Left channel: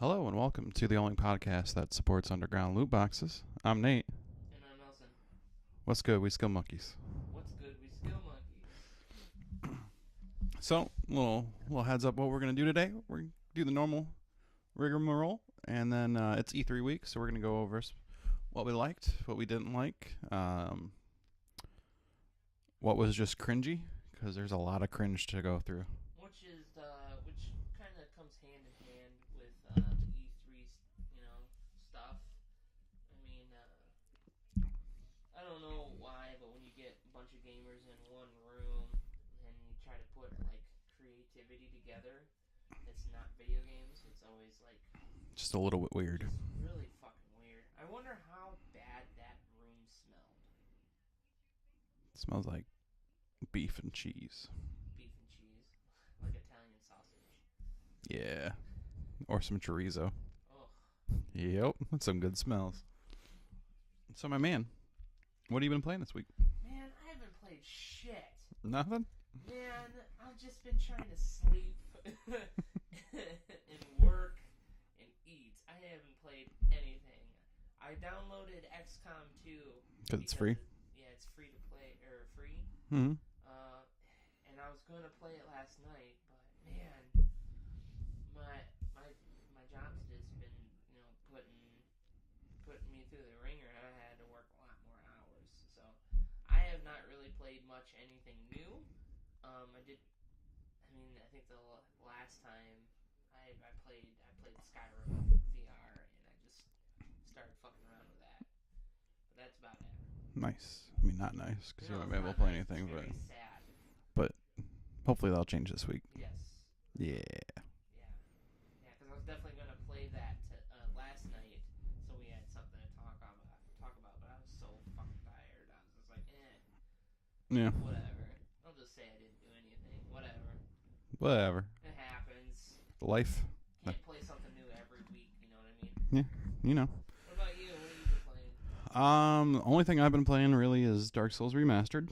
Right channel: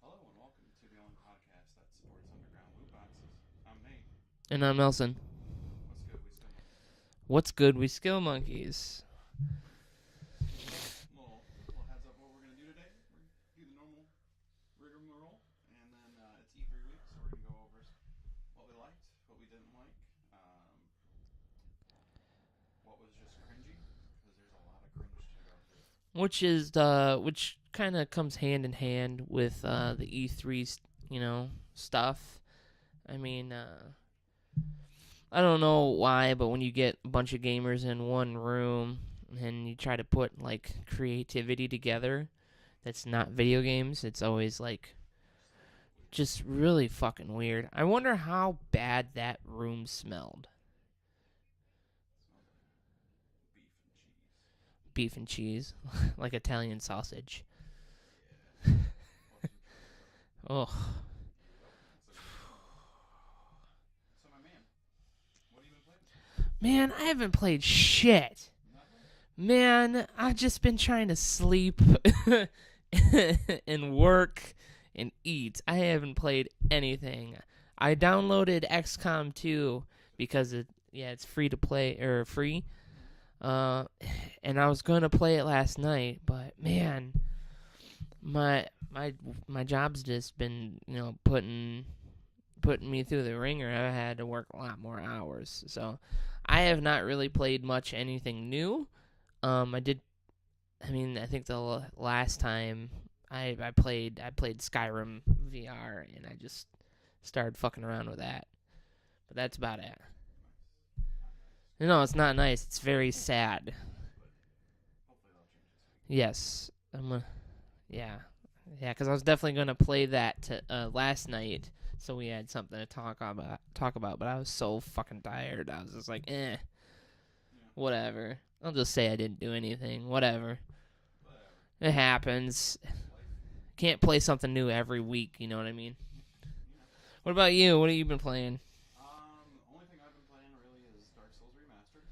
Hello and welcome to the only podcast that supports underground loot boxes. I'm Nate. And I'm Nelson. What's good? We skill monkeys. What's good? We skill monkeys. So, little heads up what we're gonna do today. We're gonna do the normal rigmarole, and then it's E3 week, so we're gonna go over what we liked, what we didn't like, what was just cringy, because there's a lot of cringe to go through. Which kind of comes hand in hand with the E3, stuff. I mean, I don't know why, but when you get a bunch of gamers in one room and you try to put like creativity together, that's not video games. It's always like Just a little bit weird. just really fucking weird. I wonder how bad that room smelled. It smells like beef and cheese. Beef and cheese, like Italian sausage. Yeah. Or some chorizo. Oh. Yep. That's some good smells. So, my man, what have you been playing this week? Man, I haven't played shit. Nothing? Man, I've just been trying to sleep and work and eat. I haven't played anything. I downloaded XCOM 2 because it's free to play, or free. Mm-hmm. And I was going to play it last night, but man, my job's just been, putting me through the ringer. I had to work a lot more hours. So I have not really played much anything new. I think the last time I played Skyrim VR, and I just started fucking around with that. But that's about it. Nice. I mean, not nice. No, it's not nice. It's very sad. But hopefully that'll change this week. Yes. Yeah. Yeah, because I was definitely going to play that last night, so we had something to talk about, but I was so fucking tired. I was just like, Yeah. whatever. I'll just say I didn't do anything. Whatever. It happens. Life. Can't play something new every week, you know what I mean? Yeah. You know. What about you? What have you been playing? The only thing I've been playing really is Dark Souls Remastered.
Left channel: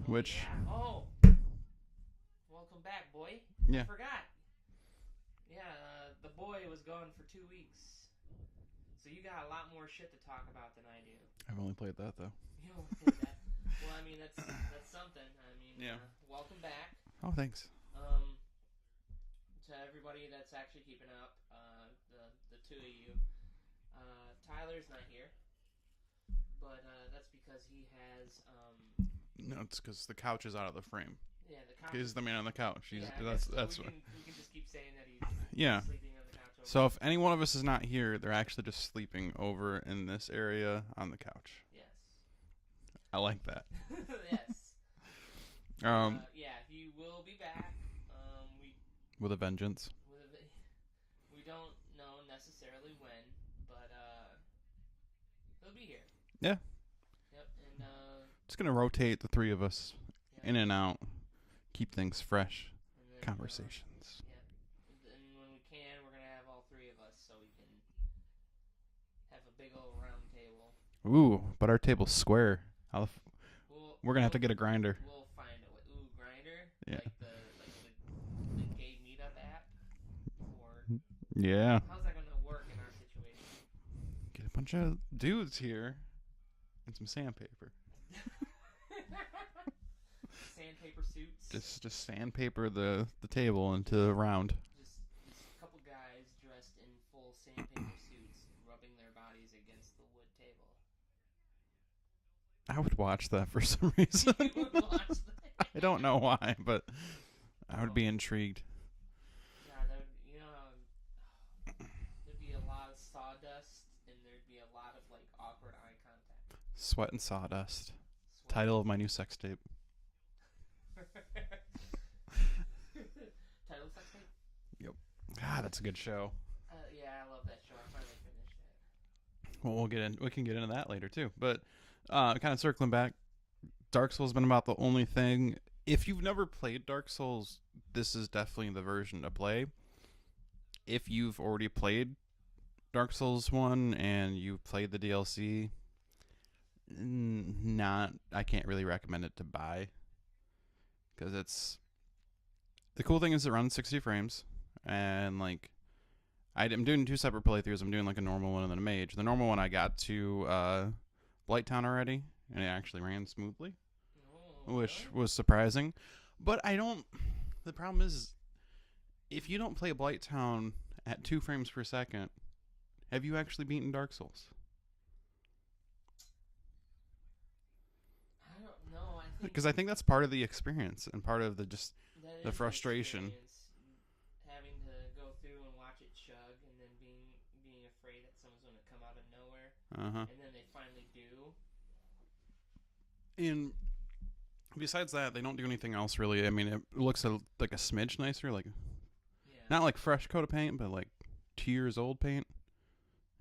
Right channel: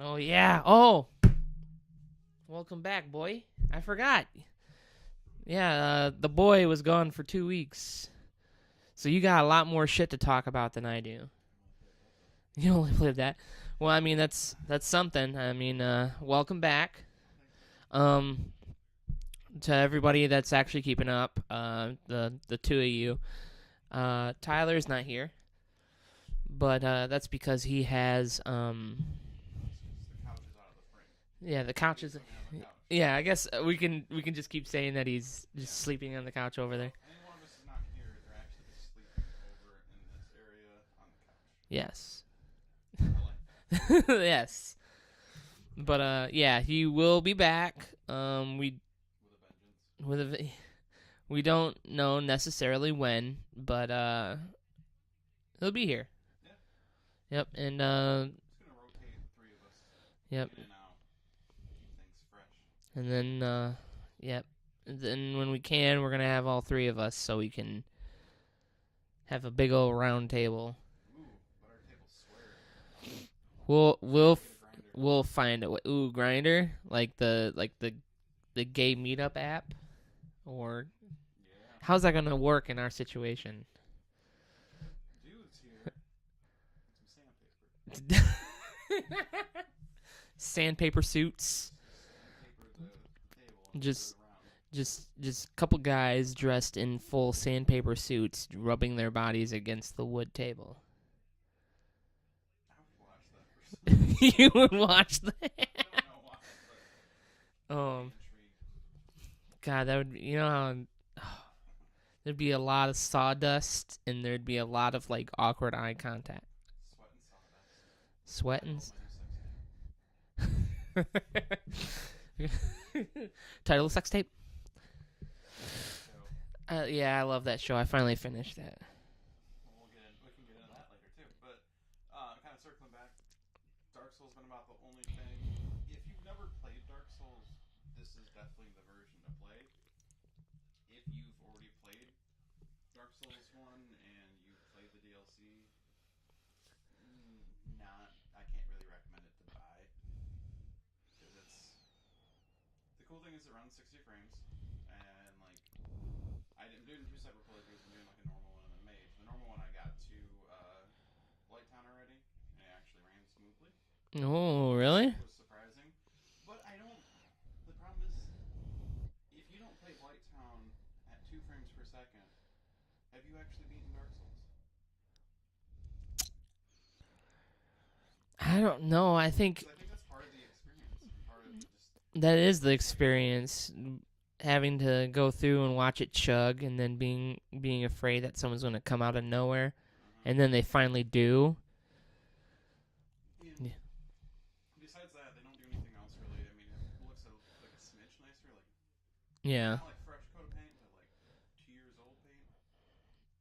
Oh, yeah. Oh. Welcome back, boy. Yeah. I forgot. Yeah, the boy was gone for 2 weeks. So you got a lot more shit to talk about than I do. I've only played that, though. You only played that? Well, I mean, that's something. I mean, welcome back. Oh, thanks. To everybody that's actually keeping up, the two of you. Tyler's not here. But that's because he has No, it's because the couch is out of the frame. Yeah, the couch He's is the man on the couch. Yeah, I guess that's we can just keep saying that he's sleeping on the couch over there. So if any one of us is not here, they're actually just sleeping over in this area on the couch. Yes. I like that. Yes. But yeah, he will be back. With a vengeance. We don't know necessarily when, but he'll be here. Yeah. Yep, and it's gonna rotate the three of us. Yep. In and out. Keep things fresh. And then yep. And then when we can, we're gonna have all three of us so we can have a big old round table. Ooh, but our table's square. We're gonna have to get a grinder. We'll find it. Ooh, grinder, Yeah. like the gay meetup app, or yeah. How's that gonna work in our situation? Get a bunch of dudes here and some sandpaper. Sandpaper suits. Just sandpaper the table into a round. Just a couple guys dressed in full sandpaper suits, rubbing their bodies against the wood table. I would watch that for some reason. You would watch that? I don't know why, but I would be intrigued. God, that would, there'd be a lot of sawdust, and there'd be a lot of like awkward eye contact. Sweat and Sawdust. Sweat. Title of my new sex tape. Title of sex tape? Yep. God, that's a good show. Yeah, I love that show. I finally finished that. Well, we can get into that later too. But kind of circling back, Dark Souls has been about the only thing. If you've never played Dark Souls, this is definitely the version to play. If you've already played Dark Souls 1 and you've played the DLC, I can't really recommend it to buy. Because the cool thing is it runs 60 frames, and like I'm doing 2 separate playthroughs. I'm doing like a normal one and then a mage. The normal one I got to Blighttown already, and it actually ran smoothly. Oh, which really? was surprising. But I don't. The problem is, if you don't play Blighttown at 2 frames per second, have you actually beaten Dark Souls? I don't know. I think Because I think that's part of the experience and part of the just. that is the frustration. experience. Having to go through and watch it chug, and then being afraid that someone's going to come out of nowhere, and then they finally do. And besides that, they don't do anything else really. I mean, it looks like a smidge nicer, like not like fresh coat of paint, but like 2 years old paint.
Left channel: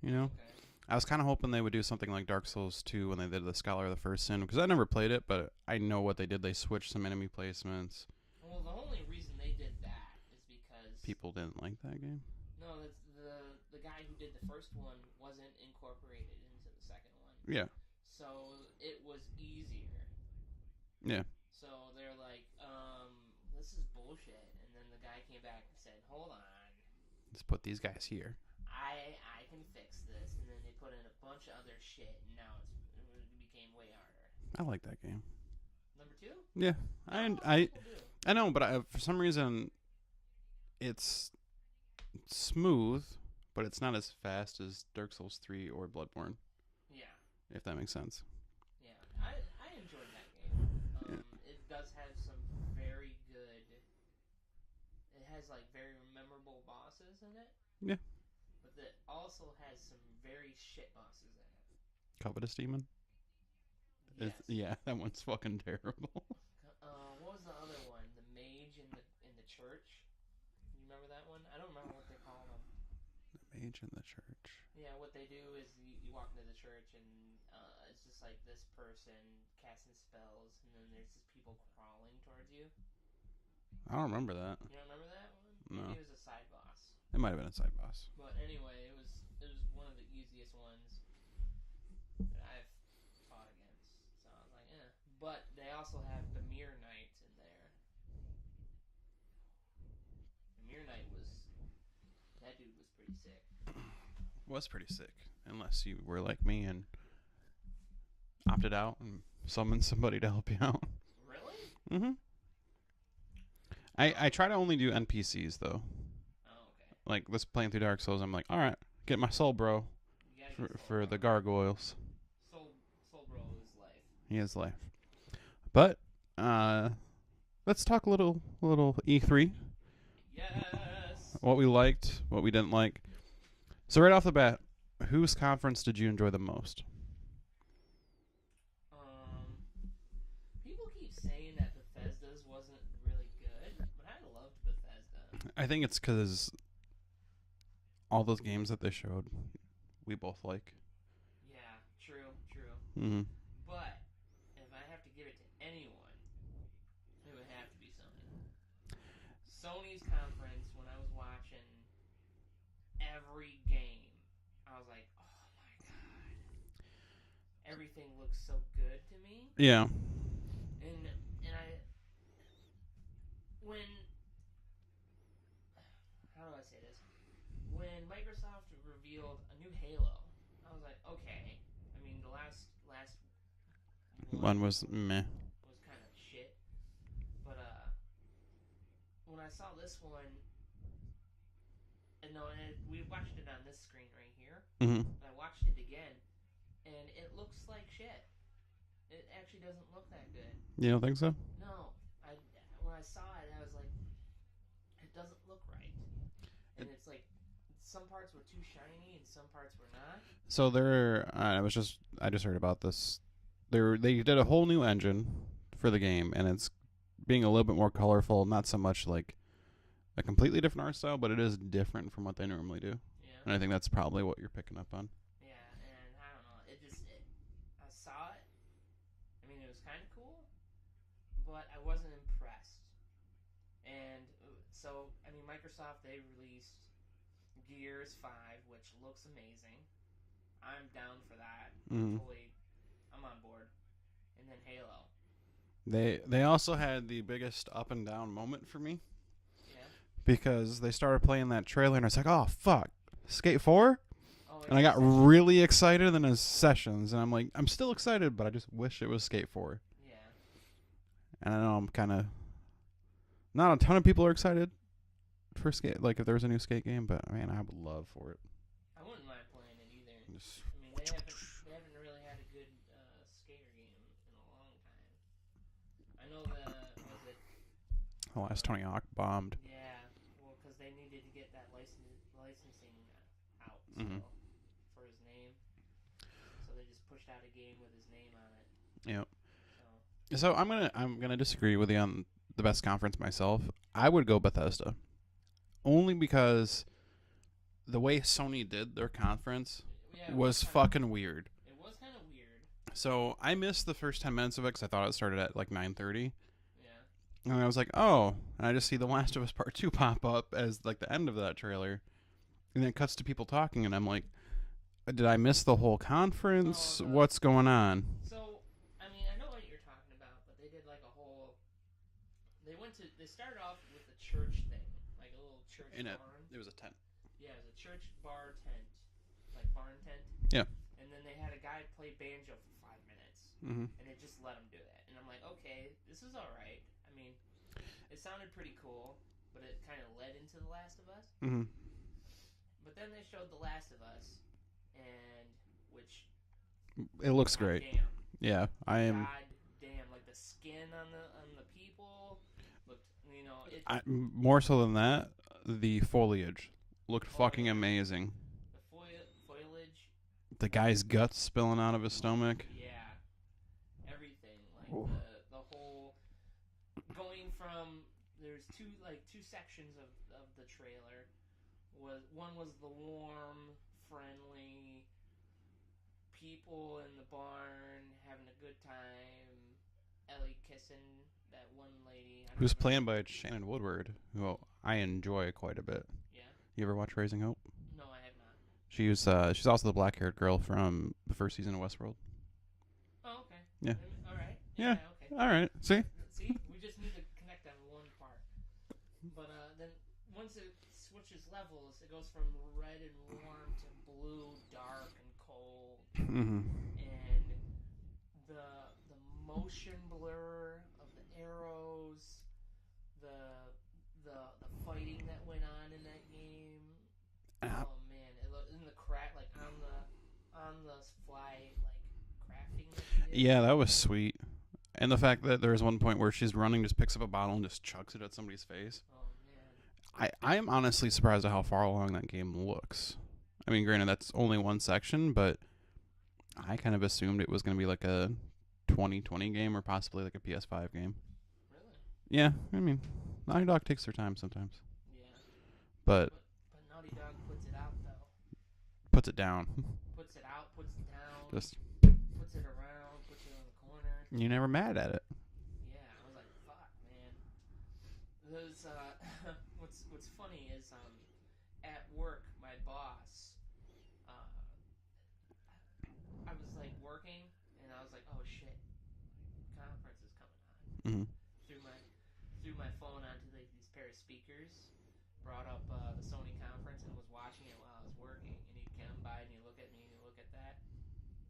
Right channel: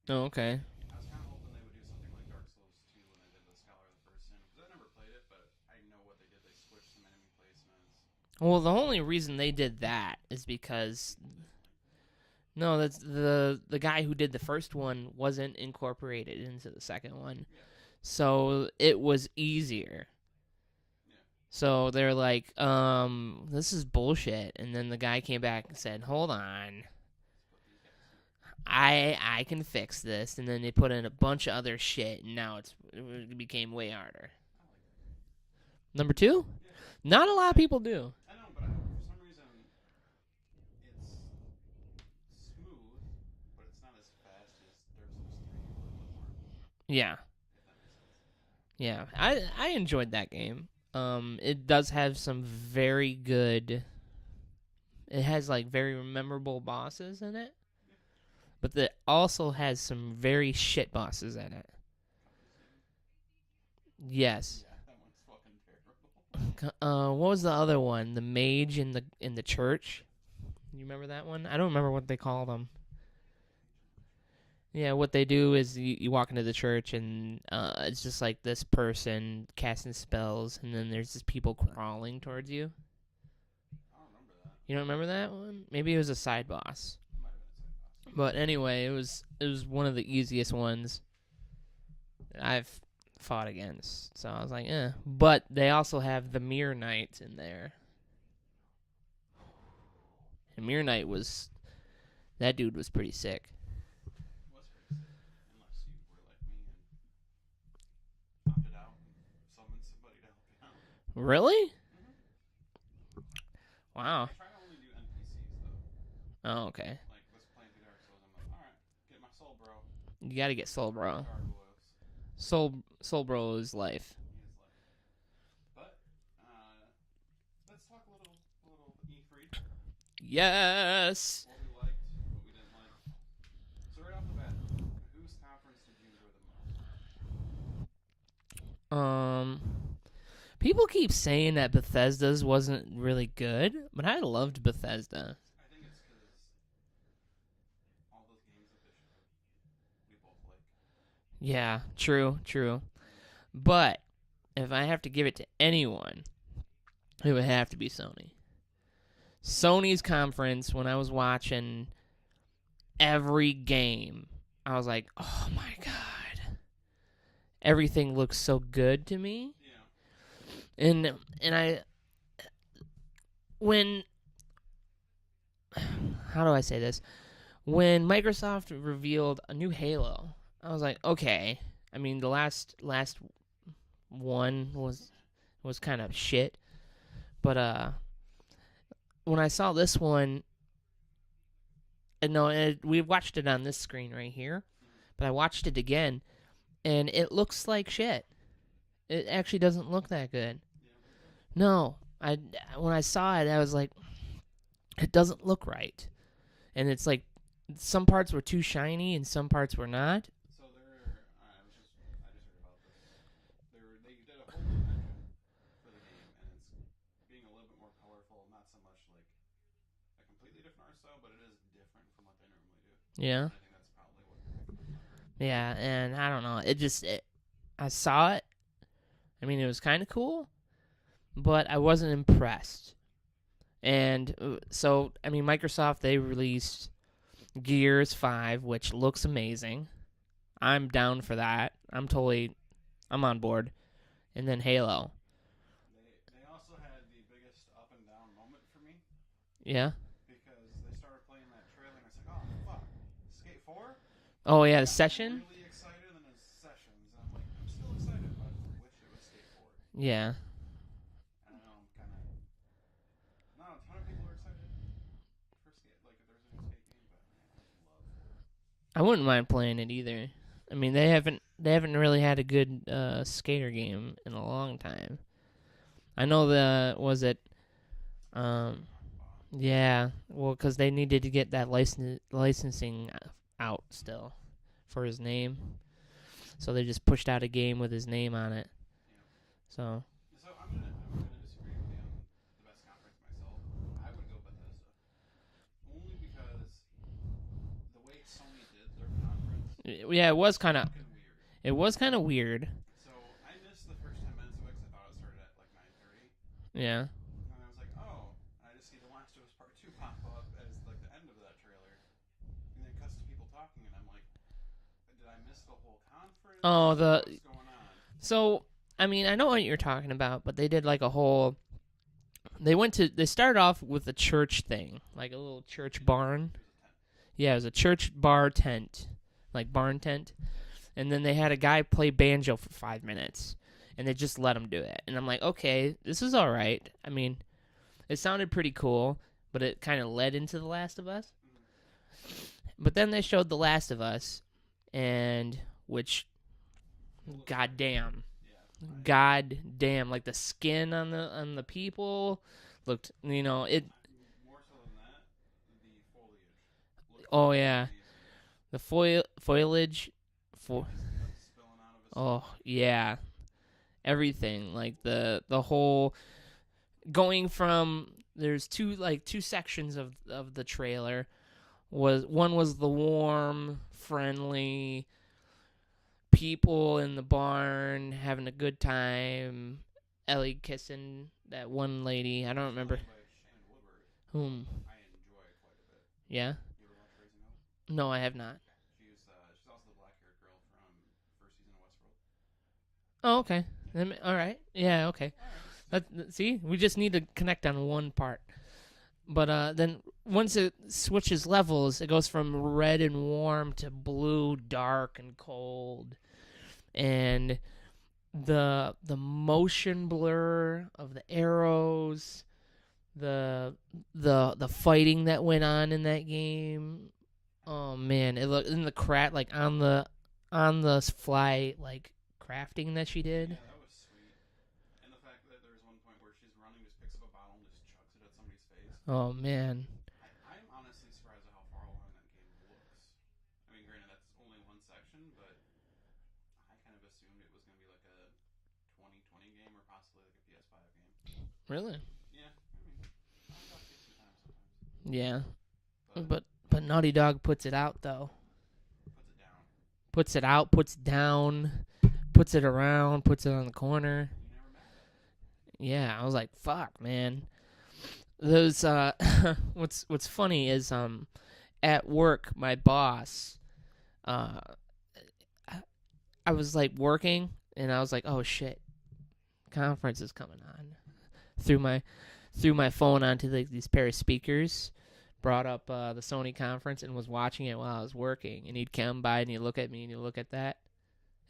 You know? Okay. I was kind of hoping they would do something like Dark Souls 2 when they did the Scholar of the First Sin, because I never played it, but I know what they did. They switched some enemy placements. Well, the only reason they did that is because People didn't like that game. no, that's the guy who did the first one wasn't incorporated into the second one. Yeah. So it was easier. Yeah. So they're like, this is bullshit. And then the guy came back and said, hold on, Let's put these guys here. I can fix this. And then they put in a bunch of other shit, and now it became way harder. I like that game. Number 2? Yeah. Not a lot of people do. I know, but for some reason, it's smooth, but it's not as fast as Dark Souls 3 or Bloodborne, Yeah. if that makes sense. Yeah. I enjoyed that game. It does have some very good... It has, like, very memorable bosses in it. Yeah. But it also has some very shit bosses in it. Covetous Demon? Yes. Yeah, that one's fucking terrible. What was the other one? The mage in the church. You remember that one? I don't remember what they call them. Mage in the church. Yeah, what they do is you walk into the church and it's just like this person casting spells, and then there's just people crawling towards you. I don't remember that. You don't remember that one? Maybe No. it was a side boss. It might have been a side boss. But anyway, it was one of the easiest ones I've fought against. So I was like, eh. But they also have the Mirror Knight in there. And Mirror Knight that dude was pretty sick. Was pretty sick, unless you were like me and opted out and summoned somebody to help you out. Really? Mm-hmm. Wow. I try to only do NPCs though. Oh, okay. Like this playing through Dark Souls, I'm like, all right, get my soul bro. You gotta get Soul for Bro. the gargoyles. Soul Bro is life. He has life. But let's talk a little E3. Yes. What we liked, what we didn't like. So right off the bat, whose conference did you enjoy the most? People keep saying that Bethesda's wasn't really good, but I loved Bethesda. I think it's because all those games that they showed, we both like. Yeah, true. Mm-hmm. But if I have to give it to anyone, it would have to be Sony. Sony's conference, when I was watching every game, I was like, oh my God. Everything looks so good to me. Yeah. And how do I say this? When Microsoft revealed a new Halo, I was like, okay. I mean, the last one was meh. was kind of shit. But when I saw this one, we watched it on this screen right here, but I watched it again, and it looks like shit. It actually doesn't look that good. You don't think so? No. When I saw it, I was like, it doesn't look right. And it's like, some parts were too shiny and some parts were not. So I just heard about this. They did a whole new engine for the game, and it's being a little bit more colorful, not so much like a completely different art style, but it is different from what they normally do. Yeah. And I think that's probably what you're picking up on. Yeah, and I don't know. I saw it. I mean, it was kind of cool, but I wasn't impressed. And so, I mean, Microsoft, they released Gears 5, which looks amazing. I'm down for that. I'm on board. And then Halo. They also had the biggest up and down moment for me. Yeah. Because they started playing that trailer, and I was like, oh, fuck. Skate 4. Oh yeah, I got Session? really excited in his Sessions, and I'm like, I'm still excited, but I just wish it was Skate 4. Yeah. And I know I'm kind of not a ton of people are excited for Skate. Like if there's a new Skate game, but man, I would love for it. I wouldn't mind playing it either. I mean, they haven't really had a good skater game in a long time. I know Tony Hawk bombed. Yeah, well, because they needed to get that licensing out still for his name, so they just pushed out a game with his name on it. Yep. So I'm gonna disagree with you on the best conference myself. I would go Bethesda, only because the way Sony did their conference, it was kind of fucking weird. It was kind of weird. So I missed the first 10 minutes of it because I thought it started at like 9:30. Yeah. And I was like, oh, and I just see The Last of Us Part 2 pop up as like the end of that trailer, and then it cuts to people talking, and I'm like, did I miss the whole conference? Oh, what's going on? So I mean, I know what you're talking about, but they did like a whole. They started off with a church thing, like a little church barn. It was a tent. Yeah, it was a church bar tent, like barn tent. Yeah. And then they had a guy play banjo for 5 minutes, and they just let him do it. And I'm like, okay, this is all right. I mean, it sounded pretty cool, but it kind of led into The Last of Us. Mm-hmm. But then they showed The Last of Us, which It looks God great. damn. Yeah. God damn, like the skin on the people looked, more so than that, the foliage looked fucking amazing. The foliage, the guy's guts spilling out of his stomach. Yeah, everything, like the whole going from there's two sections of the trailer. One was the warm, friendly people in the barn having a good time. Ellie kissing that one lady. I don't remember. Playing by Shannon Woodward, who I enjoy quite a bit. Yeah. You ever watch Raising Hope? No, I have not. She's also the black-haired girl from the first season of Westworld. Oh, okay. Yeah. All right. Yeah, okay. All right. See, we just need to connect on one part. But then once it switches levels, it goes from red and warm to blue, dark and cold. Mm-hmm. And the motion blur of the arrows, the fighting that went on in that game. Oh man, it looked in the like on the fly like crafting that she did. Yeah, that was sweet. And the fact that there's one point where she's running, just picks up a bottle and just chucks it at somebody's face. Oh man, I am honestly surprised at how far along that game looks. I mean, granted that's only one section, but I kind of assumed it was going to be like a 2020 game or possibly like a PS5 game. Really? Yeah, I mean, Naughty Dog takes their time sometimes. Yeah. But Naughty Dog puts it out though. Puts it down. Puts it out, puts it down, puts it around, puts it on the corner. You're never mad at it. Yeah, I was like, fuck, man. Those what's funny is at work my boss I was like working and I was like, oh shit, conference is coming on. Mm-hmm. Threw my phone onto these pair of speakers, brought up the Sony conference and was watching it while I was working. And he'd come by and he'd look at me and he'd look at that,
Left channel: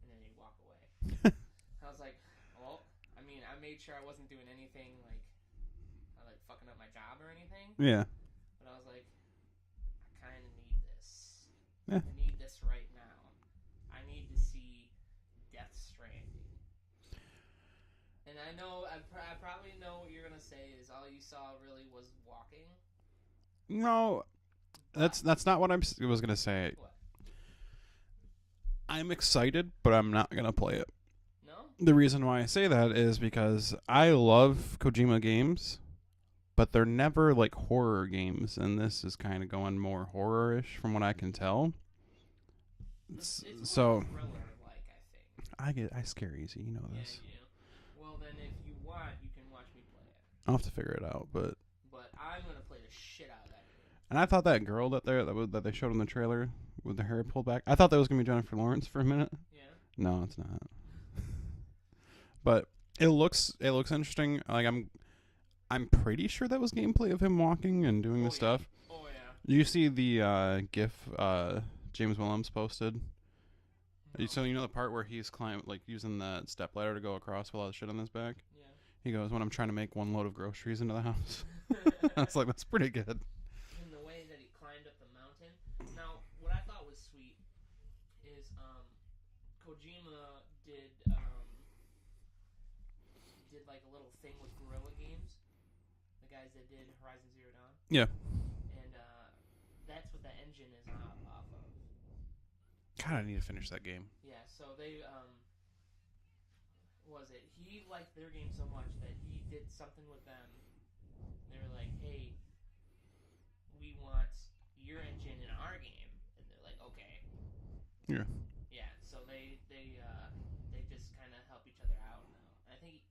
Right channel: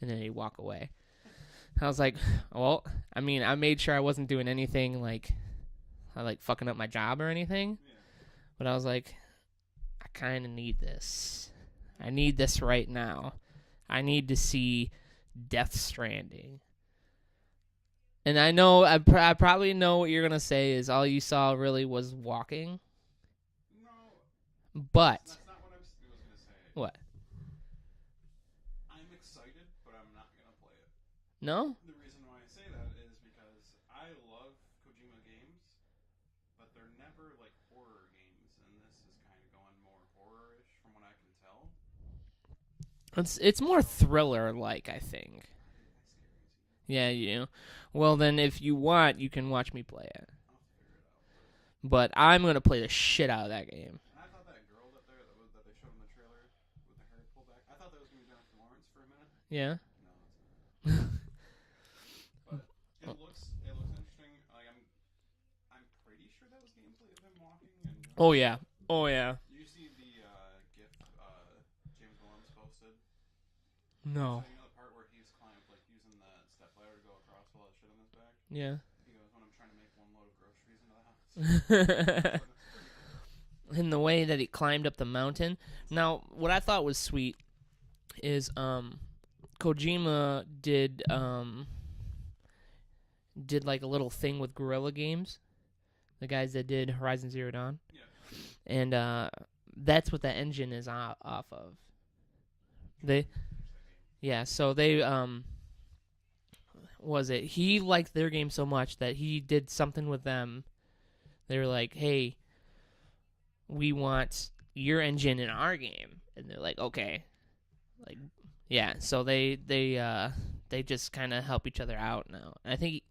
and then he'd walk away. I was like, well, I mean, I made sure I wasn't doing anything like fucking up my job or anything. Yeah. But I was like, I kind of need this. Yeah. I need this right now. I need to see Death Stranding. And I know, I probably know what you're going to say is all you saw really was walking. No. But that's not what I was going to say. What? I'm excited, but I'm not going to play it. No? The reason why I say that is because I love Kojima games, but they're never like horror games, and this is kind of going more horror-ish from what I can tell. It's more thriller-like, I think. I scare easy, you know. Yeah, you. Well, then if you want, you can watch me play it. I'll have to figure it out, But I'm gonna play the shit out of that game. And I thought that girl that they showed in the trailer with the hair pulled back, I thought that was gonna be Jennifer Lawrence for a minute. Yeah. No, it's not. But it looks interesting. Like I'm pretty sure that was gameplay of him walking and doing stuff. Oh yeah. You see the GIF James Willems posted? No. So you know the part where he's using the step ladder to go across with all the shit on his back? Yeah. He goes, when I'm trying to make one load of groceries into the house. I was like, that's pretty good. In the way that he climbed up the mountain. Now, what I thought was sweet is Kojima did like a little thing with Guerrilla Games, the guys that did Horizon Zero Dawn. Yeah. And that's what that engine is off of. God, I need to finish that game. Yeah, so they he liked their game so much that he did something with them. They were like, "Hey, we want your engine in our game," and they're like, "Okay." Like, yeah. So they just kind of help each other out now. I think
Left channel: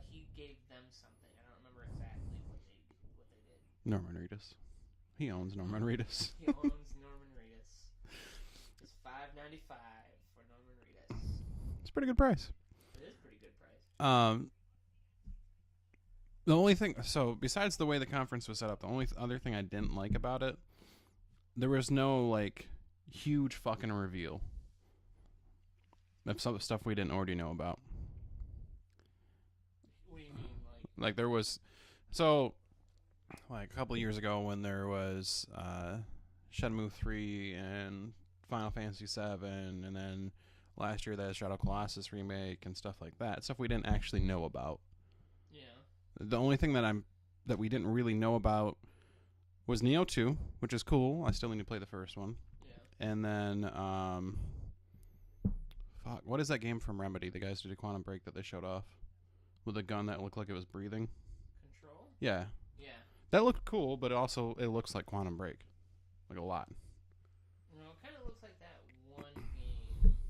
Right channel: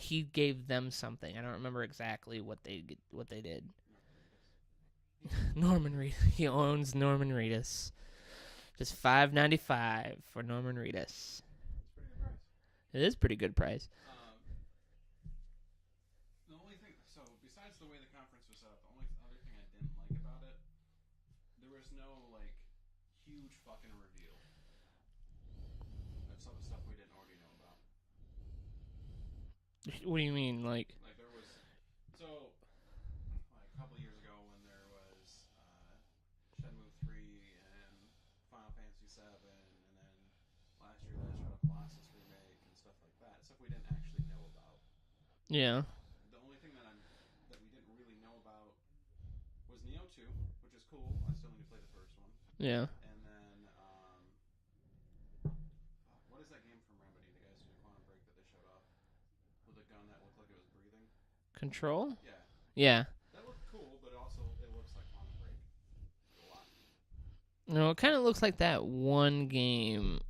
he gave them something. I don't remember exactly what they did. Norman Reedus. He owns Norman Reedus. He owns Norman Reedus. Just $5.95 for Norman Reedus. It's a pretty good price. It is a pretty good price. The only thing, so besides the way the conference was set up, the only other thing I didn't like about it, there was no like huge fucking reveal of some stuff we didn't already know about. What do you mean, like there was, so like a couple of years ago when there was Shenmue 3 and Final Fantasy 7, and then last year that Shadow Colossus remake and stuff like that, stuff we didn't actually know about. Yeah. The only thing that we didn't really know about was Neo 2, which is cool. I still need to play the first one. Yeah. And then what is that game from Remedy? The guys who did Quantum Break that they showed off with a gun that looked like it was breathing. Control? Yeah. Yeah. That looked cool, but it looks like Quantum Break, like a lot. No, it kind of looks like that one game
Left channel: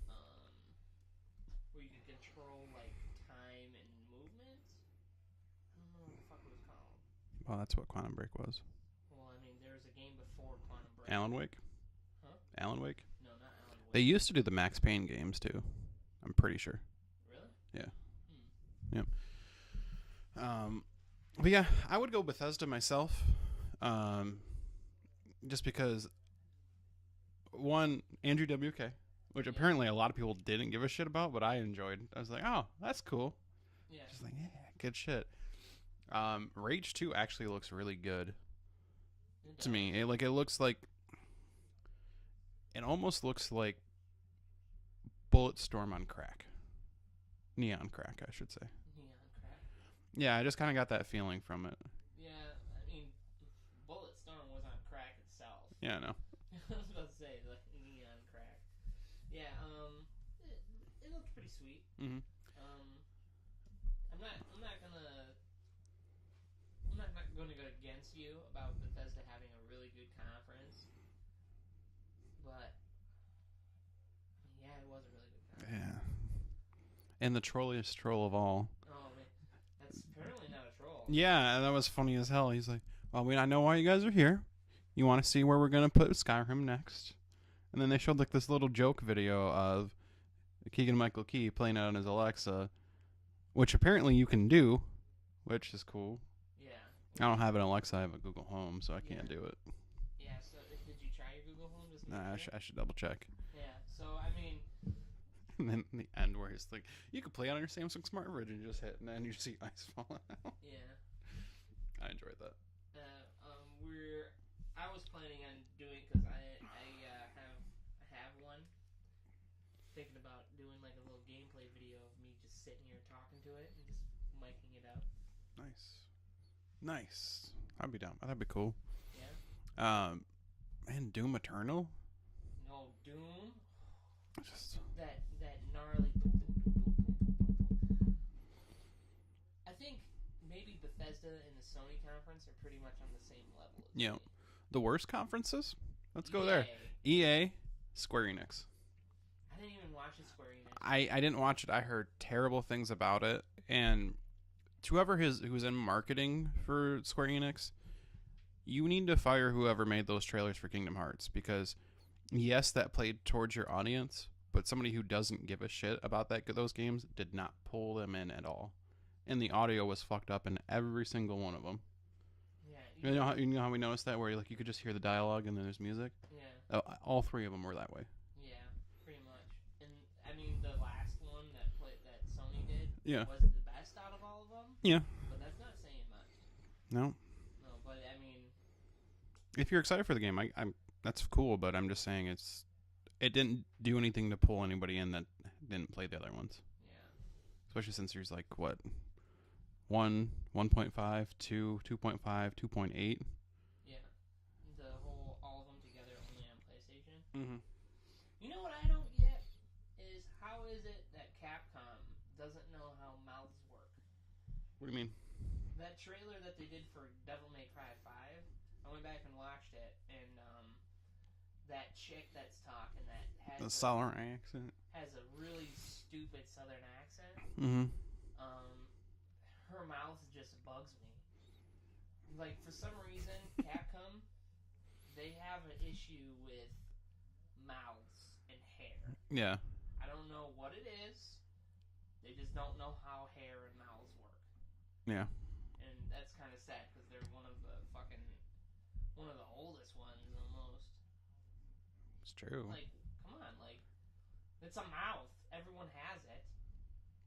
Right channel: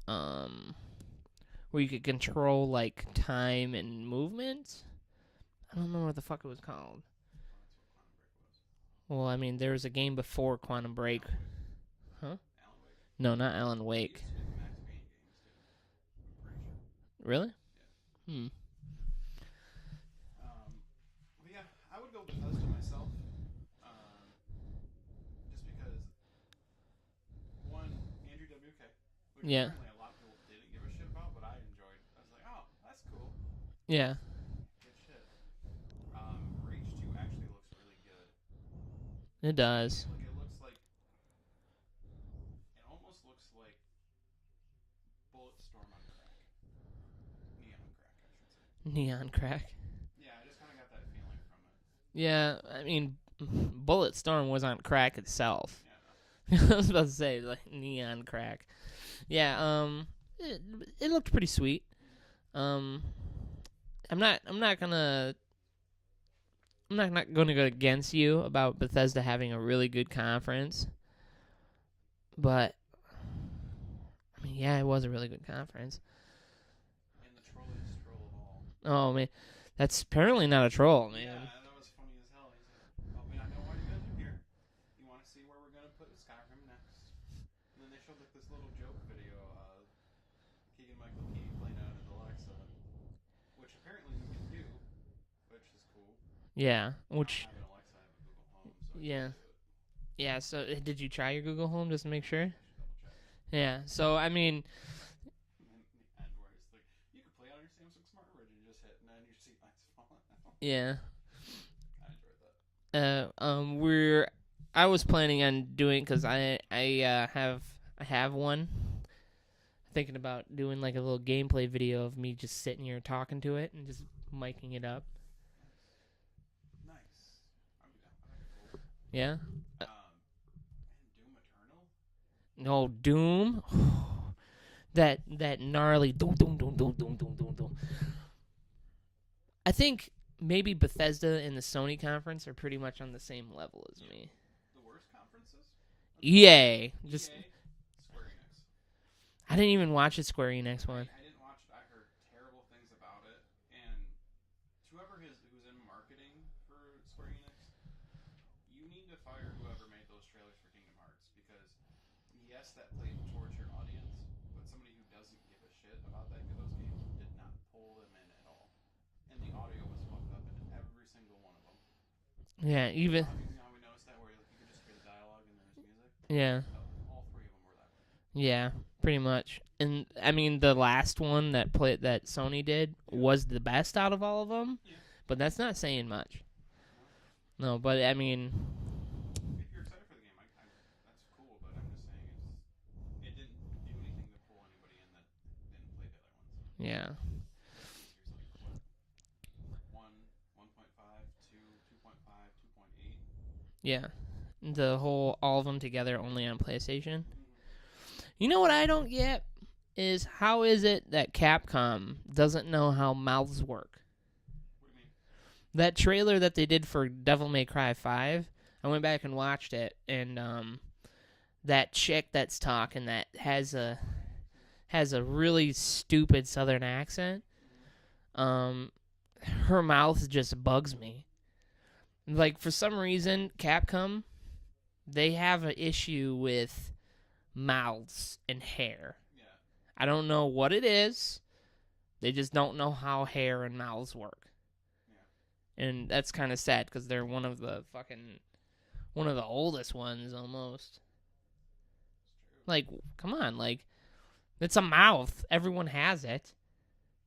where you could control like time and movement. I don't remember what the fuck it was called. Oh, that's what Quantum Break was. Well, I mean, there was a game before Quantum Break. Alan Wake? Huh? Alan Wake? No, not Alan Wake. They used to do the Max Payne games, too. I'm pretty sure. Really? Yeah. Yep. But yeah, I would go Bethesda myself. Just because, one, Andrew WK, which apparently a lot of people didn't give a shit about, but I enjoyed. I was like, oh, that's cool. Yeah. Like, yeah, good shit. Rage 2 actually looks really good. It does. It looks like, it almost looks like Bulletstorm on crack. Neon crack, I should say. Neon crack. Yeah, I just kind of got that feeling from it. Yeah, I mean, Bulletstorm was on crack itself. Yeah, I know. I was about to say, like, neon crack. Yeah, it looked pretty sweet. Mm-hmm. I'm not gonna go against you about Bethesda having a really good conference, but I mean, yeah, it was a really good conference. Yeah. And the trolliest troll of all. Oh man, that's apparently not a troll. Man. Yeah, that was funny as hell. He's like, "Well, I know why you guys are here. You want to see where we're gonna put Skyrim next?" And then they showed like this little joke video of Keegan-Michael Key playing it on his Alexa, which apparently you can do, which is cool. Yeah. I don't have an Alexa. I have a Google Home, so I can't do it. Yeah. So did you try your Google Home just to make sure? I should double check. Yeah. So I mean. And then the end where he's like, you can play it on your Samsung Smart Fridge and you just hit, and then you see ice falling out. Yeah. I enjoyed that. I was planning on doing, because I have one. Thinking about doing like a little gameplay video of me just sitting here talking to it and just miking it up. Nice. I'd be down. That'd be cool. Yeah. And Doom Eternal. No, Doom. That gnarly doom. I think maybe Bethesda and the Sony conference are pretty much on the same level as me. The worst conferences? EA. EA, Square Enix. I didn't even watch the Square Enix one. I didn't watch it. I heard terrible things about it. And to who's in marketing for Square Enix, you need to fire whoever made those trailers for Kingdom Hearts. Because, yes, that played towards your audience, but somebody who doesn't give a shit about those games did not pull them in at all. And the audio was fucked up in every single one of them. Yeah, even you know how we noticed that, where like you could just hear the dialogue and then there's music. yeah, All three of them were that way. yeah, pretty much. And I mean, the last one that Sony did Yeah. was the best out of all of them. Yeah. But that's not saying much. No. No, but I mean, If you're excited for the game, I'm that's cool. But I'm just saying it didn't do anything to pull anybody in that didn't play the other ones. yeah, Especially since there's like what 1, 1.5, 2, 2.5, 2.8. yeah. All of them together only on PlayStation. Mm-hmm. You know what I don't get is how is it that Capcom doesn't know how mouths work? What do you mean? That trailer that they did for Devil May Cry 5, I went back and watched it, and that chick that's talking that has The sour accent. has a really stupid Southern accent. Mm-hmm. Her mouth just bugs me. Like, for some reason, Capcom, they have an issue with mouths and hair. Yeah. I don't know what it is. They just don't know how hair and mouths work. Yeah. And that's kind of sad because they're one of the oldest ones almost. It's true. Like, come on, like, it's a mouth. Everyone has it.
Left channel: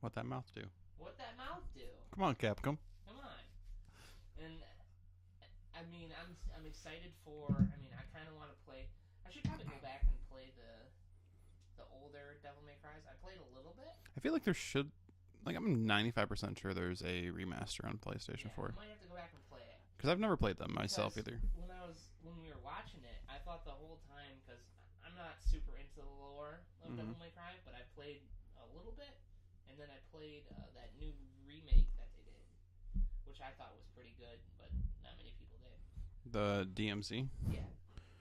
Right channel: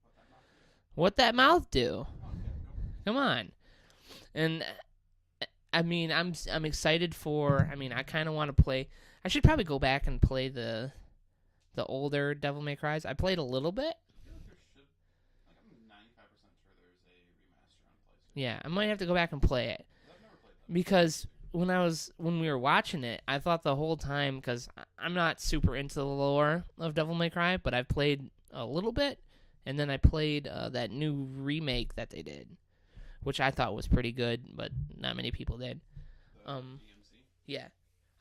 What that mouth do? What that mouth do? Come on, Capcom. Come on. And I mean, I'm excited for. I mean, I kind of want to play. I should probably go back and play the older Devil May Cries. I played a little bit. I feel like there should. Like, I'm 95% sure there's a remaster on PlayStation. Yeah, 4. I might have to go back and play it. Because I've never played them Because myself either. when we were watching it, I thought the whole time, because I'm not super into the lore of Devil May Cry, but I've played a little bit, and then I played that new remake that they did, which I thought was pretty good, but not many people did. The DMC? Yeah,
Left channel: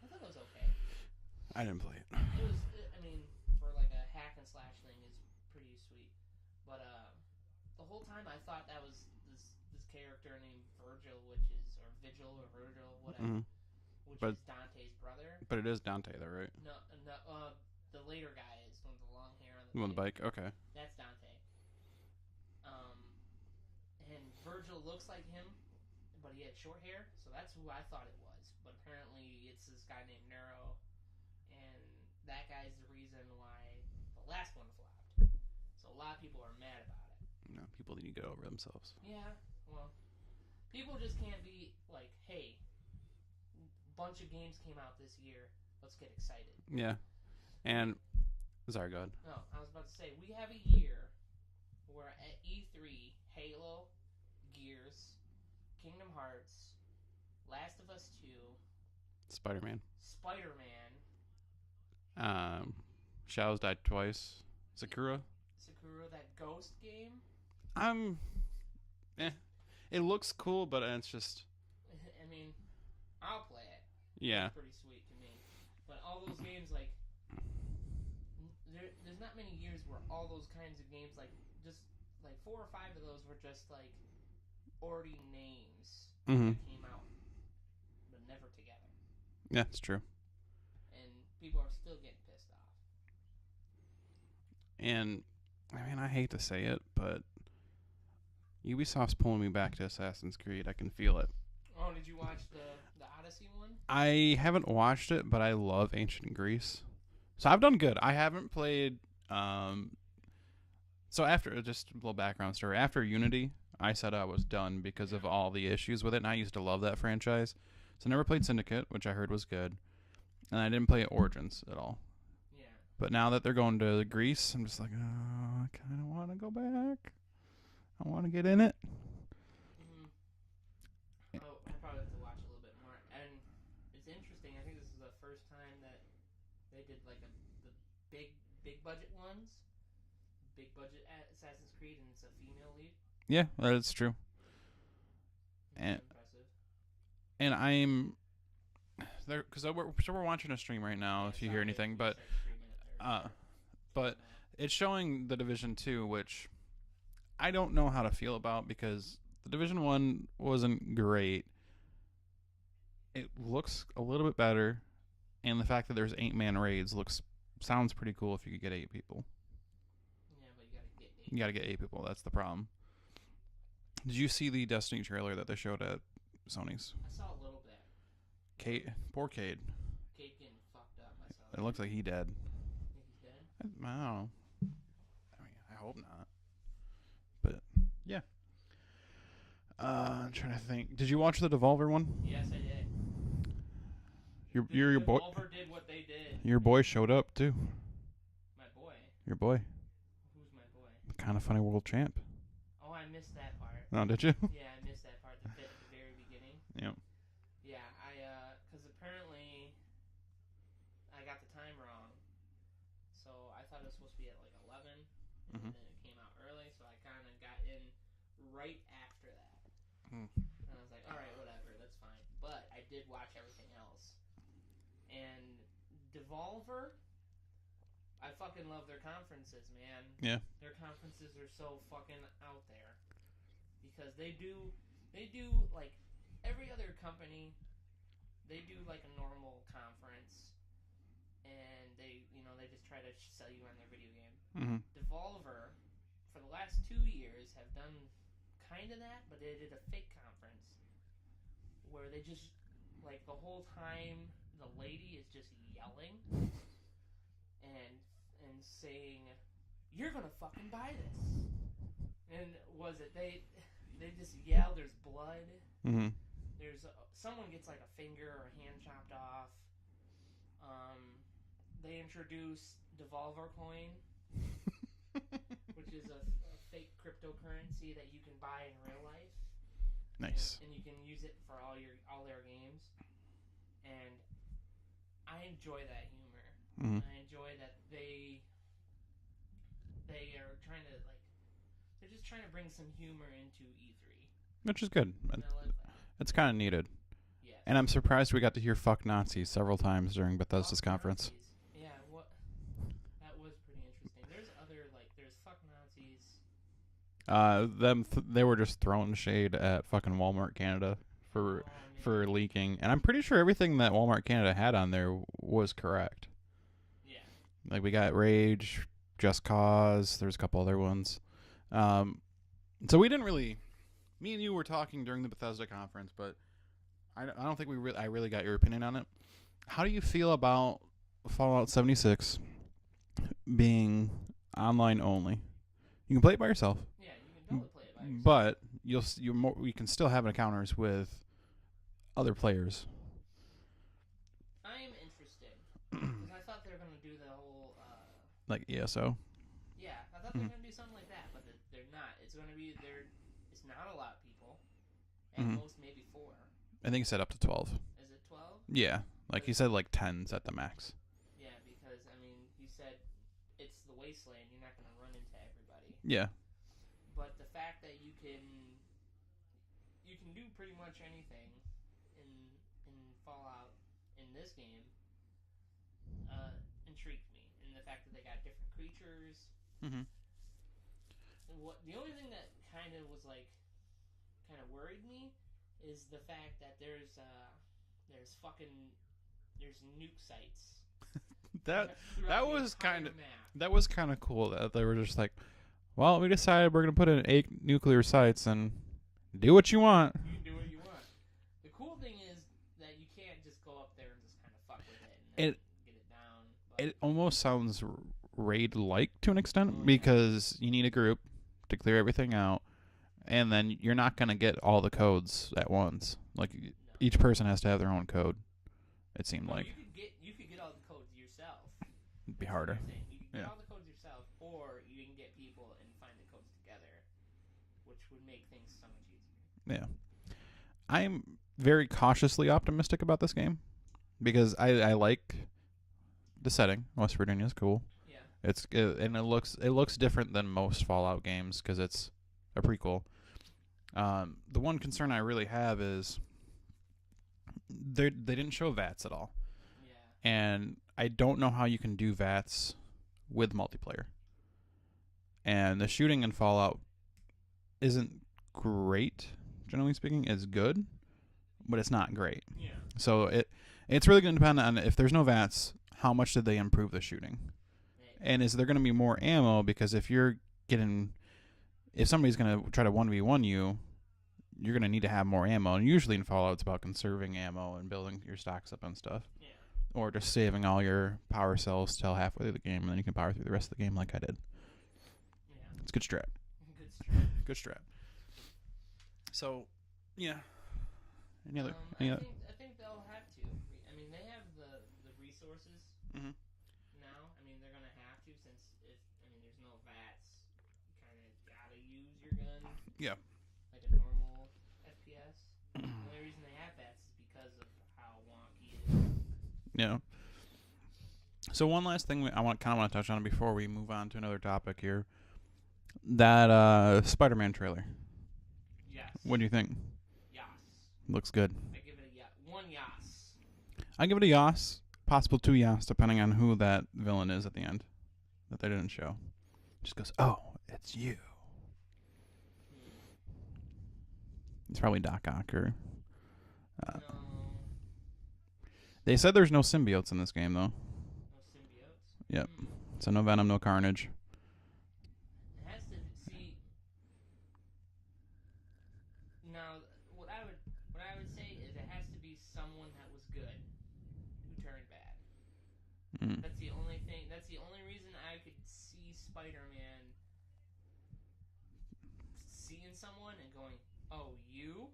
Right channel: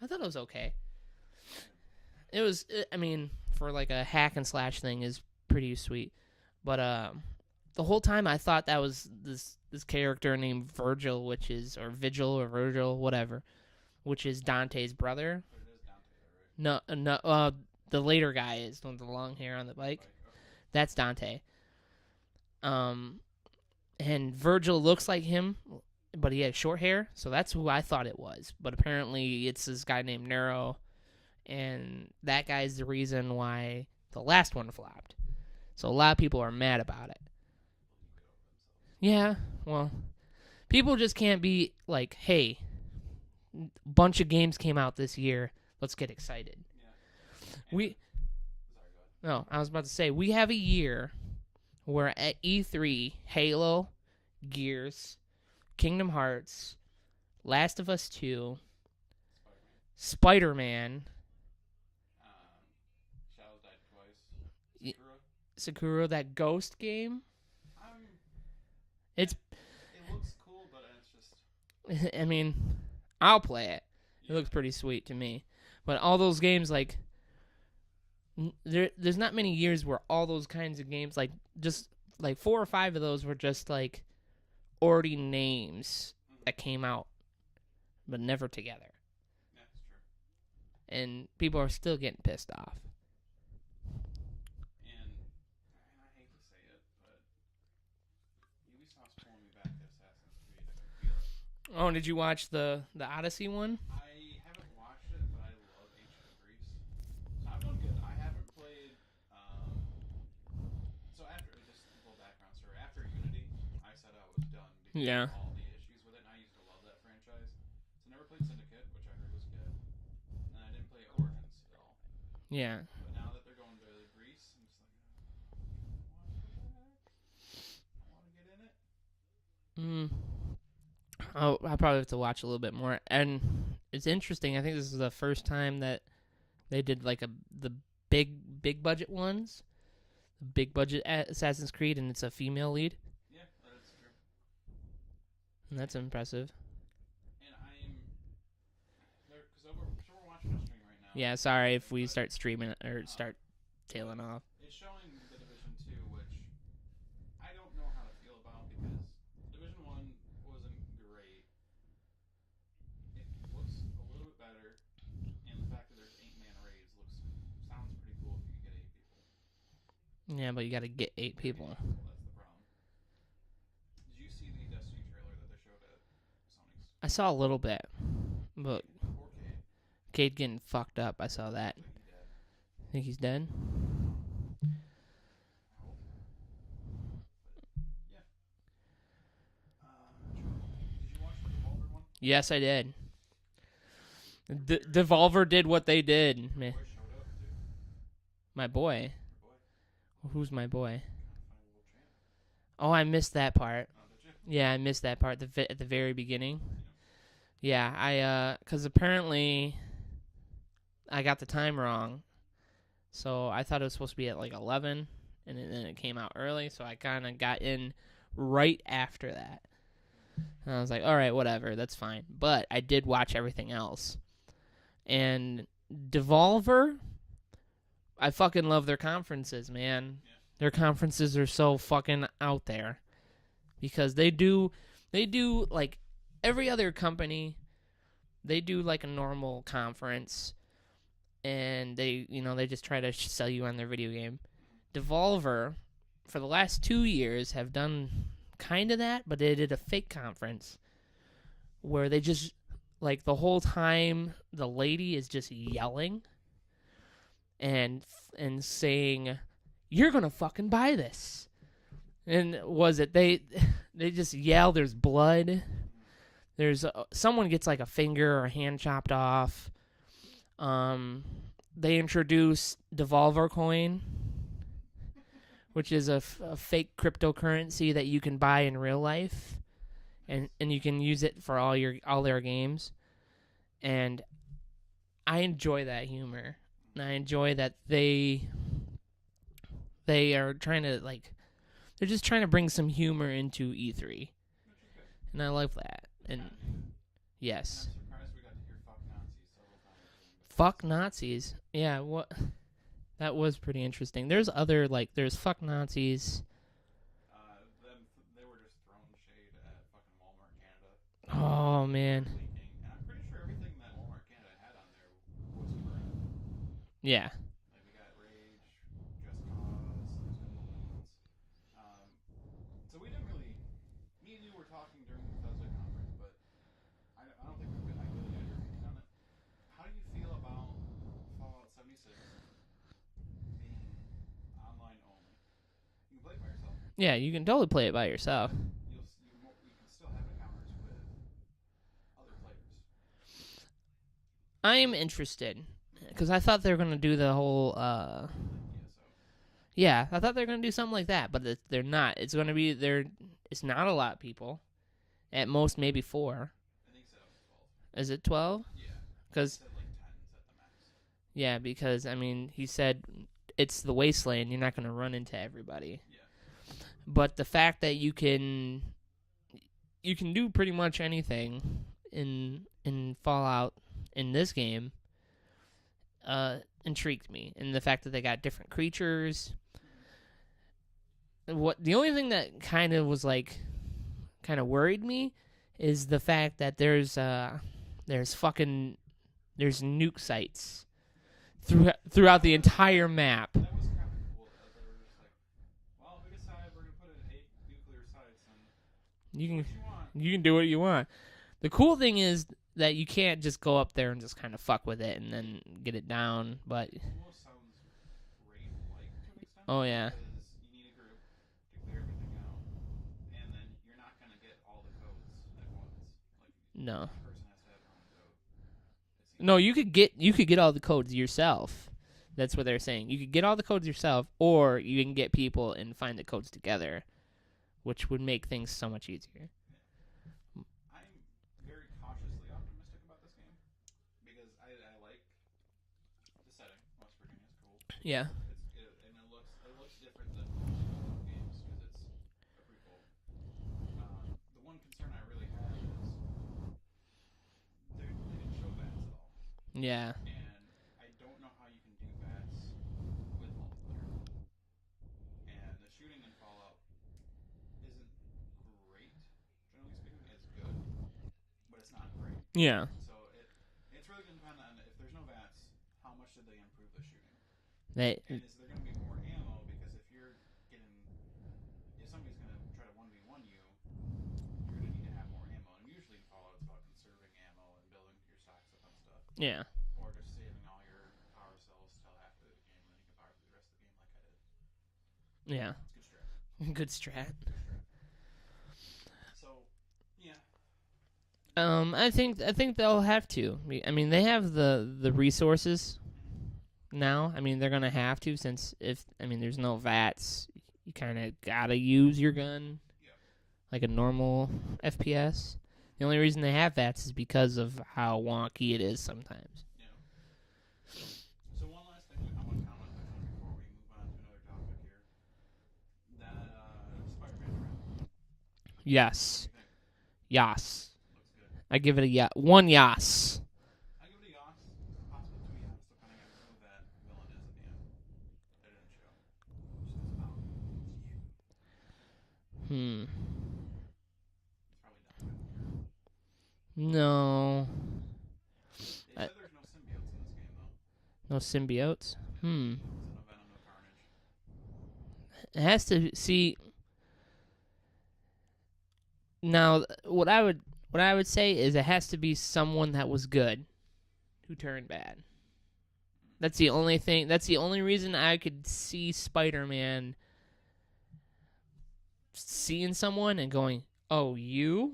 I thought it was okay. I didn't play it. It was, I mean, for like a hack and slash thing, is pretty sweet, but the whole time I thought that was this character named Virgil, Vigil or Virgil, whatever, which is Dante's brother. But it is Dante, though, right? No, the later guy is with the long hair on the bike. Okay. That's Dante. And Virgil looks like him, but he has short hair, so that's who I thought it was. But apparently it's this guy named Nero, and that guy's the reason why the last one flopped. So a lot of people are mad about it. No, people need to get over themselves. Yeah, well, people just can't be like, hey, bunch of games came out this year, let's get excited. Yeah. And sorry, go ahead. No, I was about to say, we have a year where at E3, Halo, Gears, Kingdom Hearts, Last of Us 2, Spider-Man, Shao's died twice. Sakura, that Ghost game. It looks cool, but it's just. I mean, I'll play it. Yeah. It looks pretty sweet to me. But all those games, like, there's not many years where all those kinds of games, like, just like 4 or 5 of those were just like already names that came out, but never together. Yeah, it's true. And people are still getting pissed off. And I mean, I hate to say it, but Ubisoft's pulling me back to Assassin's Creed. I can feel it. Oh, did you watch the Odyssey one? I haven't watched it, but I love ancient Greece. So I've done good. I haven't played. So after, just a little background story. After Unity, I said I was done because of all the issues with it, and I used to love that franchise. So I never played Syndicate, which I heard was good, and I didn't play Origins at all. Yeah. But now that they're going to Greece, I'm just like, oh, I kind of want to go back. I want to get in it. Oh, I probably have to watch a little bit more. And it's interesting. I think this is the first time that they did like the big budget ones, big budget Assassin's Creed, and it's a female lead. Yeah, that's true. And that's impressive. And I'm there because we're watching a stream right now. Yeah, sorry if we start streaming or start tailing off. It's showing the Division 2, which I don't know how to feel about because the Division 1 wasn't great. It looks a little bit better, and the fact that there's 8-man raids sounds pretty cool if you could get 8 people. Yeah, but you got to get 8 people. You got to get 8 people. That's the problem. Did you see the Destiny trailer that they showed at Sony's. I saw a little bit. Cade. Poor Cade. Cade getting fucked up. I saw It that. looks like he dead. Think he's dead? I don't know. I hope not. But yeah. I'm trying to think. Did you watch the Devolver one? Yes, I did. Your Devolver did what they did. Your boy showed up too. My boy? Your boy. Who's my boy? Kind of funny world champ. Oh, I missed that part. Oh, did you? Yeah, I missed that part at the very beginning. Yep. Yeah, because apparently I got the time wrong. So I thought it was supposed to be at like 11, and then it came out early, so I kind of got in right after that. And I was like, all right, whatever, that's fine. But I did watch everything else. And Devolver, I fucking love their conferences, man. Yeah. Their conferences are so fucking out there. Because they do like every other company, they do like a normal conference. And they just try to sell you on their video game. Mm-hmm. Devolver, for the last 2 years, have done kind of that, but they did a fake conference where they just, like, the whole time the lady is just yelling and saying, "You're gonna fucking buy this." And they just yell. There's blood. Mm-hmm. There's someone gets like a finger or a hand chopped off. They introduced Devolver Coin, which is a fake cryptocurrency that you can buy in real life, Nice. and you can use it for all their games. And I enjoy that humor, and I enjoy that they are trying to they're just trying to bring some humor into E3, Which is good. and I love that. It's kind of needed. Yes. And I'm surprised we got to hear "fuck Nazis" several times during Bethesda's Fuck conference. Nazis. Yeah, that was pretty interesting. There's there's fuck Nazis. They were just throwing shade at fucking Walmart Canada. Oh man. For leaking, and I'm pretty sure everything that Walmart Canada had on there was correct. Yeah. Like we got Rage, Just Cause. There's a couple other ones. So we didn't really. Me and you were talking during the Bethesda conference, but I don't think I really got your opinion on it. How do you feel about Fallout 76 being online only? You can play it by yourself. Yeah, you can totally play it by yourself. But you can still have encounters with other players. I am interested because I thought they were going to do the whole Like ESO. Yeah, I thought they were going to do something like that, but they're not. It's going to be it's not a lot of people. At most maybe 4. I think he said up to 12. Is it 12? Yeah. Like he said like 10's at the max. Yeah, because I mean, he said it's the wasteland, you're not going to run into everybody. Yeah. But the fact that you can do pretty much anything in Fallout in this game intrigued me, and the fact that they got different creatures. Mm-hmm. The only thing that kind of was kind of worried me is the fact that there's nuke sites throughout the entire map. That was kind of cool that they were just like, well, we decided we're going to put in 8 nuclear sites and do what you want. You can do what you want. The cool thing is that you can't just go up there and just kind of fuck with it and then get it down. But it almost sounds raid-like to an extent yeah. Because you need a group to clear everything out, and then you're not going to get all the codes at once. Like no. Each person has to have their own code. It seems. No, you could get all the codes yourself. That's what they're saying. You could get all the codes yourself, or you can get people and find the codes together, which would make things so much easier. Yeah. I'm very cautiously optimistic about this game because I like the setting. West Virginia is cool. Yeah. And it looks different than most Fallout games because it's a prequel. The one concern I really have is they didn't show VATS at all. Yeah. And I don't know how you can do VATS with multiplayer. And the shooting in Fallout isn't great, generally speaking. It's good, but it's not great. Yeah. So it's really going to depend on if there's no VATS, how much did they improve the shooting? And is there going to be more ammo? Because if somebody's going to try to 1v1 you, you're going to need to have more ammo. And usually in Fallout, it's about conserving ammo and building your stocks up and stuff. Yeah. Or just saving all your power cells till halfway through the game, and then you can power through the rest of the game like I did. Yeah. It's a good strat. Good strat. Good strat. So, yeah. I think they'll have to. I mean, they have the resources now. I mean, they're gonna have to, since there's no VATS, you kind of gotta use your gun. Yeah. Like a normal FPS. The only reason they have VATS is because of how wonky it is sometimes. Yeah. So one last thing I want to touch on before we move on to another topic here. That Spider-Man trailer. Yes. What do you think? Yas. Looks good. I give it a one yas. I give it a yas, possible 2 yas, depending on who that villain is at the end that they didn't show. Just goes, oh, it's you. It's probably Doc Ock or... No. They said there's no symbiotes in this game, though. No symbiotes? Yeah. So no Venom, no Carnage. It has to... See... Now, what I would say is it has to be someone that was good who turned bad. That's the only thing. That's the only reason I could see Spider-Man seeing someone and going, "Oh, you?"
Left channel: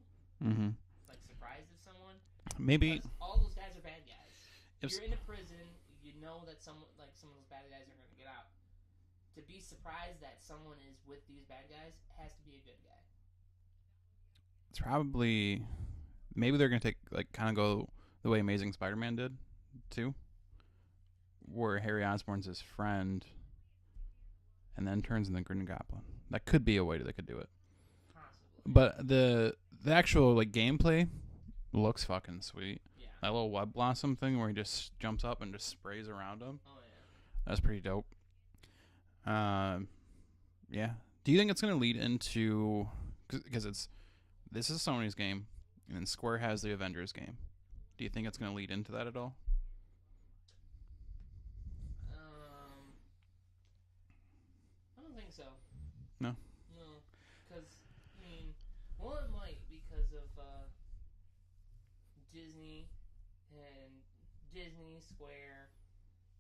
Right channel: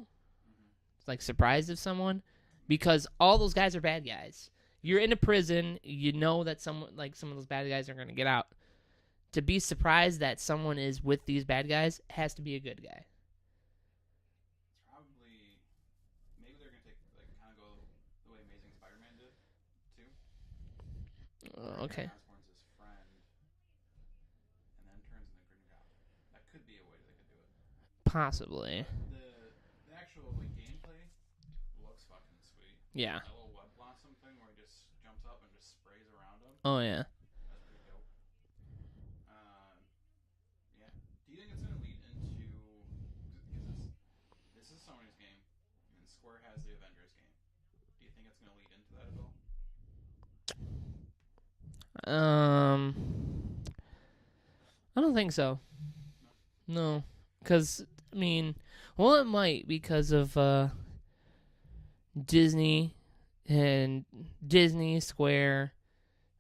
Like surprised of someone. Maybe. Because all those guys are bad guys. You're in a prison. You know that some of those bad guys are going to get out. To be surprised that someone is with these bad guys has to be a good guy. It's probably... Maybe they're going to kind of go the way Amazing Spider-Man did, too. Where Harry Osborn's his friend and then turns into the Green Goblin. That could be a way they could do it. Possibly. But the actual gameplay looks fucking sweet. Yeah. That little web blossom thing where he just jumps up and just sprays around him. Oh, yeah. That's pretty dope. Yeah. Do you think it's going to lead into... Because this is Sony's game, and then Square has the Avengers game. Do you think it's going to lead into that at all? I don't think so. No? No. Because, it might because of Disney, Square,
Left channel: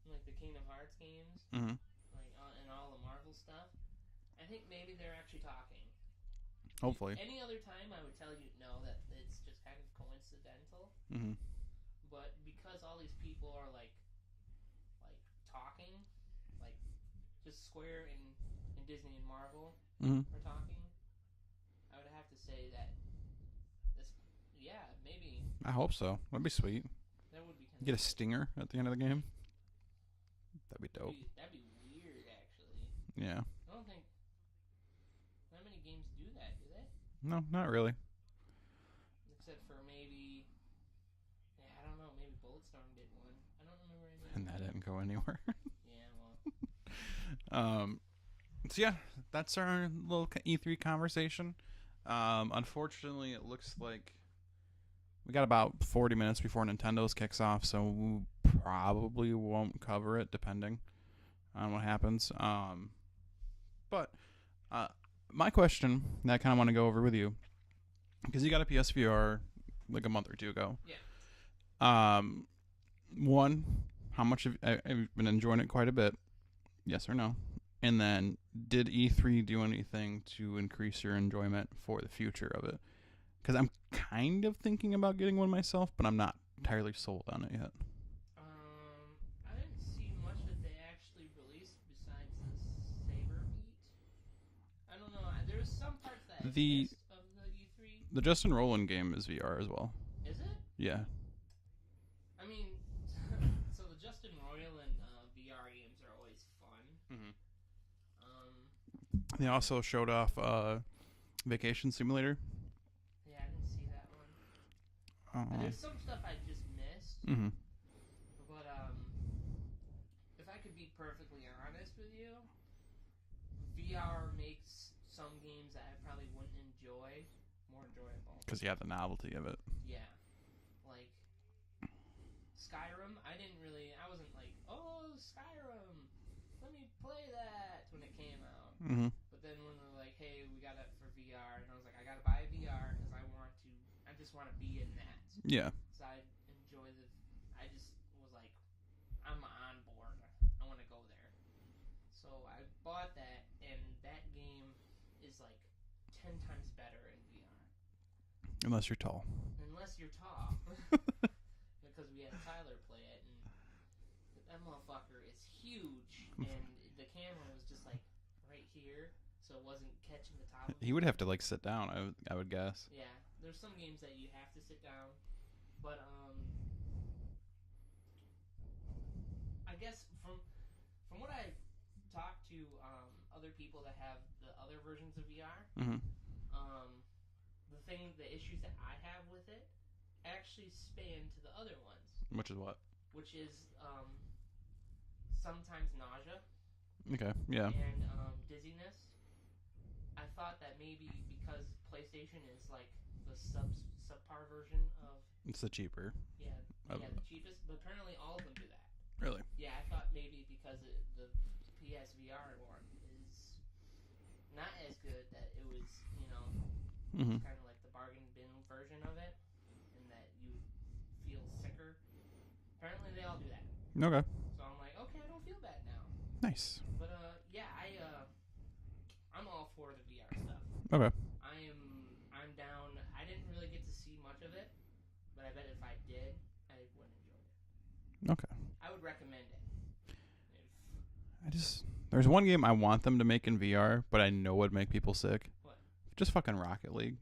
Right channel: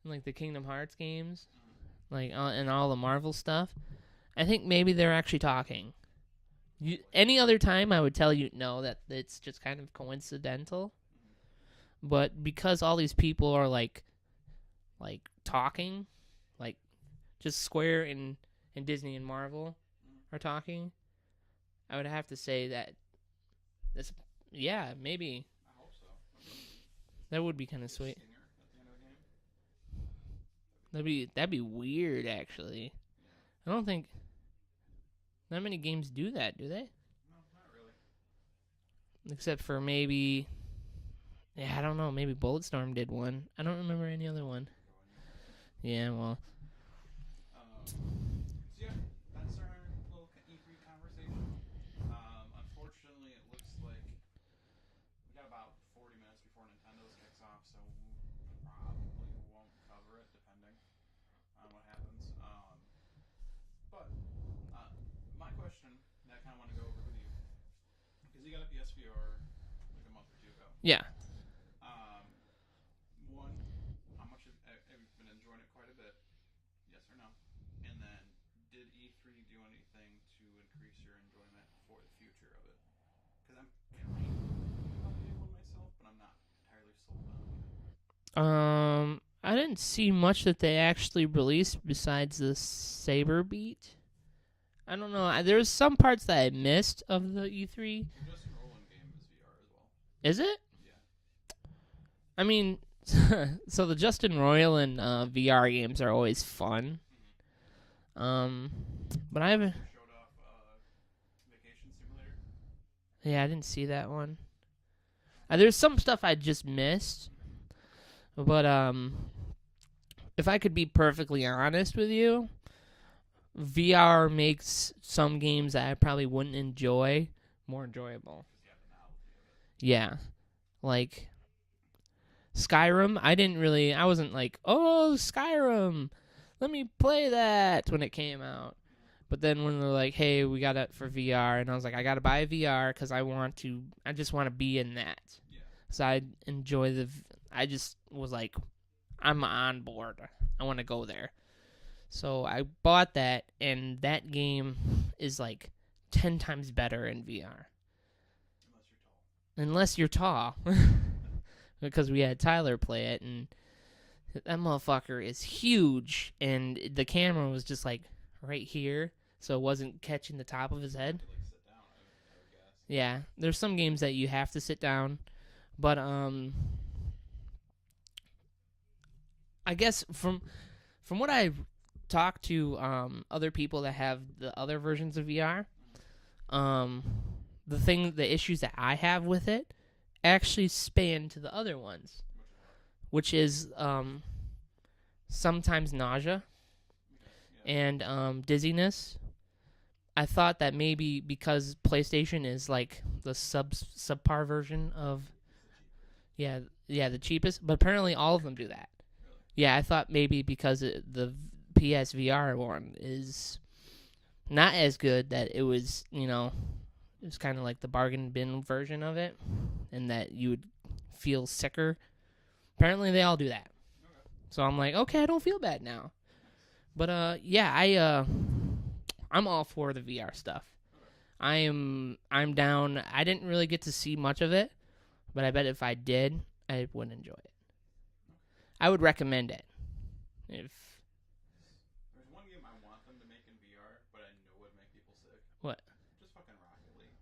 and, the Kingdom Hearts games, and all the Marvel stuff. I think maybe they're actually talking. Hopefully. Any other time, I would tell you no, that it's just kind of coincidental. But because all these people are talking, just Square and Disney and Marvel are talking, I would have to say that maybe. I hope so. That'd be sweet. That would be kind of sweet. Get a stinger at the end of the game. That'd be weird, actually. Yeah. I don't think not many games do that, do they? No, not really. Except for maybe... Yeah, I don't know. Maybe Bulletstorm did one. I don't remember any other one. Didn't go anywhere. Yeah, well. So yeah, that's our little E3 conversation. Unfortunately, it looks like we got about 40 minutes before Nintendo's kicks off, so we probably won't cover it, depending on what happens. But my question that I kind of want to go over with you, because you got a PSVR a month or two ago. Yeah. One, how much I've been enjoying it quite a bit, yes or no? And then, did E3 do anything to increase your enjoyment for the future of it? Because I'm kind of thinking about getting one myself, but I'm not entirely sold on it yet. I didn't see much that they actually released besides the Saber Beat. I don't know. There's some parts that I missed of the E3. The Justin Roiland game is VR as well. Is it? Yeah. So the Justin Roiland VR games are always fun. But I also showed off Vacation Simulator. Yeah, I didn't see that one. There's some stuff I just missed. But if I could be perfectly honest with you, VR makes some games that I probably wouldn't enjoy more enjoyable. Because you have the novelty of it. Yeah. Skyrim, I wasn't oh, Skyrim. let me play that when it came out. Mm-hmm. But then when they're like, hey, we got it for VR, and I was like, I got to buy a VR because I just want to be in that. Yeah. So I enjoy I just was like, I'm on board. I want to go there. So I bought that, and that game is like 10 times better in VR. Unless you're tall. Unless you're tall. Because we had Tyler play it, and that motherfucker is huge, and the camera was just like right here, so it wasn't catching the top of his head. You would have to like sit down, I would guess. Yeah, there's some games that you have to sit down, but I guess from what I've talked to other people that have the other versions of VR, the issues that I have with it actually span to the other ones. Which is what? Which is sometimes nausea. Okay, yeah. And dizziness. I thought that maybe because PlayStation is like the subpar version of... It's the cheaper. Yeah, the cheapest. But apparently all of them do that. Really? Yeah, I thought maybe because the PSVR one is not as good, that it was, it was kind of like the bargain bin version of it, and that you would feel sicker. Apparently they all do that. Okay. So I'm like, okay, I don't feel bad now. Nice. But yeah, I'm all for the VR stuff. Okay. I'm down. I didn't really get to see much of it, but I bet if I did, I would enjoy it. Okay. I would recommend it. There's one game I want them to make in VR, but I know would make people sick. What? Just fucking Rocket League.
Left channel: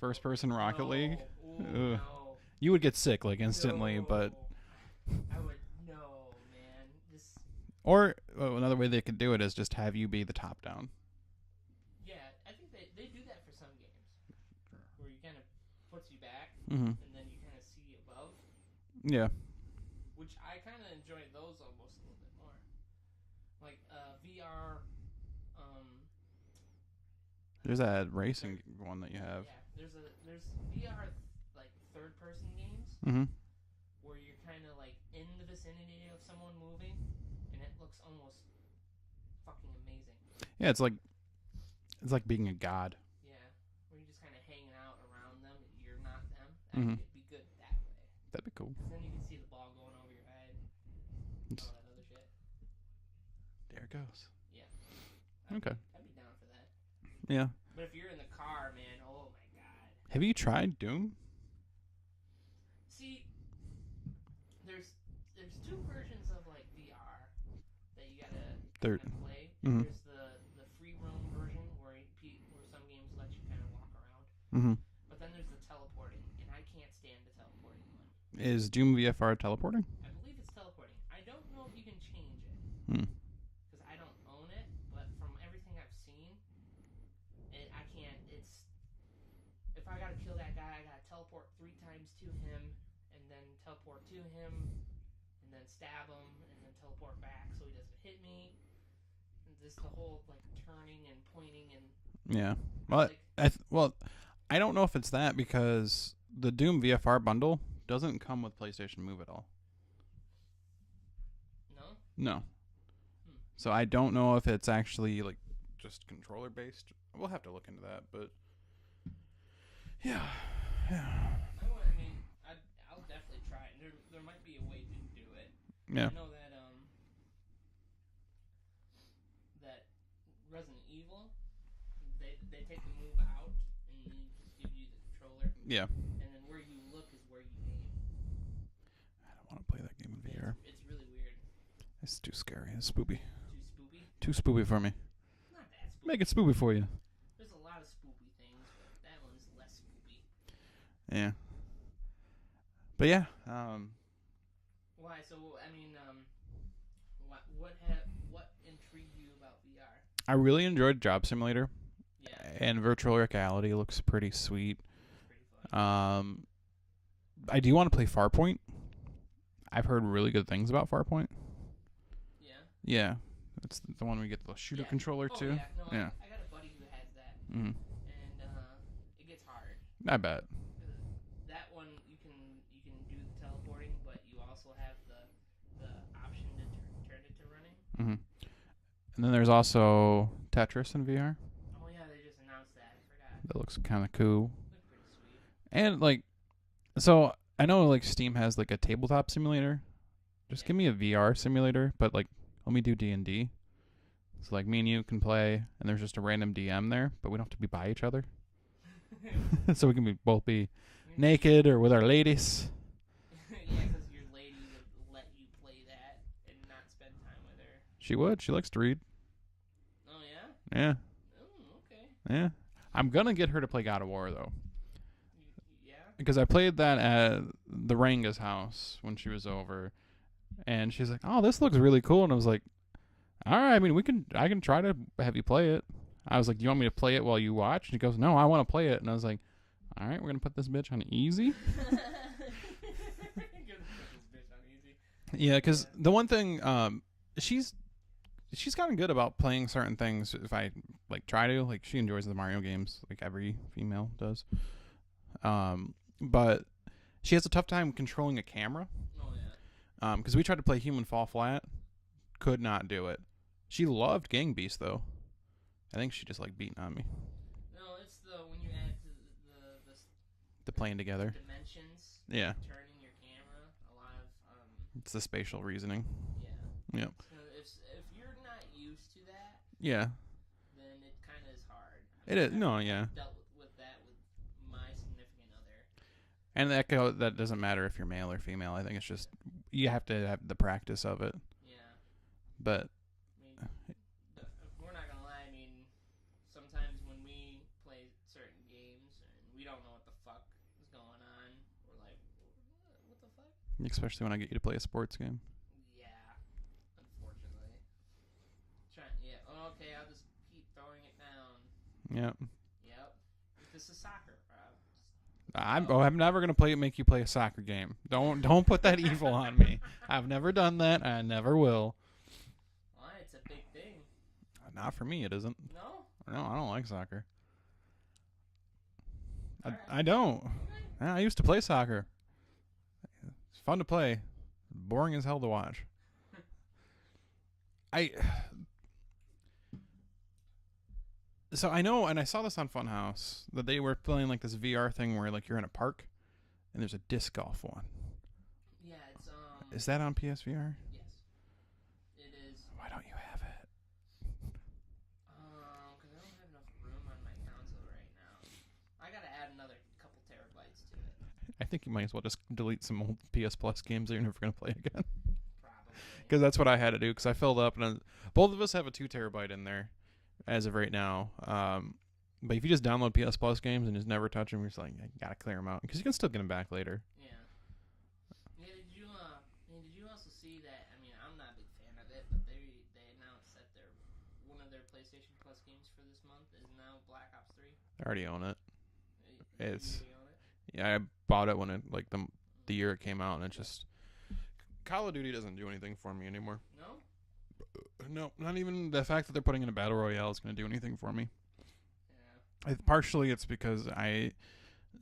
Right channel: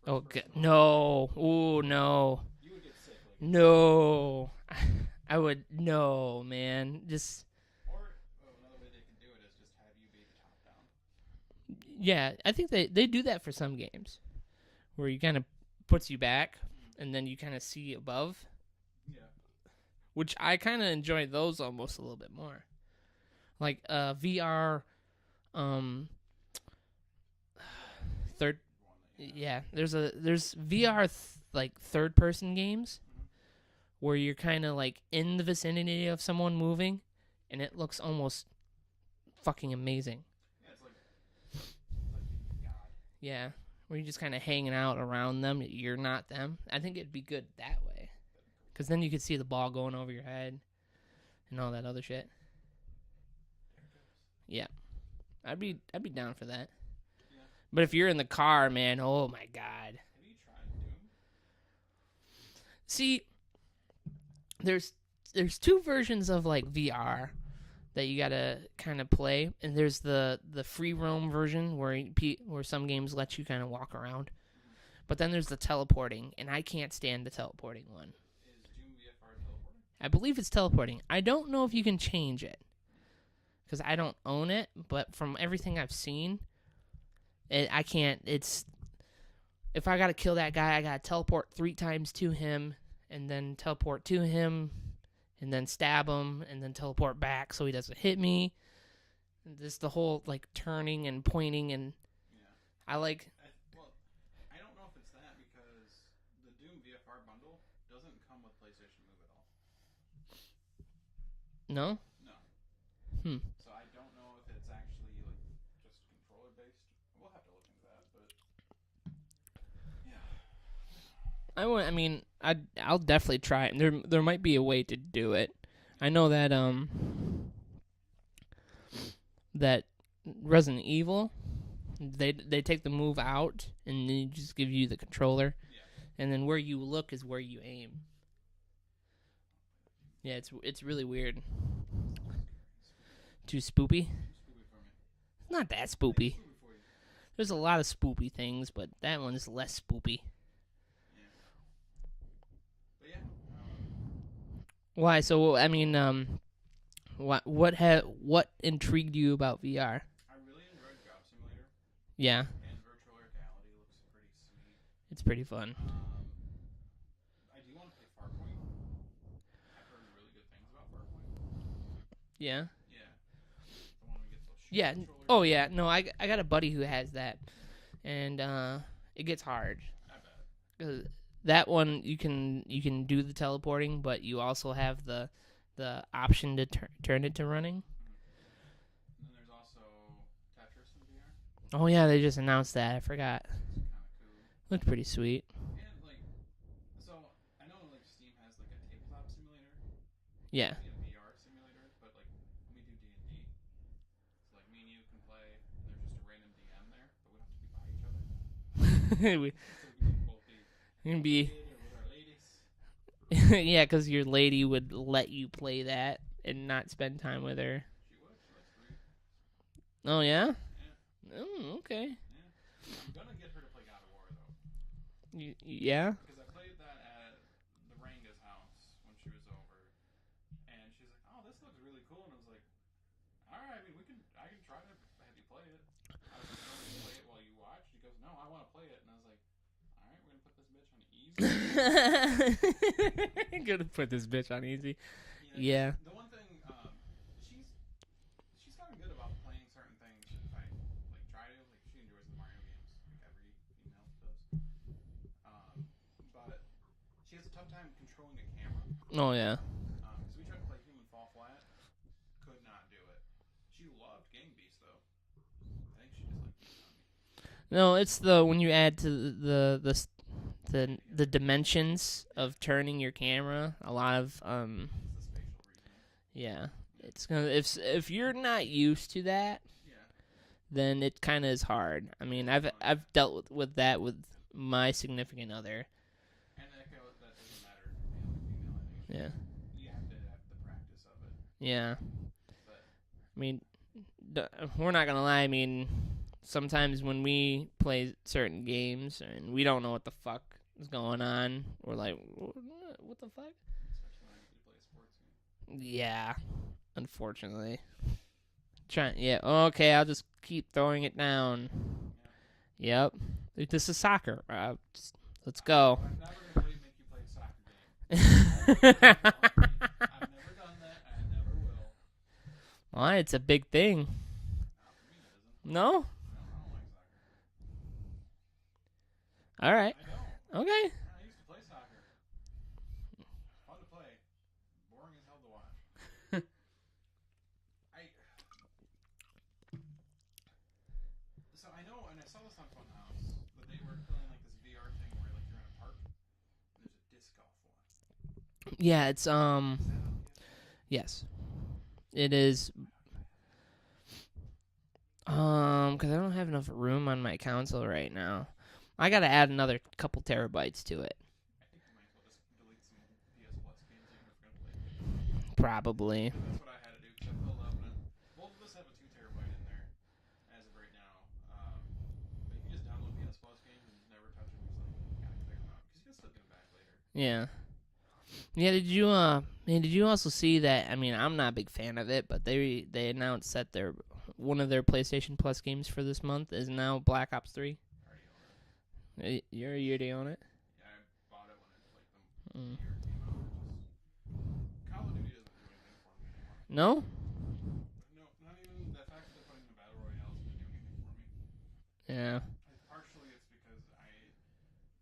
First person Rocket no. League. Ooh, no. You would get sick like instantly. No. I would. No, man. Or another way they could do it is just have you be the top down. Yeah, I think they do that for some games, where you kind of puts you back, and then you kind of see above. Yeah. Which I kind of enjoy those almost a little bit more. Like VR. There's that racing one that you have. Yeah, there's VR like third person games where you're kind of like in the vicinity of someone moving, and it looks almost fucking amazing. Yeah, it's like being a god. Yeah, where you're just kind of hanging out around them. You're not them. I think it'd be good that way. That'd be cool. Because then you could see the ball going over your head and all that other shit. There it goes. Yeah, I'd be down for that. Yeah. But if you're in the car, man, oh my god. Have you tried Doom? See, there's two versions of like VR that you gotta kind of play, and there's the free roam version where some games let you kind of walk around. But then there's the teleporting, and I can't stand the teleporting one. Is Doom VFR teleporting? I believe it's teleporting. I don't know if you can change it because I don't own it, but from everything I've seen, I can't. It's if I gotta kill that guy, I gotta teleport 3 times to him, and then teleport to him, and then stab him, and then teleport back so he doesn't hit me. This the whole like turning and pointing and yeah. I I don't know if it's that because the Doom VFR bundle doesn't come with PlayStation Move at all. No. No. So I don't know if it's actually like just controller based. We'll have to look into that, but yeah. I'll definitely try it. There might be a way to do it. Yeah. I know that that Resident Evil, they take the Move out and they just give you the controller. Yeah. And then where you look is where you aim. I don't want to play that game. Yeah, it's really weird. It's too scary. It's spoopy. Too spoopy? Too spoopy for me. Not that spoopy. Make it spoopy for you. There's a lot of spoopy things, but that one is less spoopy. Yeah. But yeah. Why? So what intrigued you about VR? I really enjoyed Job Simulator. Yeah. And virtual reality looks pretty sweet. It's pretty fun. I do want to play Farpoint. I've heard really good things about Farpoint. Yeah. Yeah. It's the one we get the shooter controller Oh, too. yeah. No, yeah. I got a buddy who has that. And it gets hard. I bet. 'Cause that one you can do the teleporting, but you also have the option to turn it to running. And then there's also Tetris in VR. Oh yeah, they just announced that. I forgot. It looks kind of cool. Looked pretty sweet. And like, so I know like Steam has like a tabletop simulator. Just give me a VR simulator, but like let me do D&D. So like me and you can play, and there's just a random DM there, but we don't have to be by each other. So we can both be naked or with our ladies. Yeah, because your lady would let you play that and not spend time with her. She would. She likes to read. Oh yeah. Yeah. Oh, okay. Yeah. I'm gonna get her to play God of War though. Yeah. Because I played that at the Ranga's house when she was over, and she's like, "Oh, this looks really cool," and I was like, "All right, I mean, I can try to have you play it." I was like, "You want me to play it while you watch?" And she goes, "No, I want to play it." And I was like, "All right, we're gonna put this bitch on easy." Gonna put this bitch on easy. Yeah, because the one thing, she's gotten good about playing certain things. If I like try to, like, she enjoys the Mario games, like every female does. But she has a tough time controlling a camera. Oh yeah. Because we tried to play Human Fall Flat, could not do it. She loved Gang Beast though. I think she just like beating on me. No, it's when you add to the playing together, the dimensions of turning your camera. A lot of it's the spatial reasoning. Yeah. Yep. It's gonna if you're not used to that. Yeah. Then it kind of is hard. I mean, I've dealt with that with my significant other. And that doesn't matter if you're male or female. I think it's just you have to have the practice of it. Yeah. But I mean, we're not gonna lie. I mean, sometimes when we play certain games and we don't know what the fuck is going on, we're like, what the fuck? Especially when I get you to play a sports game. Yeah. Unfortunately. Okay, I'll just keep throwing it down. Yep. This is soccer. Let's go. I'm never gonna make you play a soccer game. Don't put that evil on me. I've never done that. I never will. Well, it's a big thing. Not for me. It isn't. No, I don't like soccer. All right. I don't. Okay. I used to play soccer. It's fun to play. Boring as hell to watch. So I know, and I saw this on Funhouse, that they were playing like this VR thing where like you're in a park, and there's a disc golf one. Yeah, it's Is that on PSVR? Yes, it is. Why don't you have it? Because I don't have enough room on my console right now. I gotta add another couple terabytes to it. I think you might as well just delete some old PS Plus games that you're never gonna play again. Probably. Because that's what I had to do. Because I filled up, and both of us have a 2 terabyte in there. As of right now, but if you just download PS Plus games and just never touch them, you're just like, gotta clear them out because you can still get them back later. Yeah. Did you also see that? I mean, I'm not a big fan of it, but they announced that one of their PlayStation Plus games for this month is now Black Ops 3. I already own it. You already own it? Yeah, I bought it when it the year it came out, and it just Call of Duty doesn't do anything for me anymore. No. No, not even the fact that they're putting in a battle royale is going to do anything for me. Yeah. Partially, it's because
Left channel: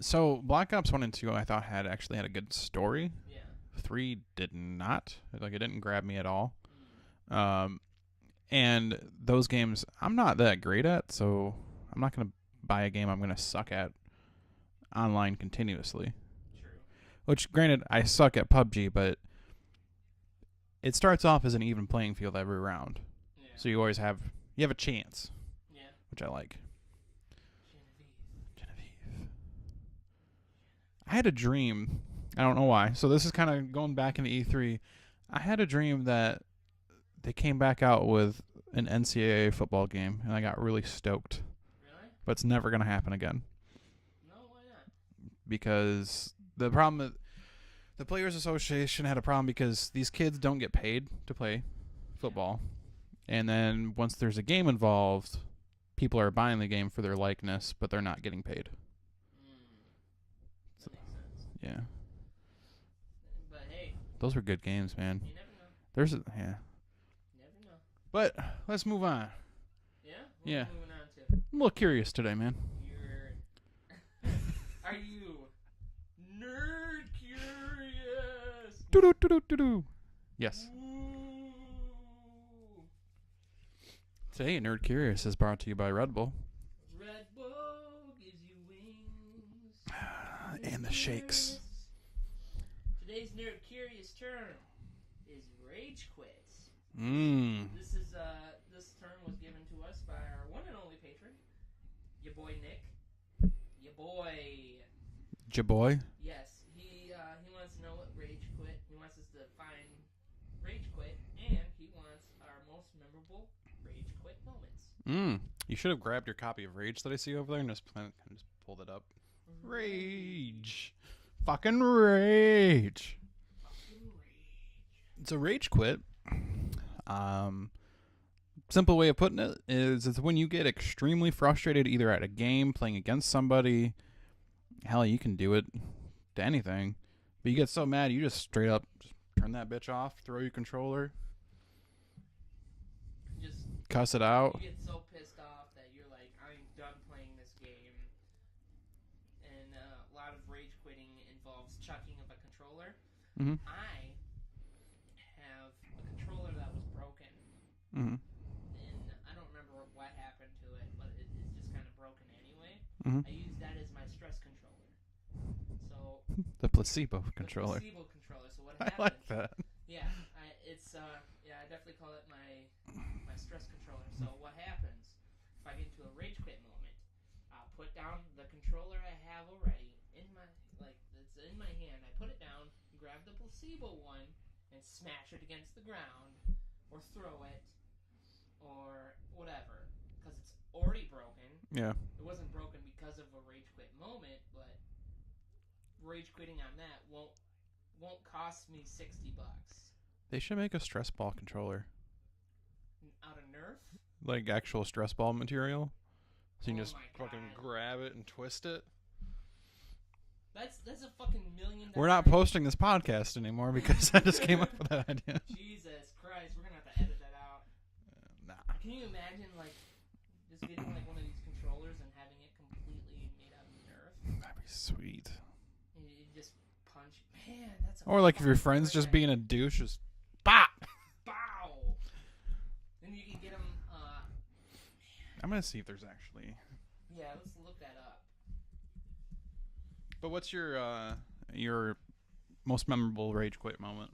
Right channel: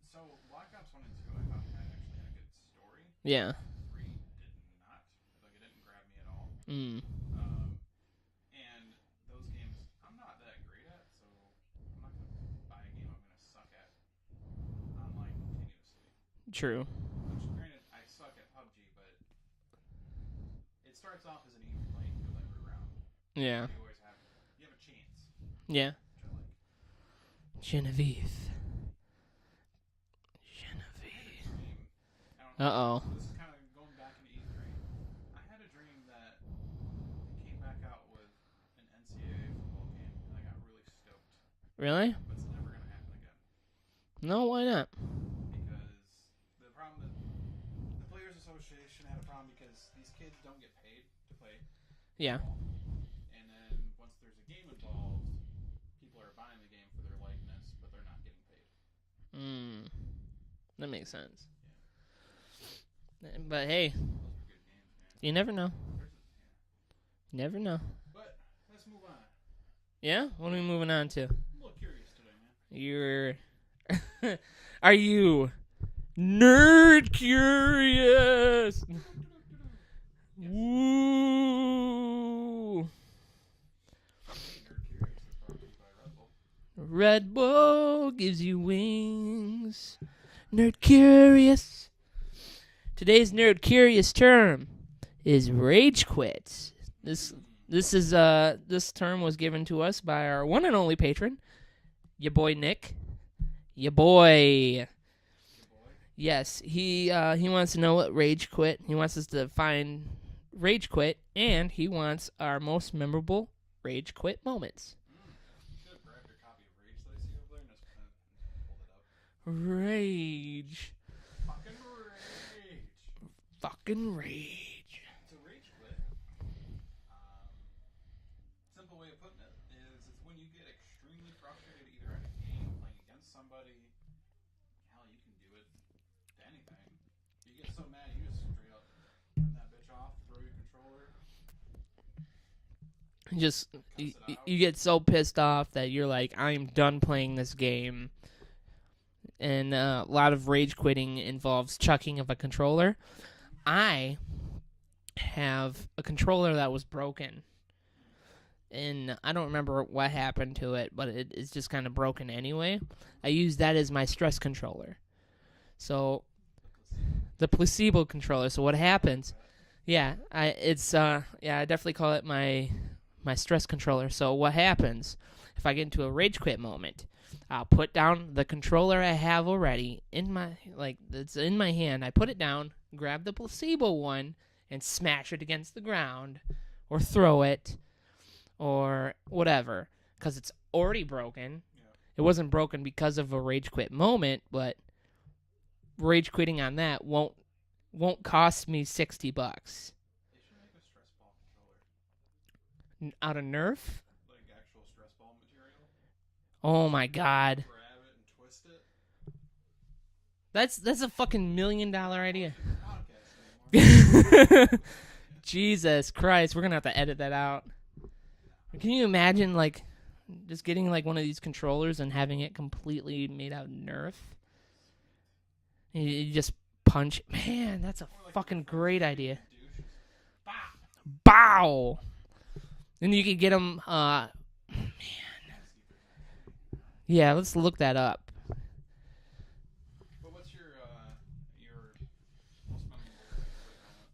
So Black Ops 1 and 2, I thought actually had a good story. Yeah. 3 did not. Like, it didn't grab me at all. Mm. And those games, I'm not that great at, so I'm not going to buy a game I'm going to suck at online continuously. True. Which, granted, I suck at PUBG, but it starts off as an even playing field every round. Yeah. So you always have a chance. Yeah. Which I like. Genevieve. I had a dream. I don't know why. So this is kind of going back into E3. I had a dream that they came back out with an NCAA football game, and I got really stoked. Really? But it's never going to happen again. No, why not? Because the problem, the Players Association had a problem because these kids don't get paid to play football. Yeah. And then once there's a game involved, people are buying the game for their likeness, but they're not getting paid. That makes sense. Yeah. But hey, those were good games, man. You never know. Never know. But let's move on. Yeah? What are we moving on to? I'm a little curious today, man. Are you nerd curious? Do-do-do-do-do-do. Yes. Ooh. Today, Nerd Curious is brought to you by Red Bull. Red Bull gives you wings. Damn Nerd Curious. Today's Nerd Curious term is rage quit. This term was given to us by our one and only patron, your boy Nick. Your boy. Jaboy. Yes, he wants to know what rage quit. He wants us to find rage quit, and he wants our most memorable rage quit moments. You should have grabbed your copy of Rage that I see over there and just pulled it up. Rage. Fucking Rage. Fucking rage. So Rage quit. Simple way of putting it is it's when you get extremely frustrated either at a game, playing against somebody. Hell, you can do it to anything. But you get so mad, you just straight up turn that bitch off, throw your controller, Just cuss it out. You get so pissed off that you're like, I'm done playing this game. And a lot of rage quitting involves chucking of a controller. Mm-hmm. I have a controller that was broken. Mm-hmm. And I don't remember what happened to it, but it's just kind of broken anyway. Mm-hmm. I use that as my stress controller. So The placebo controller. the placebo controller. So what happens? I like that. Yeah, I definitely call it my stress controller. So what happens if I get into a rage quit moment? I'll put down the controller I have already it's in my hand. I put it down, grab the placebo one, and smash it against the ground, or throw it, or whatever, because it's already broken. Yeah. It wasn't broken because of a rage quit moment, but rage quitting on that won't cost me $60. They should make a stress ball controller. Out of Nerf? Like actual stress ball material. So Oh you just my god. grab it and twist it. That's a fucking $1 million We're not idea. posting this podcast anymore because I just came up with that idea. Jesus Christ, we're gonna have to edit that out. Nah. Can you imagine just getting one of these controllers and having it completely made out of Nerf? That'd be sweet. You just punch. Man, that's a Or like if your fucking friend's great just idea. being a douche, just Bop! Bow! Then you could get them. I'm gonna see if there's actually. Yeah, let's look that up. But what's your most memorable rage quit moment?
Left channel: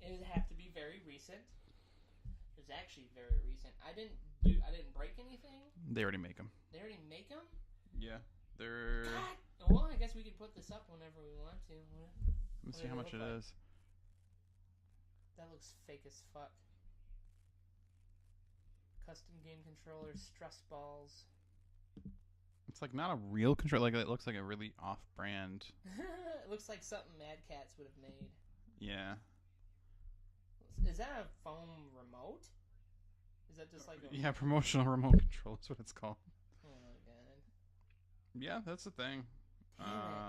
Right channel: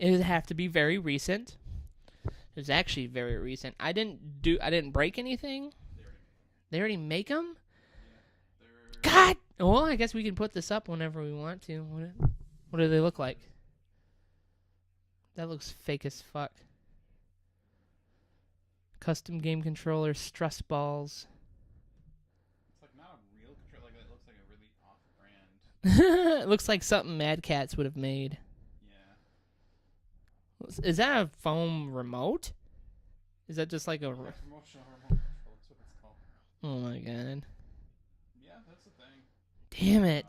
It would have to be very recent. It was actually very recent. I didn't break anything. They already make them. They already make them? Yeah, they're. God! Well, I guess we can put this up whenever we want to. What do they look like? That looks fake as fuck. Custom game controller, stress balls. It's like not a real controller. Like it looks like a really off-brand. It looks like something Mad Cats would have made. Yeah. Is that a foam remote? Is that just like a... Yeah, promotional remote control. That's what it's called. Oh my god. Yeah, that's the thing. Damn it.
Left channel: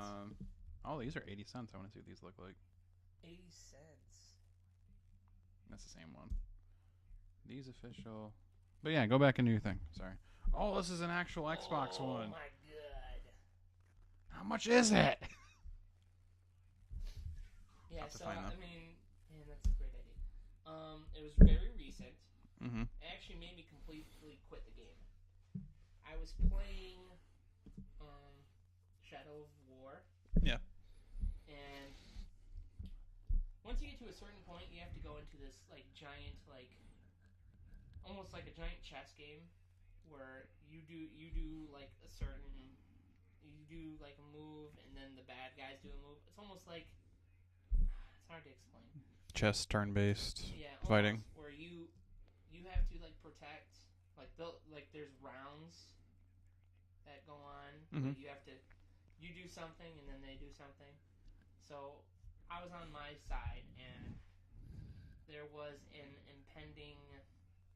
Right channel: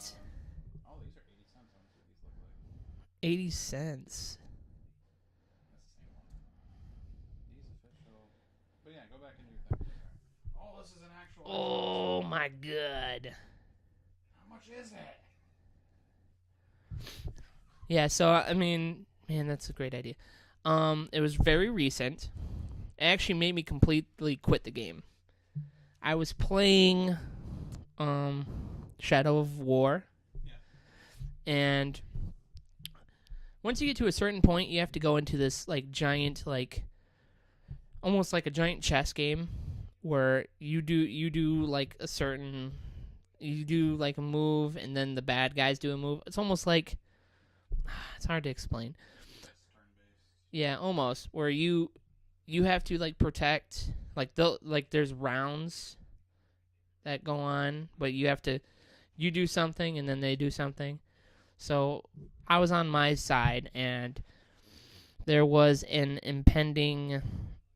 Oh, these are 80 cents. I want to see what these look like. 80 cents. That's the same one. These official. But yeah, go back and do your thing. Sorry. Oh, this is an actual Xbox Oh one. my god. How much is it? Yeah, so, I mean, man, that's a great idea. It was very recent. Mm-hmm. It actually made me completely quit the game. I was playing Shadow of War. Yeah. And once you get to a certain point, you have to go into this giant almost like a giant chess game where you do a move and then the bad guys do a move. It's almost like it's hard to explain. Chess turn-based. Yeah, almost. Where you have to protect there's rounds that go on, but you do something and then they do something. So I was on my side and there was an impending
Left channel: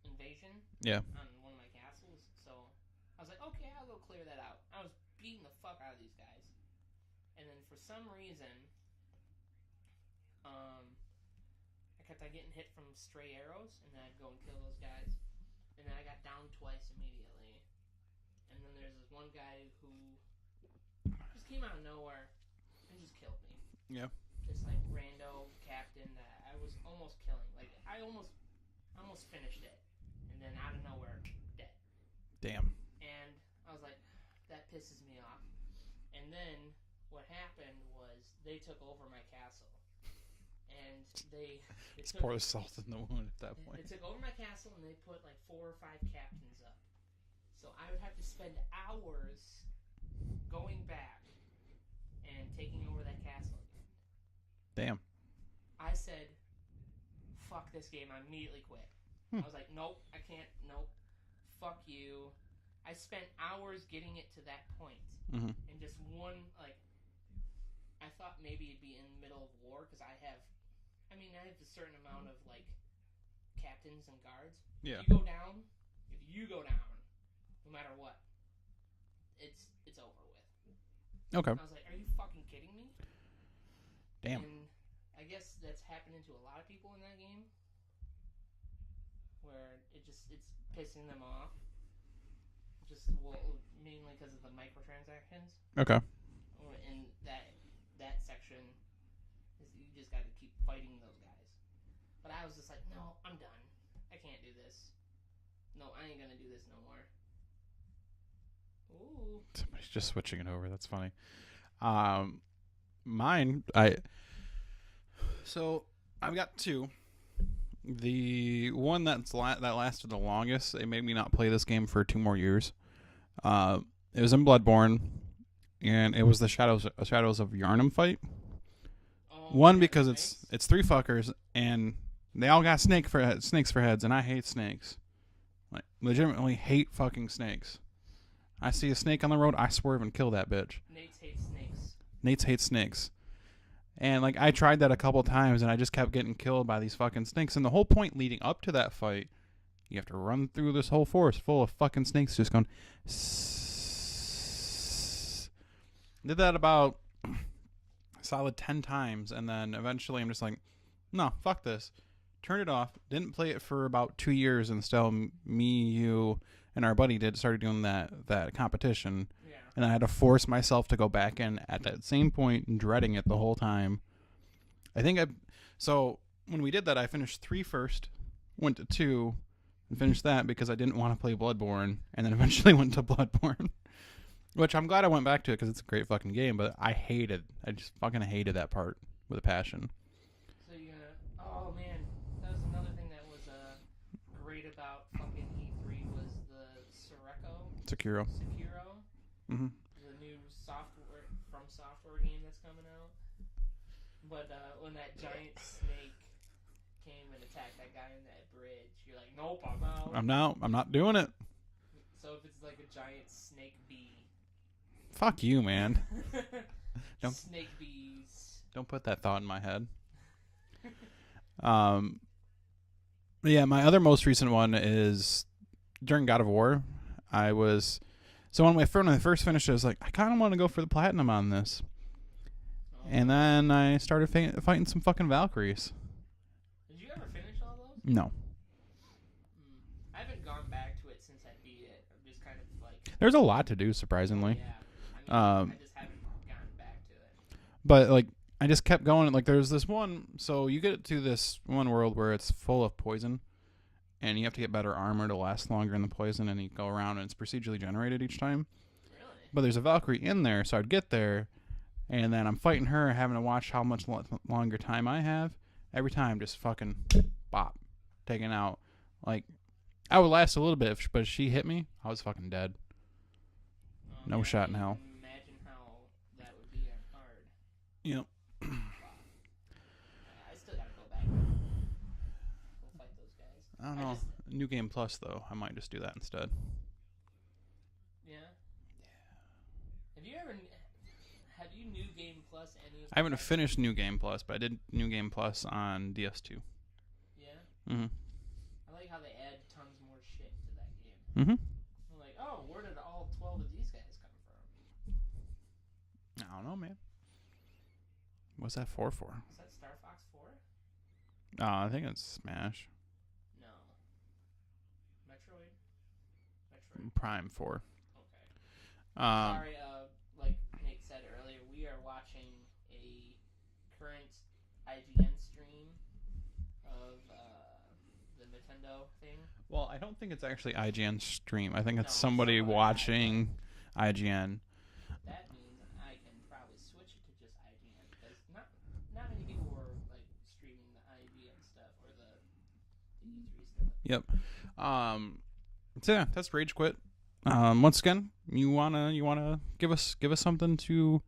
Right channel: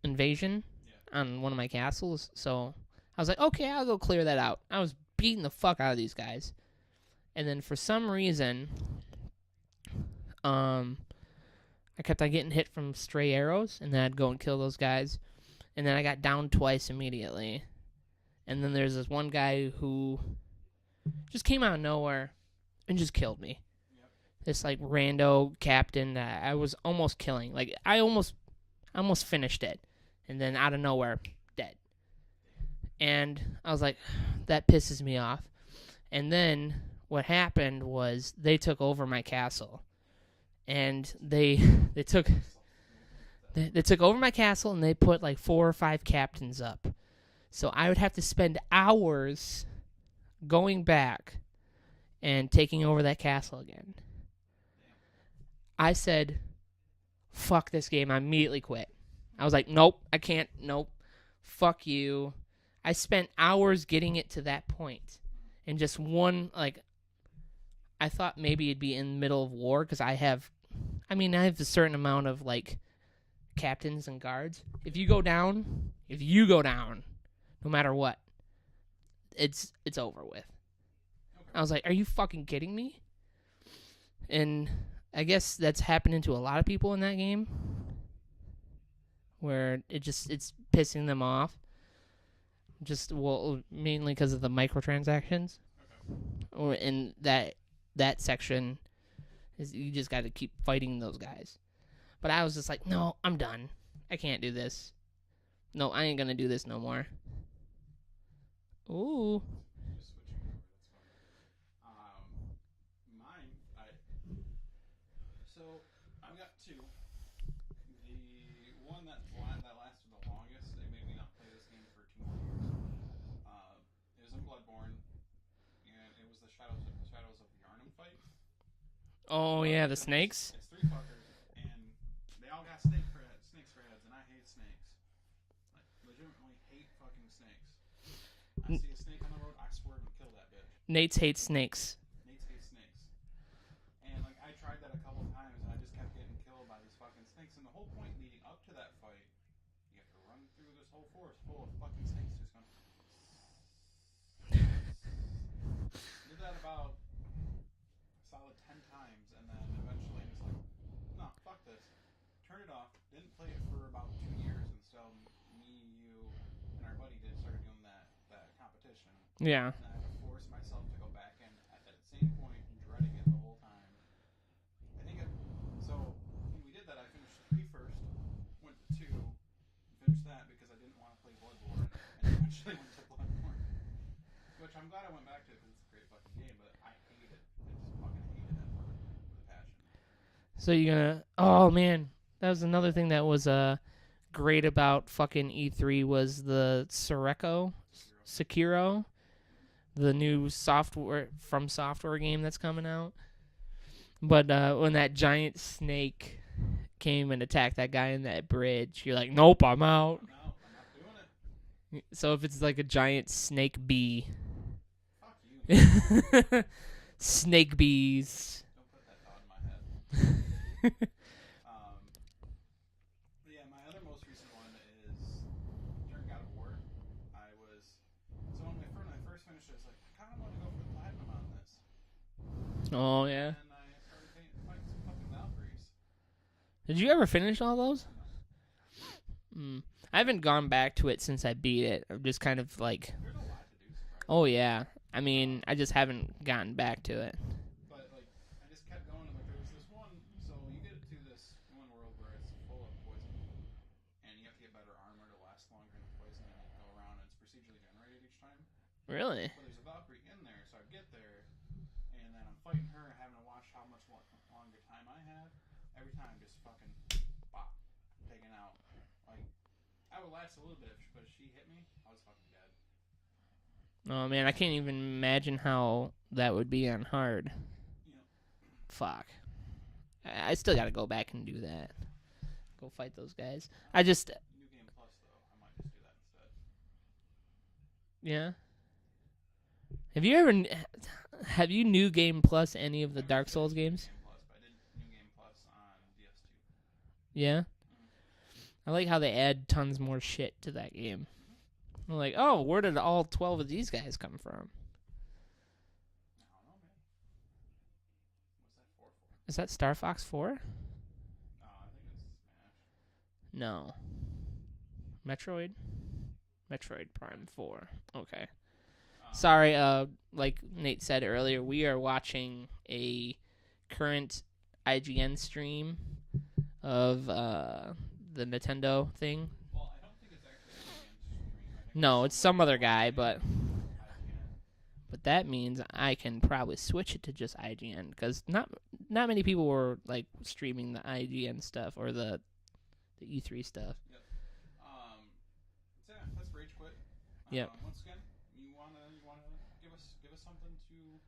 invasion on one of my castles. So I was like, okay, I'll go clear that out. I was beating the fuck out of these guys. And then for some reason, I kept on getting hit from stray arrows, and then I'd go and kill those guys. And then I got downed twice immediately. And then there's this one guy who just came out of nowhere and just killed me. Yeah. This rando captain that I was almost killing. I almost I almost finished it, and then out of nowhere, dead. Damn. And I was like, that pisses me off. And then what happened was they took over my castle, and they took Pour salt in the wound at that point. they took over my castle, and they put like 4 or 5 captains up. So I would have to spend hours going back and taking over that castle again. Damn. I said, fuck this game. I immediately quit. I was like, nope, I can't. Nope. Fuck you. I spent hours getting it to that point. Mm-hmm. And just one, like, I thought maybe it'd be in the middle of war because I have a certain amount of, like, captains and guards. Yeah. If you go down, no matter what, it's over with. Okay. I was like, are you fucking kidding me? Damn. And I guess that's happening to a lot of people in that game, where it's pissing them off. Mainly because of the microtransactions. Okay. Or in that section, is you just got to keep fighting those guys. But I was just like, no, I'm done. I can't do this. No, I ain't gonna do this no more. Ooh. Somebody's just switching it over. That's funny. So I've got 2. The one that lasted the longest, it made me not play this game for 2 more years. It was in Bloodborne, and it was the Shadows of Yharnam fight. Oh, One, yeah, because the snakes? it's 3 fuckers, and they all got snakes for heads, and I hate snakes. Like, legitimately hate fucking snakes. I see a snake on the road, I swerve and kill that bitch. Nate's hates snakes. Nate's hates snakes. And, like, I tried that a couple times, and I just kept getting killed by these fucking snakes. And the whole point leading up to that fight, you have to run through this whole forest full of fucking snakes just going... Did that about a solid 10 times, and then eventually I'm just like, no, fuck this. Turned it off. Didn't play it for about 2 years, and still me, you, and our buddy started doing that competition. Yeah. And I had to force myself to go back in at that same point, dreading it the whole time. So when we did that, I finished 3 first, went to 2, and finished that because I didn't want to play Bloodborne, and then eventually went to Bloodborne. Which I'm glad I went back to it because it's a great fucking game, but I just fucking hated that part with a passion. So you're gonna... Oh, man. That was another thing that was great about fucking E3 was the Sekiro. Mm-hmm. The new From Software game that's coming out. But when that giant snake came and attacked that guy in that bridge, you're like, nope, I'm out. I'm not doing it. So if it's like a giant snake bee. Fuck you, man. Snake bees. Don't put that thought in my head. But yeah, my other most recent one is during God of War. When I first finished it, I was like, I kind of want to go for the platinum on this. Oh, and then I started fighting some fucking Valkyries. Did you ever finish all those? No. I haven't gone back to it since I beat it. I'm just kind of like... There's a lot to do, surprisingly. Oh, yeah. I mean, I just haven't gotten back to it. But, like, I just kept going. Like, there's this one... So you get to this one world where it's full of poison, and you have to get better armor to last longer in the poison, and you go around, and it's procedurally generated each time. Really? But there's a Valkyrie in there, so I'd get there, and then I'm fighting her, having to watch how much longer time I have. Every time, just fucking bop, taken out. Like, I would last a little bit, but if she hit me, I was fucking dead. Oh, man, I can't even imagine how that would be on hard. Yep. Fuck. I still got to go back and do that. Go fight those guys. I just... New Game Plus, though. I might just do that instead. Yeah? Have you New Game Plus any of the Dark Souls games? I haven't finished New Game Plus, but I did New Game Plus on DS2. Yeah? Mm-hmm. I like how they add tons more shit to that game. Mm-hmm. I'm like, oh, where did all 12 of these guys come from? I don't know, man. What's that 4 for? Is that Star Fox 4? I think it's Smash. No. Metroid Prime 4. Okay. Sorry, like Nate said earlier, we are watching a current IGN stream of the Nintendo thing. Well, I don't think it's actually IGN stream. I think No, it's it's somebody some other guy, watching IGN. But that means I can probably switch it to just IGN because not many people were like streaming the IGN stuff or the E3 stuff. Yep. So yeah, that's Rage Quit. Yeah. Once again, you wanna give us something to.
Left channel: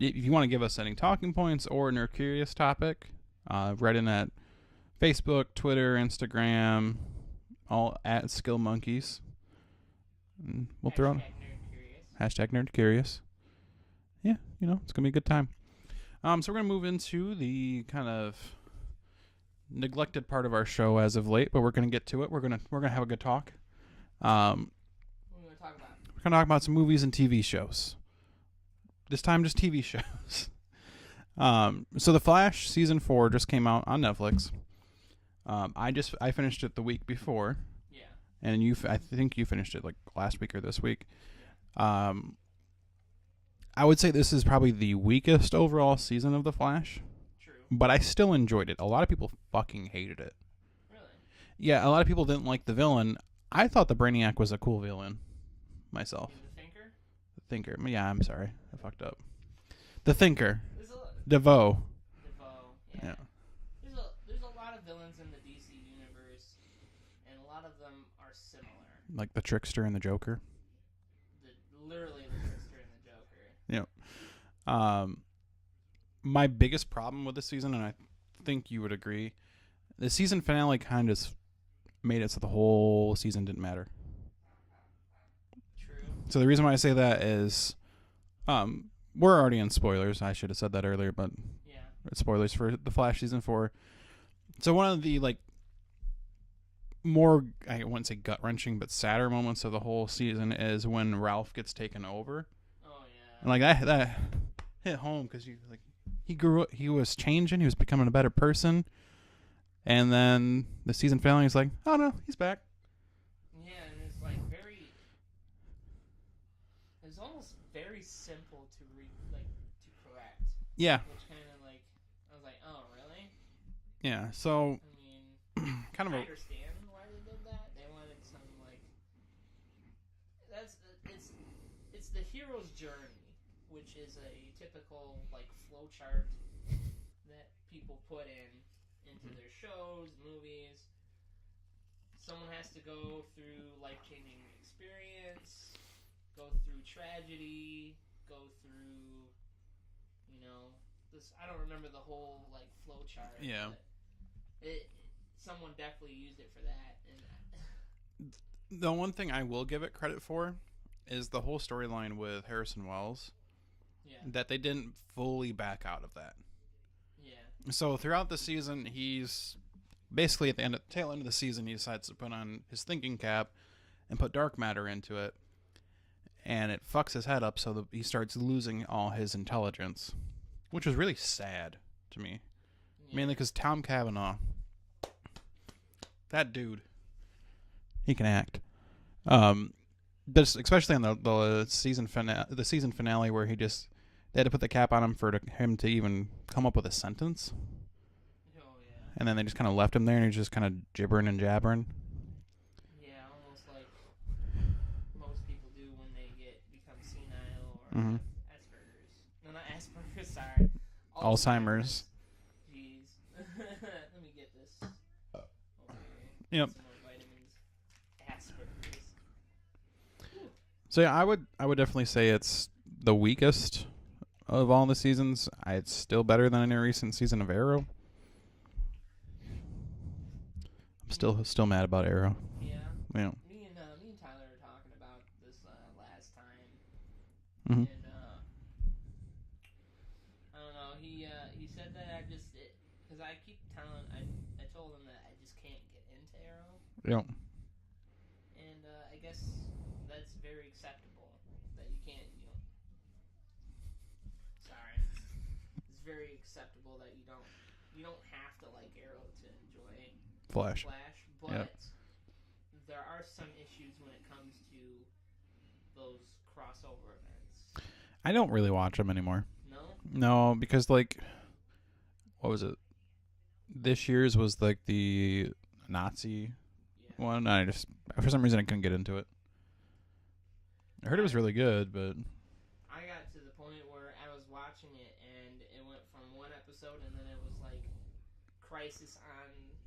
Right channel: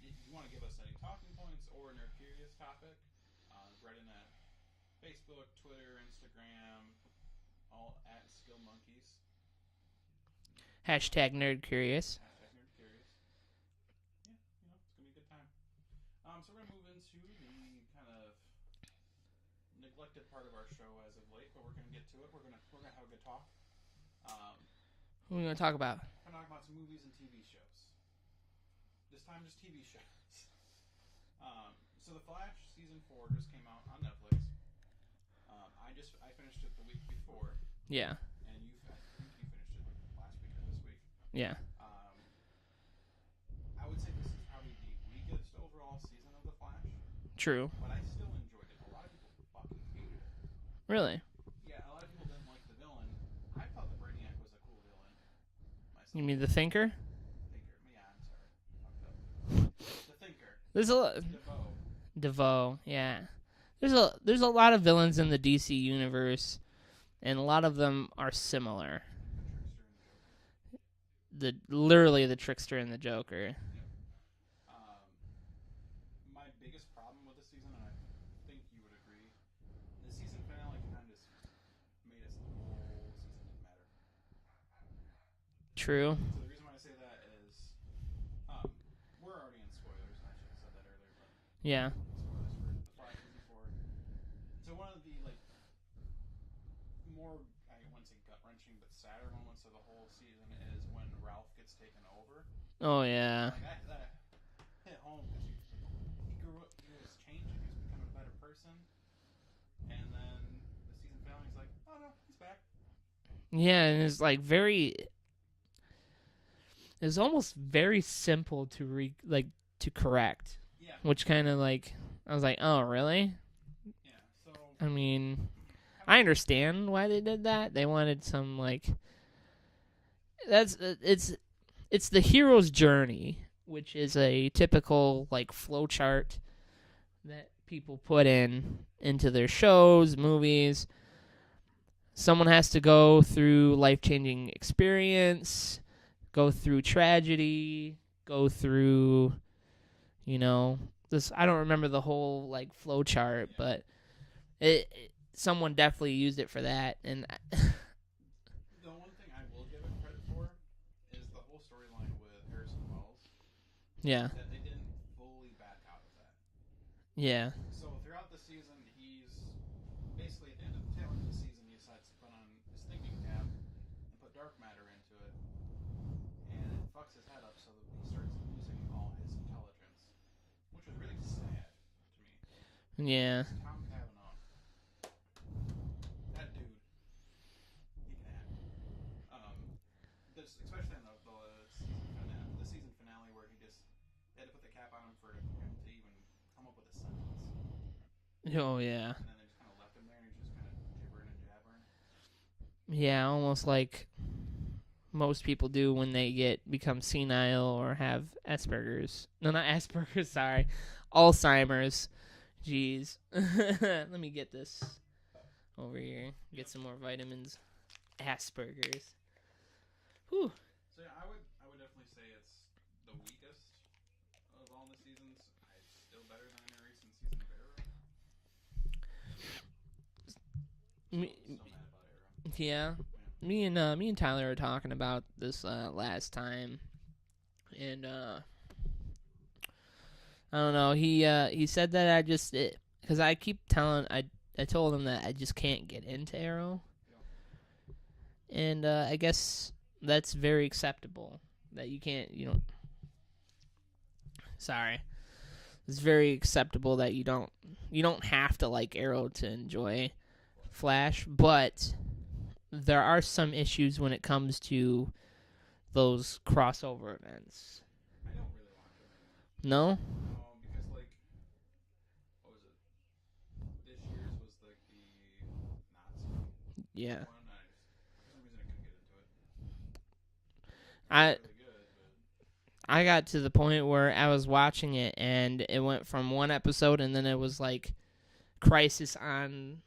If you want to give us any talking points or a nerd curious topic, write in at Facebook, Twitter, Instagram, all at Skill Monkeys. Hashtag nerd curious. Hashtag nerd curious. Yeah, it's gonna be a good time. So we're gonna move into the kind of neglected part of our show as of late, but we're gonna get to it. We're gonna have a good talk. What are we gonna talk about? We're gonna talk about some movies and TV shows. This time, just TV shows. So The Flash season 4 just came out on Netflix. I finished it the week before. Yeah. And I think you finished it like last week or this week. Yeah. I would say this is probably the weakest overall season of The Flash. True. But I still enjoyed it. A lot of people fucking hated it. Really? Yeah, a lot of people didn't like the villain. I thought the Brainiac was a cool villain myself. You mean the Thinker? Thinker. Yeah, I'm sorry. I fucked up. The Thinker. There's a DeVoe. Yeah. There's a lot of villains in the DC universe, and a lot of them are similar. Like the Trickster and the Joker. Literally the Trickster and the Joker. Yeah. My biggest problem with this season, and I think you would agree, the season finale kind of made it so the whole season didn't matter. True. So the reason why I say that is, we're already in spoilers. I should have said that earlier, but yeah, spoilers for The Flash season 4. So one of the more, I wouldn't say gut wrenching, but sadder moments of the whole season is when Ralph gets taken over. Oh yeah. And that hit home because he grew up, he was changing, he was becoming a better person, and then the season finale is like, oh no, he's back. Yeah, and it's it's almost very simple to correct. Yeah. Which kind of I was like, oh really? Yeah. So I mean, kind of I understand why they did that. They wanted some it's the hero's journey, which is a typical flow chart that people put into their shows, movies. Someone has to go through life-changing experience, go through tragedy, go through, this. I don't remember the whole flow chart, Yeah. but someone definitely used it for that. And the one thing I will give it credit for is the whole storyline with Harrison Wells. yeah, That they didn't fully back out of that. yeah, So throughout the season, he's basically at the tail end of the season, he decides to put on his thinking cap and put dark matter into it, and it fucks his head up so that he starts losing all his intelligence, which was really sad to me. yeah. Mainly because Tom Cavanaugh, that dude, he can act. But especially on the season finale where they had to put the cap on him for him to even come up with a sentence. Oh yeah. And then they just kind of left him there, and he's just kind of gibbering and jabbering. Yeah, almost like most people do when they become senile or have Asperger's. No, not Asperger's, sorry. Alzheimer's. Jeez. Let me get this over here. Yep. Get some more vitamins. Asperger's. Whew. So yeah, I would definitely say it's the weakest of all the seasons. It's still better than any recent season of Arrow. I'm still mad about Arrow. Yeah. Yeah. Me and Tyler were talking about this last time, Mhm. and I don't know. He said that because I keep telling I told him that I just can't get into Arrow. Yeah. And I guess that's very acceptable that you can't. Sorry. It's very acceptable that you don't have to like Arrow to enjoy Flash, but there are some issues when it comes to those crossover events. I don't really watch them anymore. No? No, because what was it? This year's was the Nazi Yeah. one. I just for some reason I couldn't get into it. I heard it was really good, but I got to the point where I was watching it and it went from one episode and then it was like Crisis on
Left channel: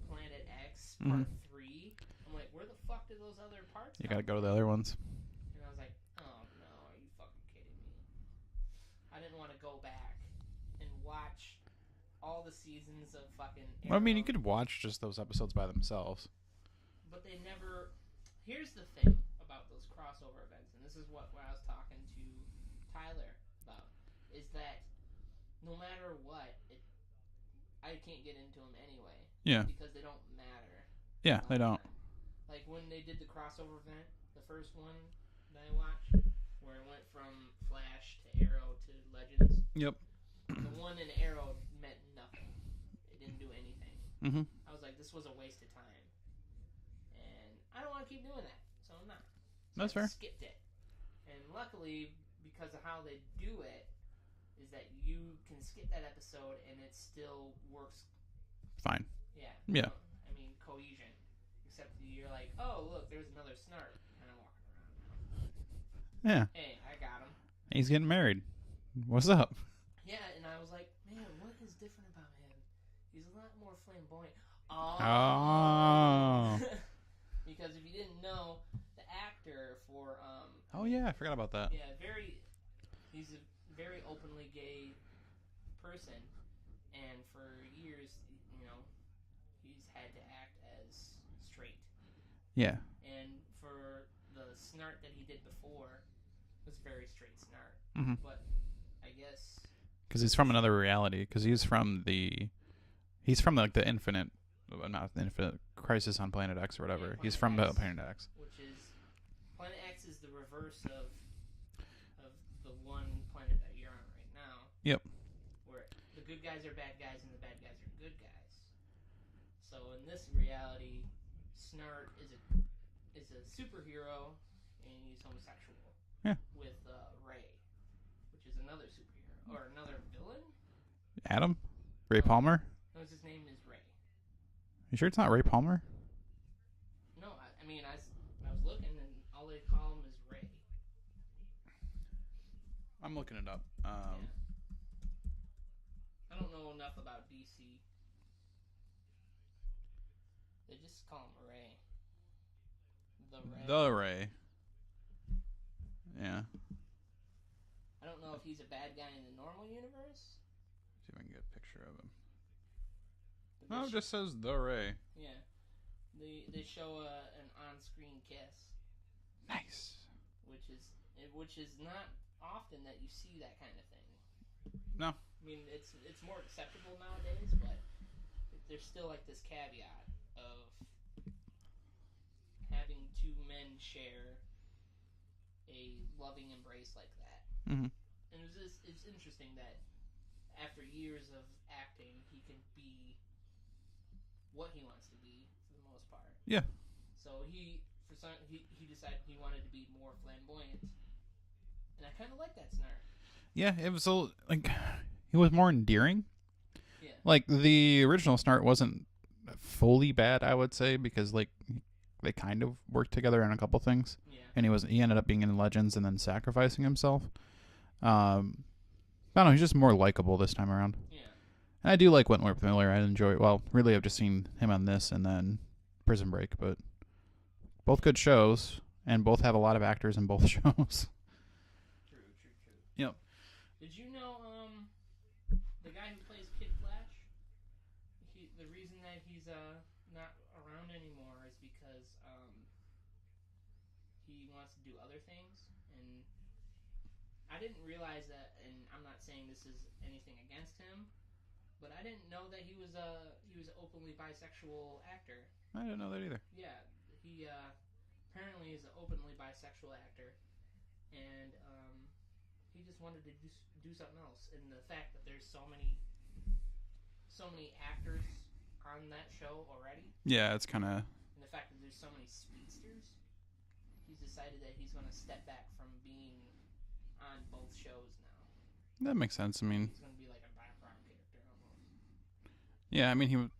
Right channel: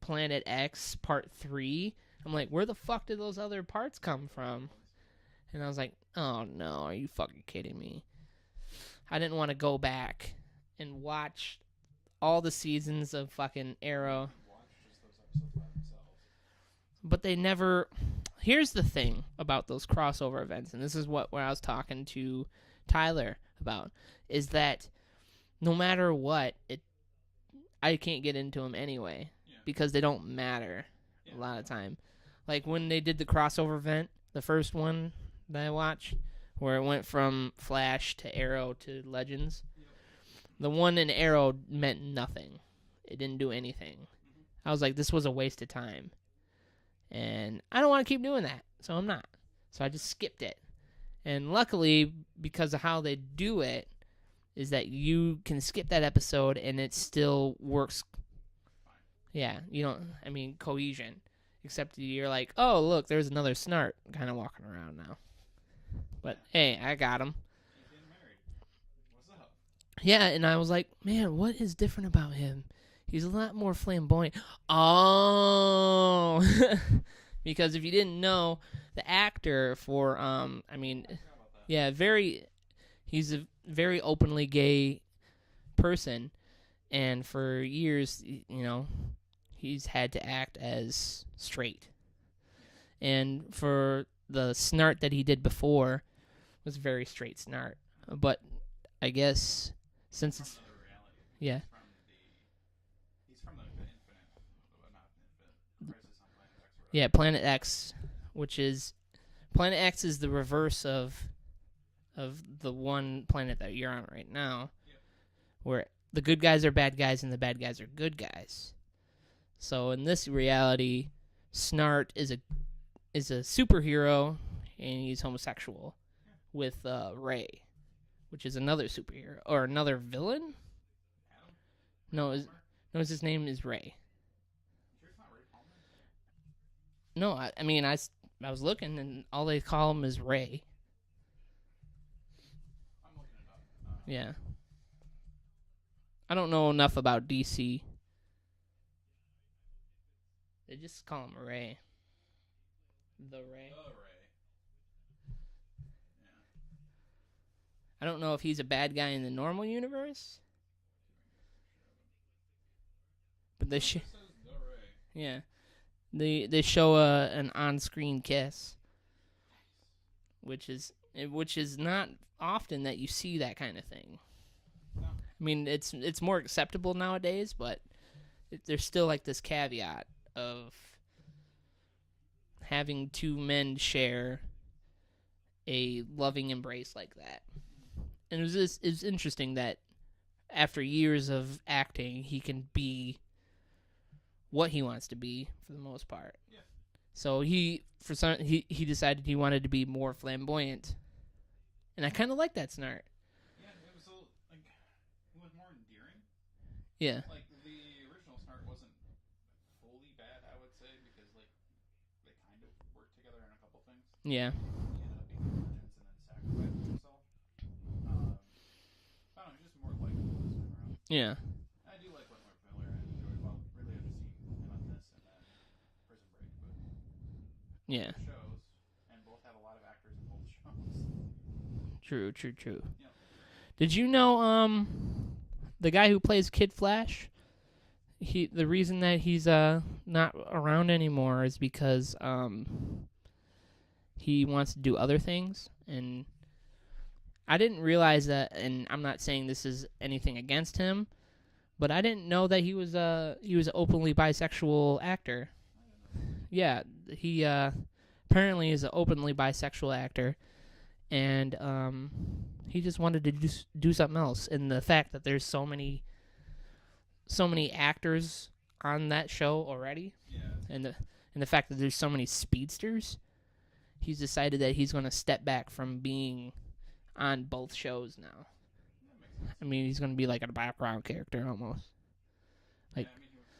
Planet X Part 3. I'm like, where the fuck did those other parts come from? Gotta go to the other ones. And I was like, oh no, are you fucking kidding me? I didn't want to go back and watch all the seasons of fucking Arrow. Well, I mean, you could watch just those episodes by themselves. But they never... Here's the thing about those crossover events, and this is what I was talking to Tyler about, is that no matter what, I can't get into them anyway. Yeah. Because they don't matter a lot of time. Like when they did the crossover event, the first one that I watched, where it went from Flash to Arrow to Legends. Yep. The one in Arrow meant nothing. It didn't do anything. Mm-hmm. I was like, this was a waste of time. And I don't want to keep doing that, so I'm not. So That's I just fair. skipped it. And luckily, because of how they do it, is that you can skip that episode and it still works. Fine. Yeah. You know, I mean, cohesion. Except you're like, oh, look, there's another Snart kind of walking around now. But, Yeah. hey, I got him. He's getting married. What's up? Yeah, and I was like, man, what is different about him? He's a lot more flamboyant. Oh. Because if you didn't know, the actor for, I forgot about that. Yeah, he's a very openly gay person. And for years, you know, he's had to act as straight. Yeah. And for the Snart that he did before was very straight Snart. Mm-hmm. But I guess... Because he's from another reality. Because Yeah. he's from like the infinite, not the infinite Crisis on Planet X or whatever. Yeah, He's Planet from X. Planet X. Which is... Planet X is the reverse of the one planet that you're on right now. Yep. Where the good guys are bad guys and the bad guys are good guys. So in this reality, Snart is a superhero and he's homosexual. Yeah. With Ray, which is another superhero or another villain. Adam? Ray No, Palmer? No, his name is Ray. You sure it's not Ray Palmer? No, I mean I was looking and all they call him is Ray. I'm looking it up. Yeah. I don't know enough about DC. They just call him Ray. The Ray. Yeah. I don't know if he's a bad guy in the normal universe. See if I can get a picture of him. But It just says The Ray. Yeah. They show an on-screen kiss. Nice. Which is not often that you see that kind of thing. No. I mean, it's more acceptable nowadays, but there's still like this caveat of having two men share a loving embrace like that. Mm-hmm. And it was interesting that after years of acting, he can be what he wants to be for the most part. Yeah. So he decided he wanted to be more flamboyant, and I kind of like that Snart. Yeah, it was it was more endearing. Yeah. Like the original Snart wasn't fully bad, I would say, because like they kind of worked together on a couple things. Yeah. And he ended up being in Legends and then sacrificing himself. I don't know, he's just more likable this time around. Yeah. And I do like Wentworth Miller. I enjoy it. Well, really, I've just seen him on this and then Prison Break, but both good shows, and both have a lot of actors in both shows. True. Yep. Did you know the guy who plays Kid Flash? The reason that he's not around anymore is because he wants to do other things, and I didn't realize that. And I'm not saying this is anything against him, but I didn't know that he was an openly bisexual actor. I didn't know that either. Yeah, he apparently is an openly bisexual actor, and he just wanted to do something else. And the fact that there's so many actors on that show already, Yeah, it's kind of... and the fact that there's so many speedsters, he's decided that he's going to step back from being on both shows now. That makes sense. I mean, he's going to be like a background character almost. Yeah, I mean,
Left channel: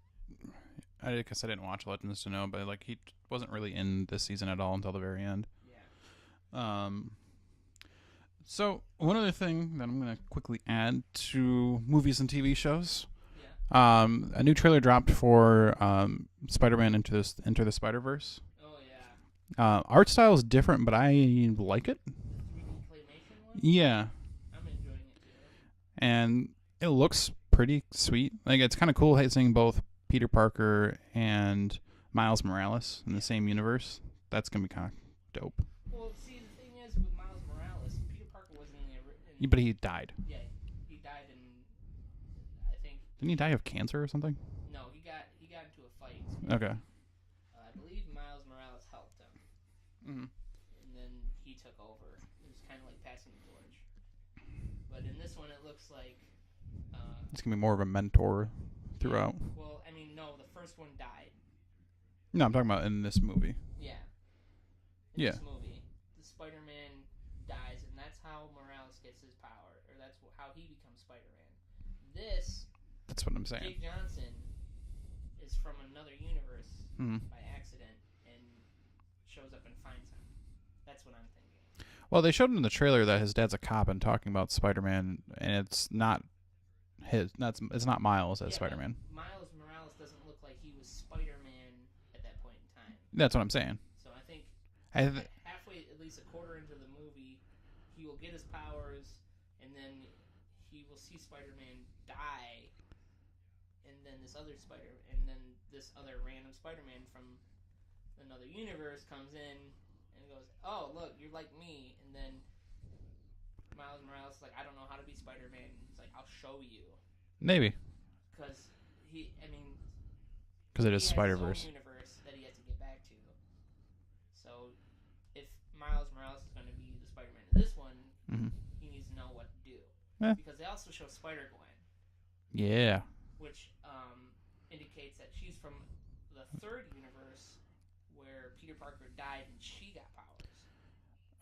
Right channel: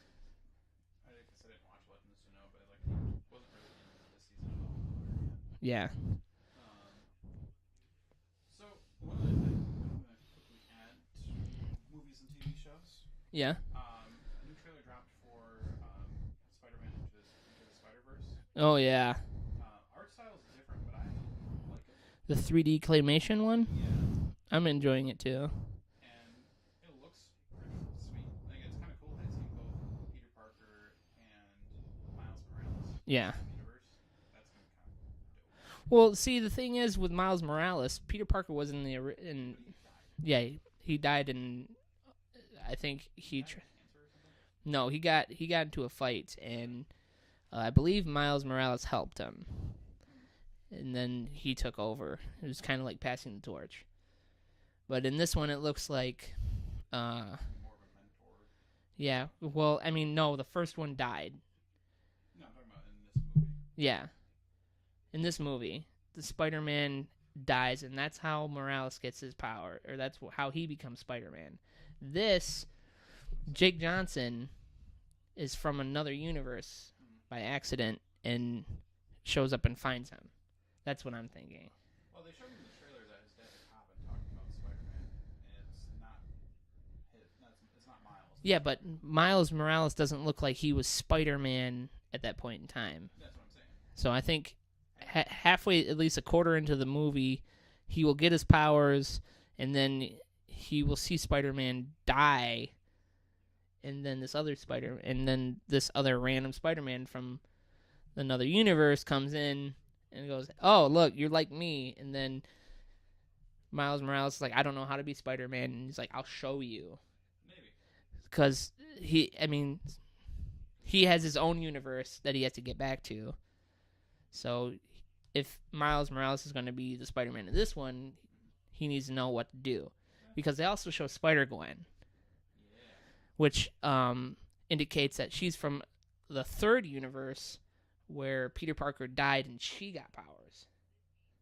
I guess I didn't watch Legends to know, but like he wasn't really in this season at all until the very end. Yeah. So one other thing that I'm gonna quickly add to movies and TV shows. Yeah. A new trailer dropped for Spider-Man Into the Spider-Verse. Oh yeah. Art style is different, but I like it. The 3D claymation one. Yeah, I'm enjoying it too. and it looks pretty sweet. Like it's kind of cool seeing both Peter Parker and Miles Morales in the same universe. That's gonna be kind of dope. Well, see, the thing is with Miles Morales, Peter Parker was in the But he died. Yeah, he died in. I think Didn't he die of cancer or something? No, he got into a fight, and Okay. I believe Miles Morales helped him, Mm-hmm. and then he took over. It was kind of like passing the torch. But in this one, it looks like. It's gonna be more of a mentor. Yeah. Throughout. Well, I mean, no, the first one died. No, I'm talking about in this movie. Yeah. In this movie, the Spider-Man dies, and that's how Morales gets his power, or that's how he becomes Spider-Man. That's what I'm saying. Jake Johnson is from another universe by accident and shows up and finds him. That's what I'm thinking. Well, they showed in the trailer that his dad's a cop and talking about Spider-Man, and it's not it's not Miles as Spider-Man. But Miles Morales doesn't look like he was Spider-Man at that point in time. That's what I'm saying. So I think halfway, at least a quarter into the movie, he will get his powers, and then he will see Spider-Man die, and then this other random Spider-Man from another universe comes in and goes, "Oh, look, you're like me," and then Miles Morales is like, "I don't know how to be Spider-Man," and he's like, "I'll show you." Maybe. Because he has his own universe that he has to get back to. So if Miles Morales is going to be the Spider-Man in this one, he needs to know what to do. Yeah. Because they also show Spider-Gwen. Yeah. Which indicates that she's from the third universe where Peter Parker died and she got powers.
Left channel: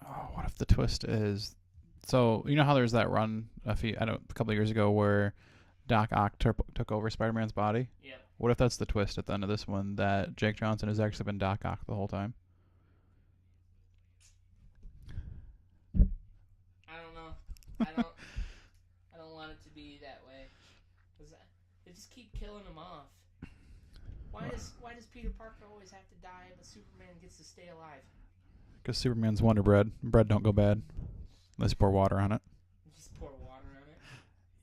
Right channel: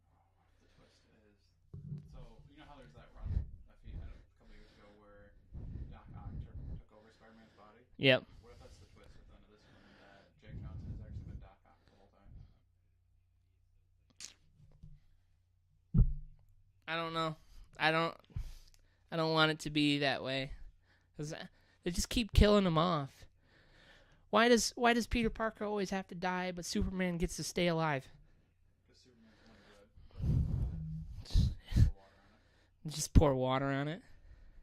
Oh, what if the twist is... So, you know how there's that run a couple of years ago where Doc Ock took over Spider-Man's body? Yep. What if that's the twist at the end of this one, that Jake Johnson has actually been Doc Ock the whole time? I don't know. I don't want it to be that way. 'Cause they just keep killing him off. Why does Peter Parker always have to die, but Superman gets to stay alive? Because Superman's Wonder Bread. Bread don't go bad. Let's pour water on it. Just pour water on it.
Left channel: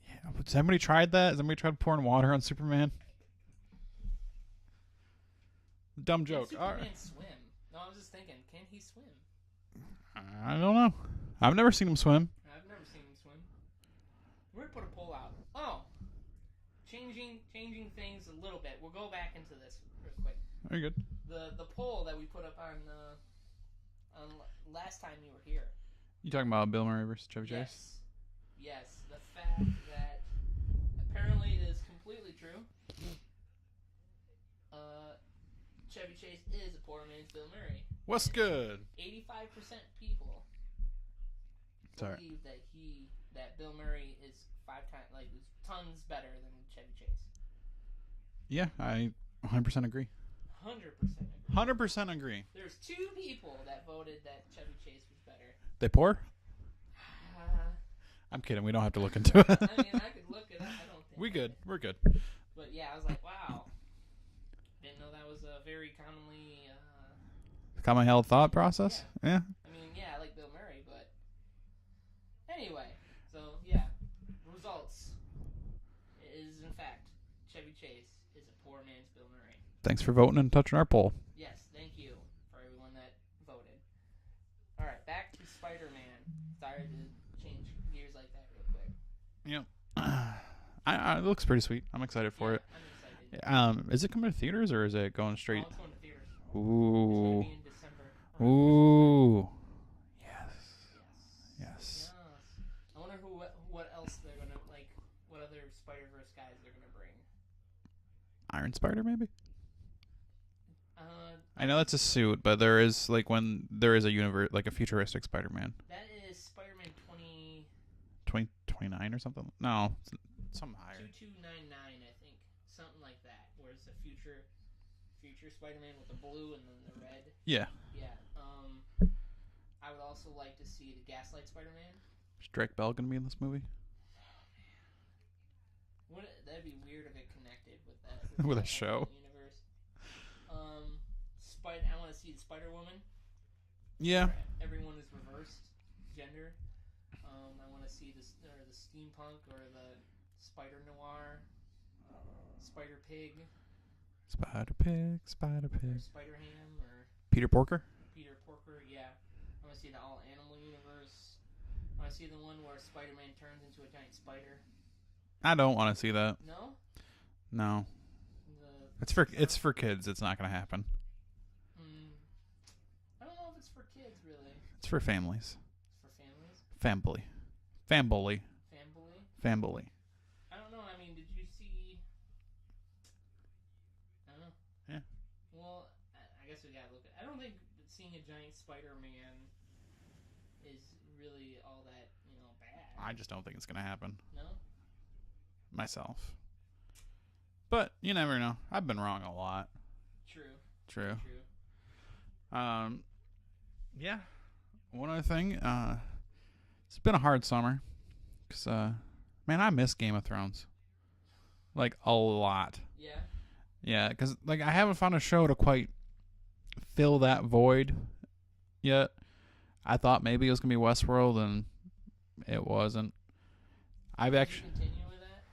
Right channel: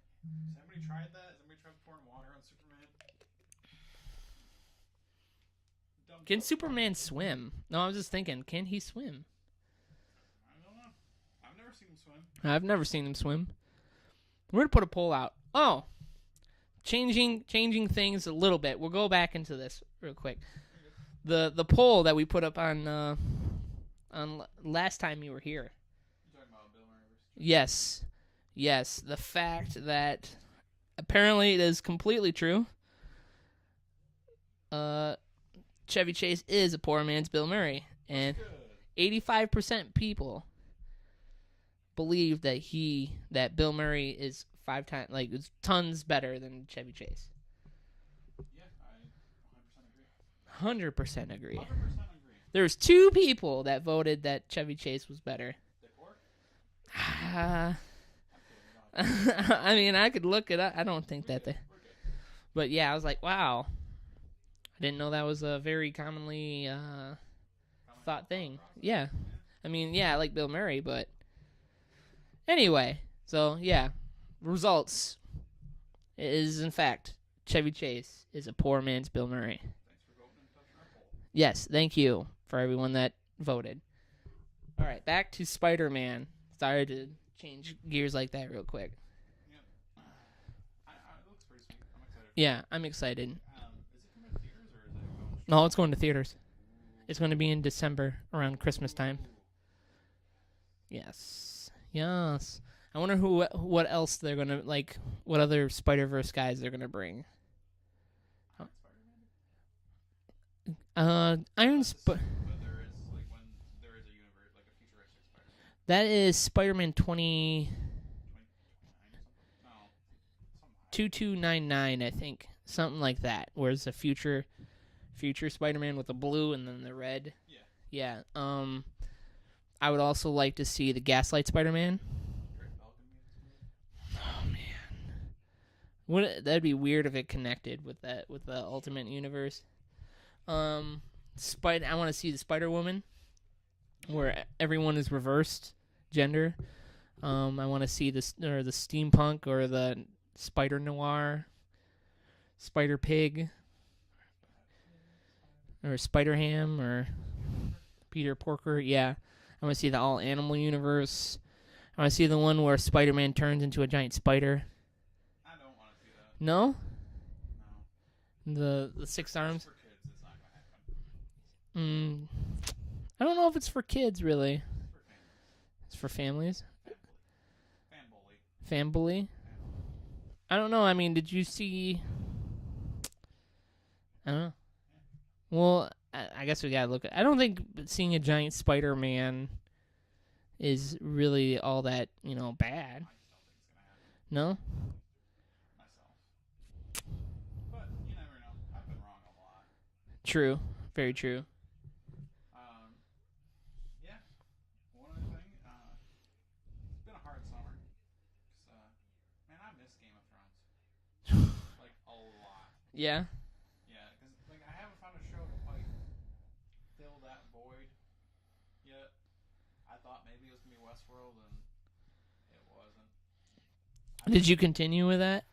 Yeah. Has anybody tried that? Has anybody tried pouring water on Superman? Dumb joke. Can Superman swim? No, I was just thinking, can he swim? I don't know. I've never seen him swim. I've never seen him swim. We're gonna put a poll out. Oh, changing things a little bit. We'll go back into this real quick. Very good. The poll that we put up on last time you were here. You talking about Bill Murray versus Chevy? Yes. The fact that apparently it is completely true. Chevy Chase is a poor man's Bill Murray. What's and good? 85% people believe that Bill Murray is 5 times is tons better than Chevy Chase. Yeah, I 100% agree. 100% agree. 100% agree. There's 2 people that voted that Chevy Chase was better. They poor? I'm kidding. We don't have to look into it. I mean, I could look it up. I don't think We're good. But yeah, I was like, wow. I didn't know that was a very commonly Common held thought process? Yeah. Yeah. I mean, yeah, I like Bill Murray, but anyway, so yeah, results is in fact Chevy Chase is a poor man's Bill Murray. Thanks for voting and touching our poll. Yes, thank you for everyone that voted. All right, back to Spider-Man. Sorry to change gears like that real quick. Yeah. It looks pretty sweet. I'm excited for it. Yeah, I'm excited. Is it coming to theaters or is it going straight? No, it's going to theaters. Ooh. It's going to be in December around Christmas time. Ooh. Yes. I wonder what else they're going to what other Spider-Verse guys they're going to bring. Iron Spider maybe? I know that's a suit, but there is when there is a universe a futuristic Spider-Man. That is Spider-Man 2029 or something. No, something higher. 2299, I think, something like that. Where it's a future future Spider-Man with the blue and then the red. Yeah. Yeah. I would also like to see the Gaslight Spider-Man. Is Drake Bell gonna be in this movie? Oh man, that'd be weird if it connected with that with With the a show. Ultimate Universe. I want to see the Spider-Woman. Yeah. Where everyone is reversed gender. I want to see the steampunk or the Spider Noir, Spider Pig, Spider Pig, or Spider Ham or Peter Porker. Peter Porker. Yeah, I want to see the all animal universe. I want to see the one where Spider-Man turns into a giant spider. I don't want to see that. No. No. It's for kids. It's not gonna happen. I don't know if it's for kids really. It's for families. It's for families. Fambully. I don't know. I mean, did you see? I don't know. Yeah. Well, I guess we gotta look at. I don't think seeing a giant Spider-Man is really all that bad. I just don't think it's gonna happen. No. Myself. But you never know. I've been wrong a lot. True. Very true. Yeah. One other thing. It's been a hard summer. 'Cause, man, I miss Game of Thrones. Like, a lot. Yeah. Yeah, because, like, I haven't found a show to quite fill that void yet. I thought maybe it was going to be Westworld, and it wasn't. Did you continue with that?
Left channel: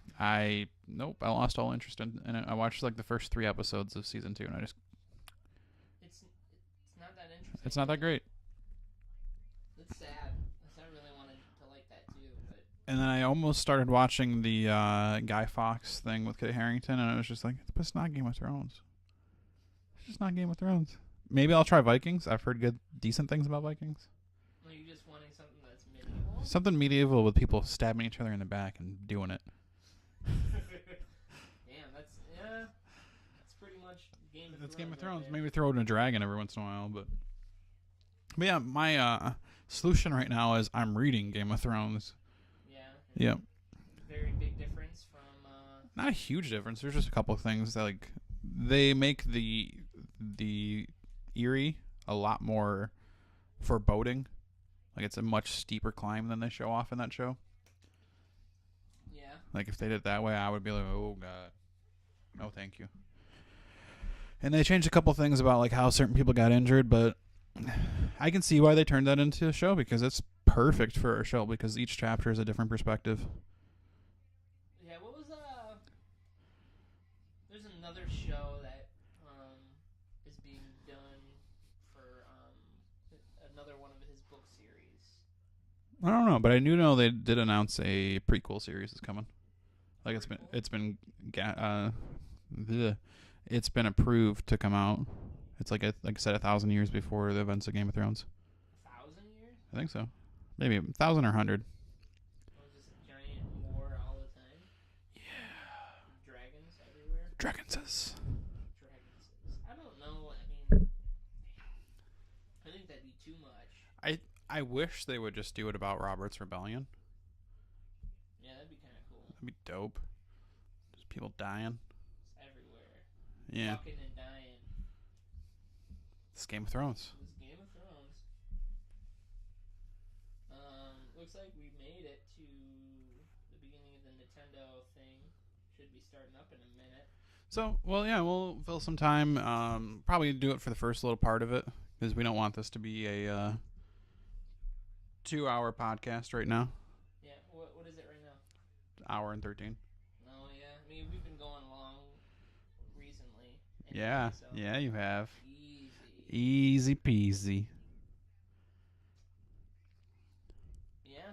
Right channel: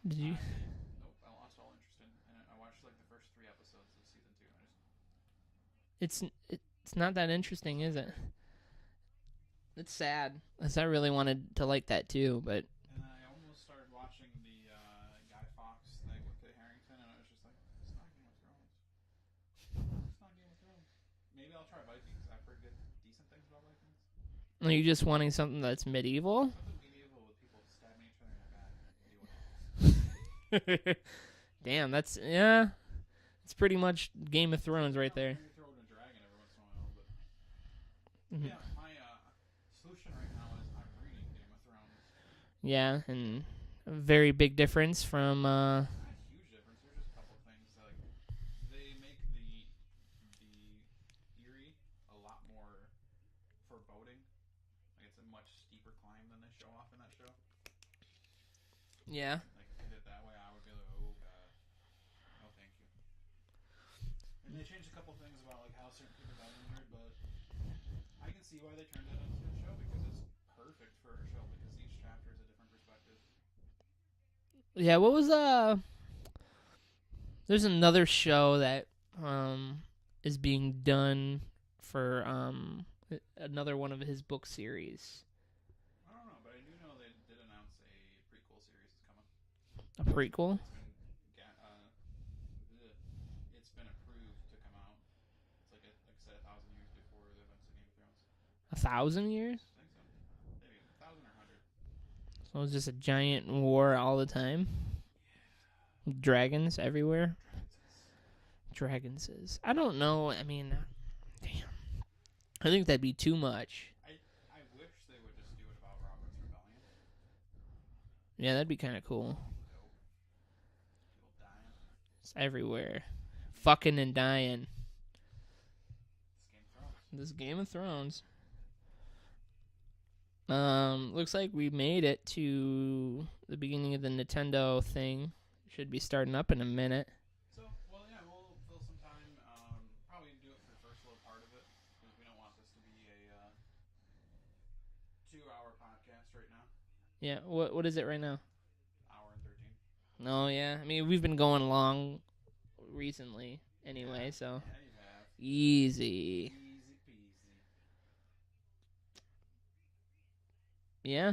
Nope, I lost all interest in it. I watched, like, the first 3 episodes of season 2, and I just... It's not that interesting. It's not that great. It's sad, because I really wanted to like that too, but... And then I almost started watching the Guy Fawkes thing with Kit Harington, and I was just like, but it's not Game of Thrones. It's just not Game of Thrones. Maybe I'll try Vikings. I've heard decent things about Vikings. Are you just wanting something that's medieval? Something medieval with people stabbing each other in the back and doing it. Damn, that's it's pretty much Game of Thrones right there. Maybe throw in a dragon every once in a while, but yeah, my solution right now is I'm reading Game of Thrones. Yeah, and a very big difference from not a huge difference. There's just a couple of things that like they make the Eerie a lot more foreboding. Like it's a much steeper climb than they show off in that show. Yeah. Like if they did it that way, I would be like, oh god, no, thank you. And they changed a couple things about like how certain people got injured, but I can see why they turned that into a show because it's perfect for a show because each chapter is a different perspective. Yeah, what was there's another show that is being done for another one of his book series. I don't know, but I do know they did announce a prequel series is coming. A prequel? It's been approved to come out. It's like I said, 1,000 years before the events of Game of Thrones. 1,000 years? I think so. Maybe 1,000 or 100. So it's just a giant war all the time? Yeah. Dragons everywhere? Dragonses. I don't know. I mean, damn. I think that'd be too much. I wish they would just do it about Robert's Rebellion. Yeah, that'd be kind of cool. That'd be dope. Just people dying. It's everywhere. Yeah. Fucking and dying. It's Game of Thrones. This Game of Thrones. Looks like we made it to the beginning of the Nintendo thing. Should be starting up in a minute. So, well, yeah, we'll fill some time. Probably do it for the first little part of it because we don't want this to be a 2-hour podcast right now. Yeah, what is it right now? Hour and 13. No, yeah. I mean, we've been going long recently. Anyway, yeah, so yeah, you have. Easy peasy. Yeah.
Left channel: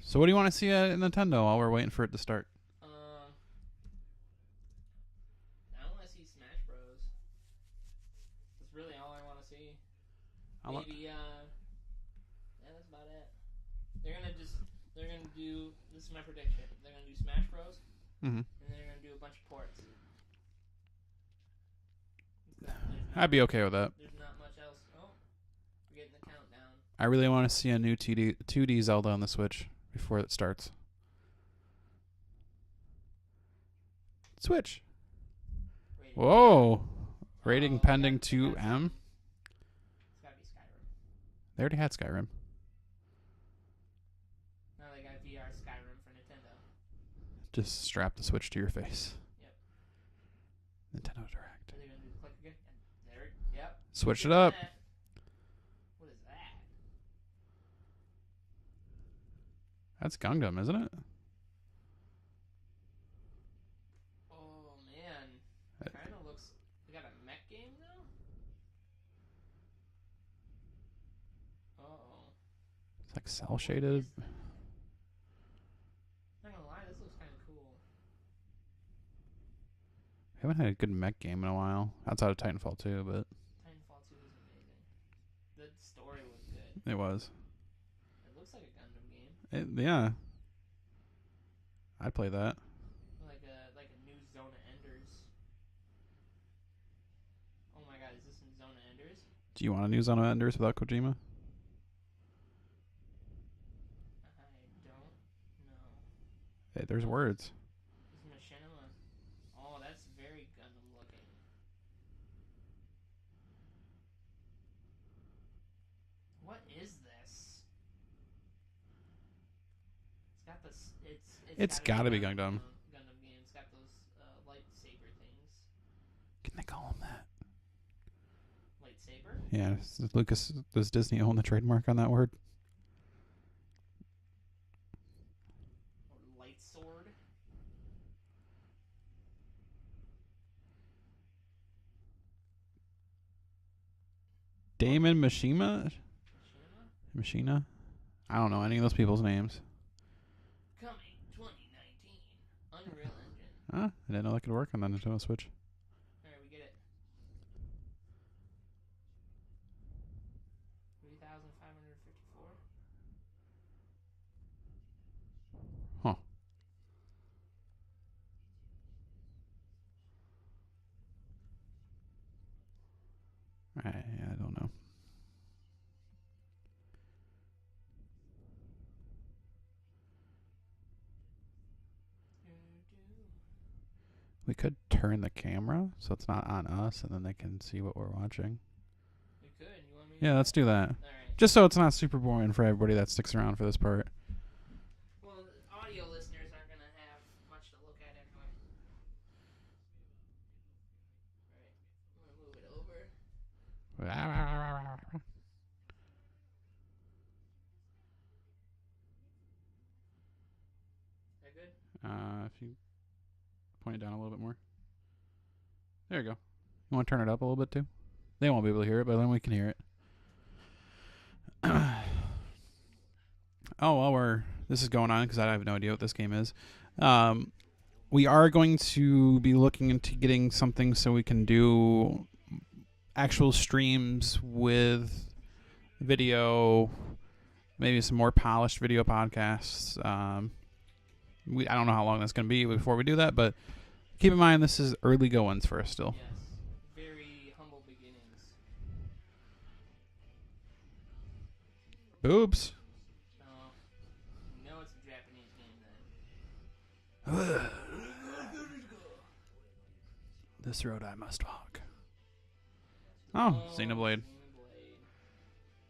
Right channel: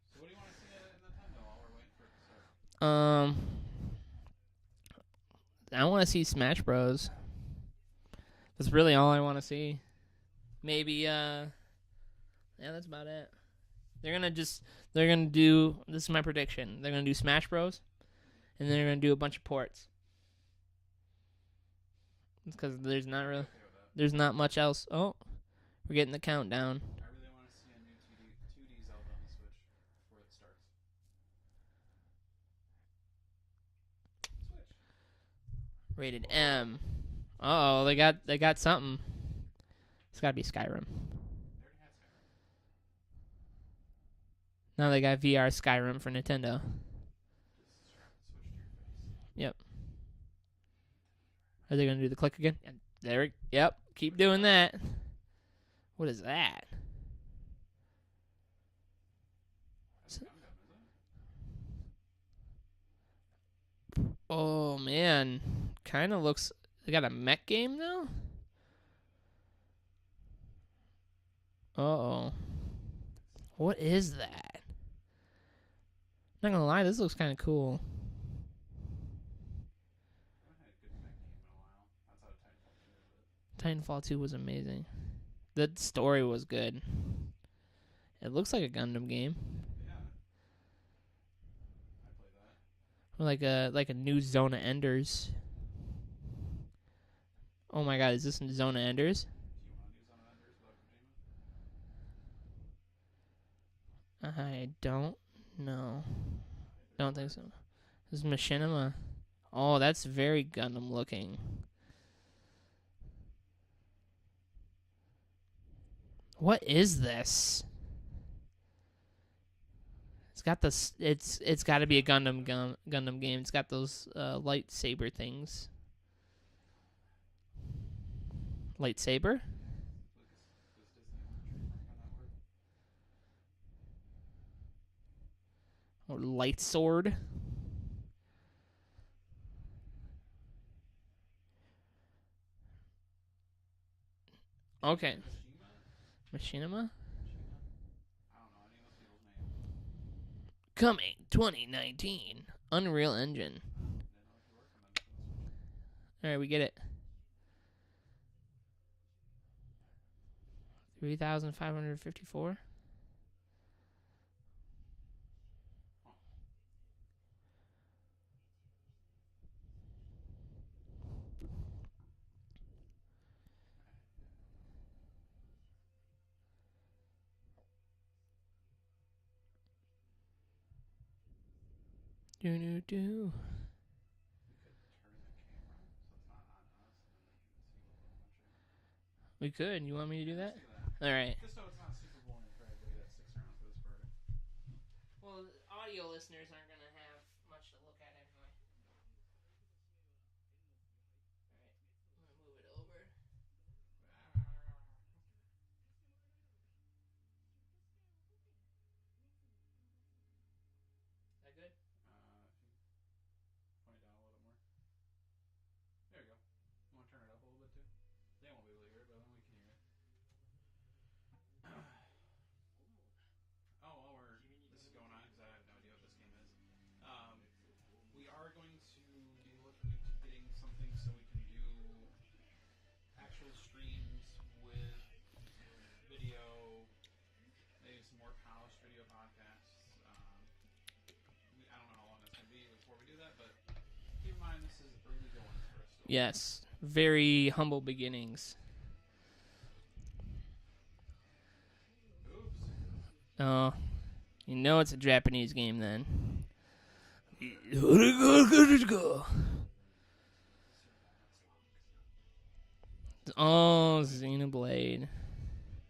So what do you want to see at Nintendo while we're waiting for it to start? I want to see Smash Bros. That's really all I want to see. Maybe, yeah, that's about it. They're gonna do, this is my prediction, they're gonna do Smash Bros. Mm-hmm. And then they're gonna do a bunch of ports. Because I'd be okay with that. There's not much else. Oh, we're getting the countdown. I really want to see a new 2D Zelda on the Switch before it starts. Switch. Rated Whoa. M. Rating Oh, pending they got 2M. something. It's got to be Skyrim. They already had Skyrim. Now they got VR Skyrim for Nintendo. Just strap the Switch to your face. Yep. Nintendo Direct. Are they gonna do the click again? There. Yep. Keep Switch it doing up. that. What is that? That's Gundam, isn't it? Oh man, kind of looks. They got a mech game now. Oh. It's like cell shaded. What is that? Not gonna lie, this looks kind of cool. We haven't had a good mech game in a while. Outside of Titanfall 2, but Titanfall 2 was amazing. The story was good. it was. It looks like a Gundam game. Yeah. I'd play that. Or like a new Zona Enders. Oh my god, is this Zona Enders? Do you want a new Zone of Enders without Kojima? I don't know. Hey, there's Don't think words. so. This is Machinima. Oh, that's very Gundam looking. What is this? It's got this. It's got to be a gotta be Gundam game. It's got those lightsaber things. Can they call him that? Lightsaber? Yeah, does Disney own the trademark on that word? Or light sword? Damon Mishima? Machinima? Machina? I don't know any of those people's names. Coming 2019. Unreal Engine. I didn't know that could work on the Nintendo Switch. Alright, we get it. 3,554. Huh. I don't know. Do. We could turn the camera so it's not on us, and then they can see what we're watching. We could. You want me to Yeah, do let's do that. All right. Just so it's not super boring for everybody that sticks around for this part. Well, the audio listeners aren't going to have much to look at anyway. All right. I'm going to move it over. That good? If you point it down a little bit more. There you go. You want to turn it up a little bit too? They won't be able to hear it, but then we can hear it. While this is going on, because I have no idea what this game is, we are going to be looking into getting something so we can do actual streams with video, maybe some more polished video podcasts. I don't know how long that's going to be before we do that, but keep in mind this is early goings for us still. Yes. Very humble beginnings. Boobs. Oh, you know it's a Japanese game then. This road I must walk. Oh, Xenoblade. Xenoblade.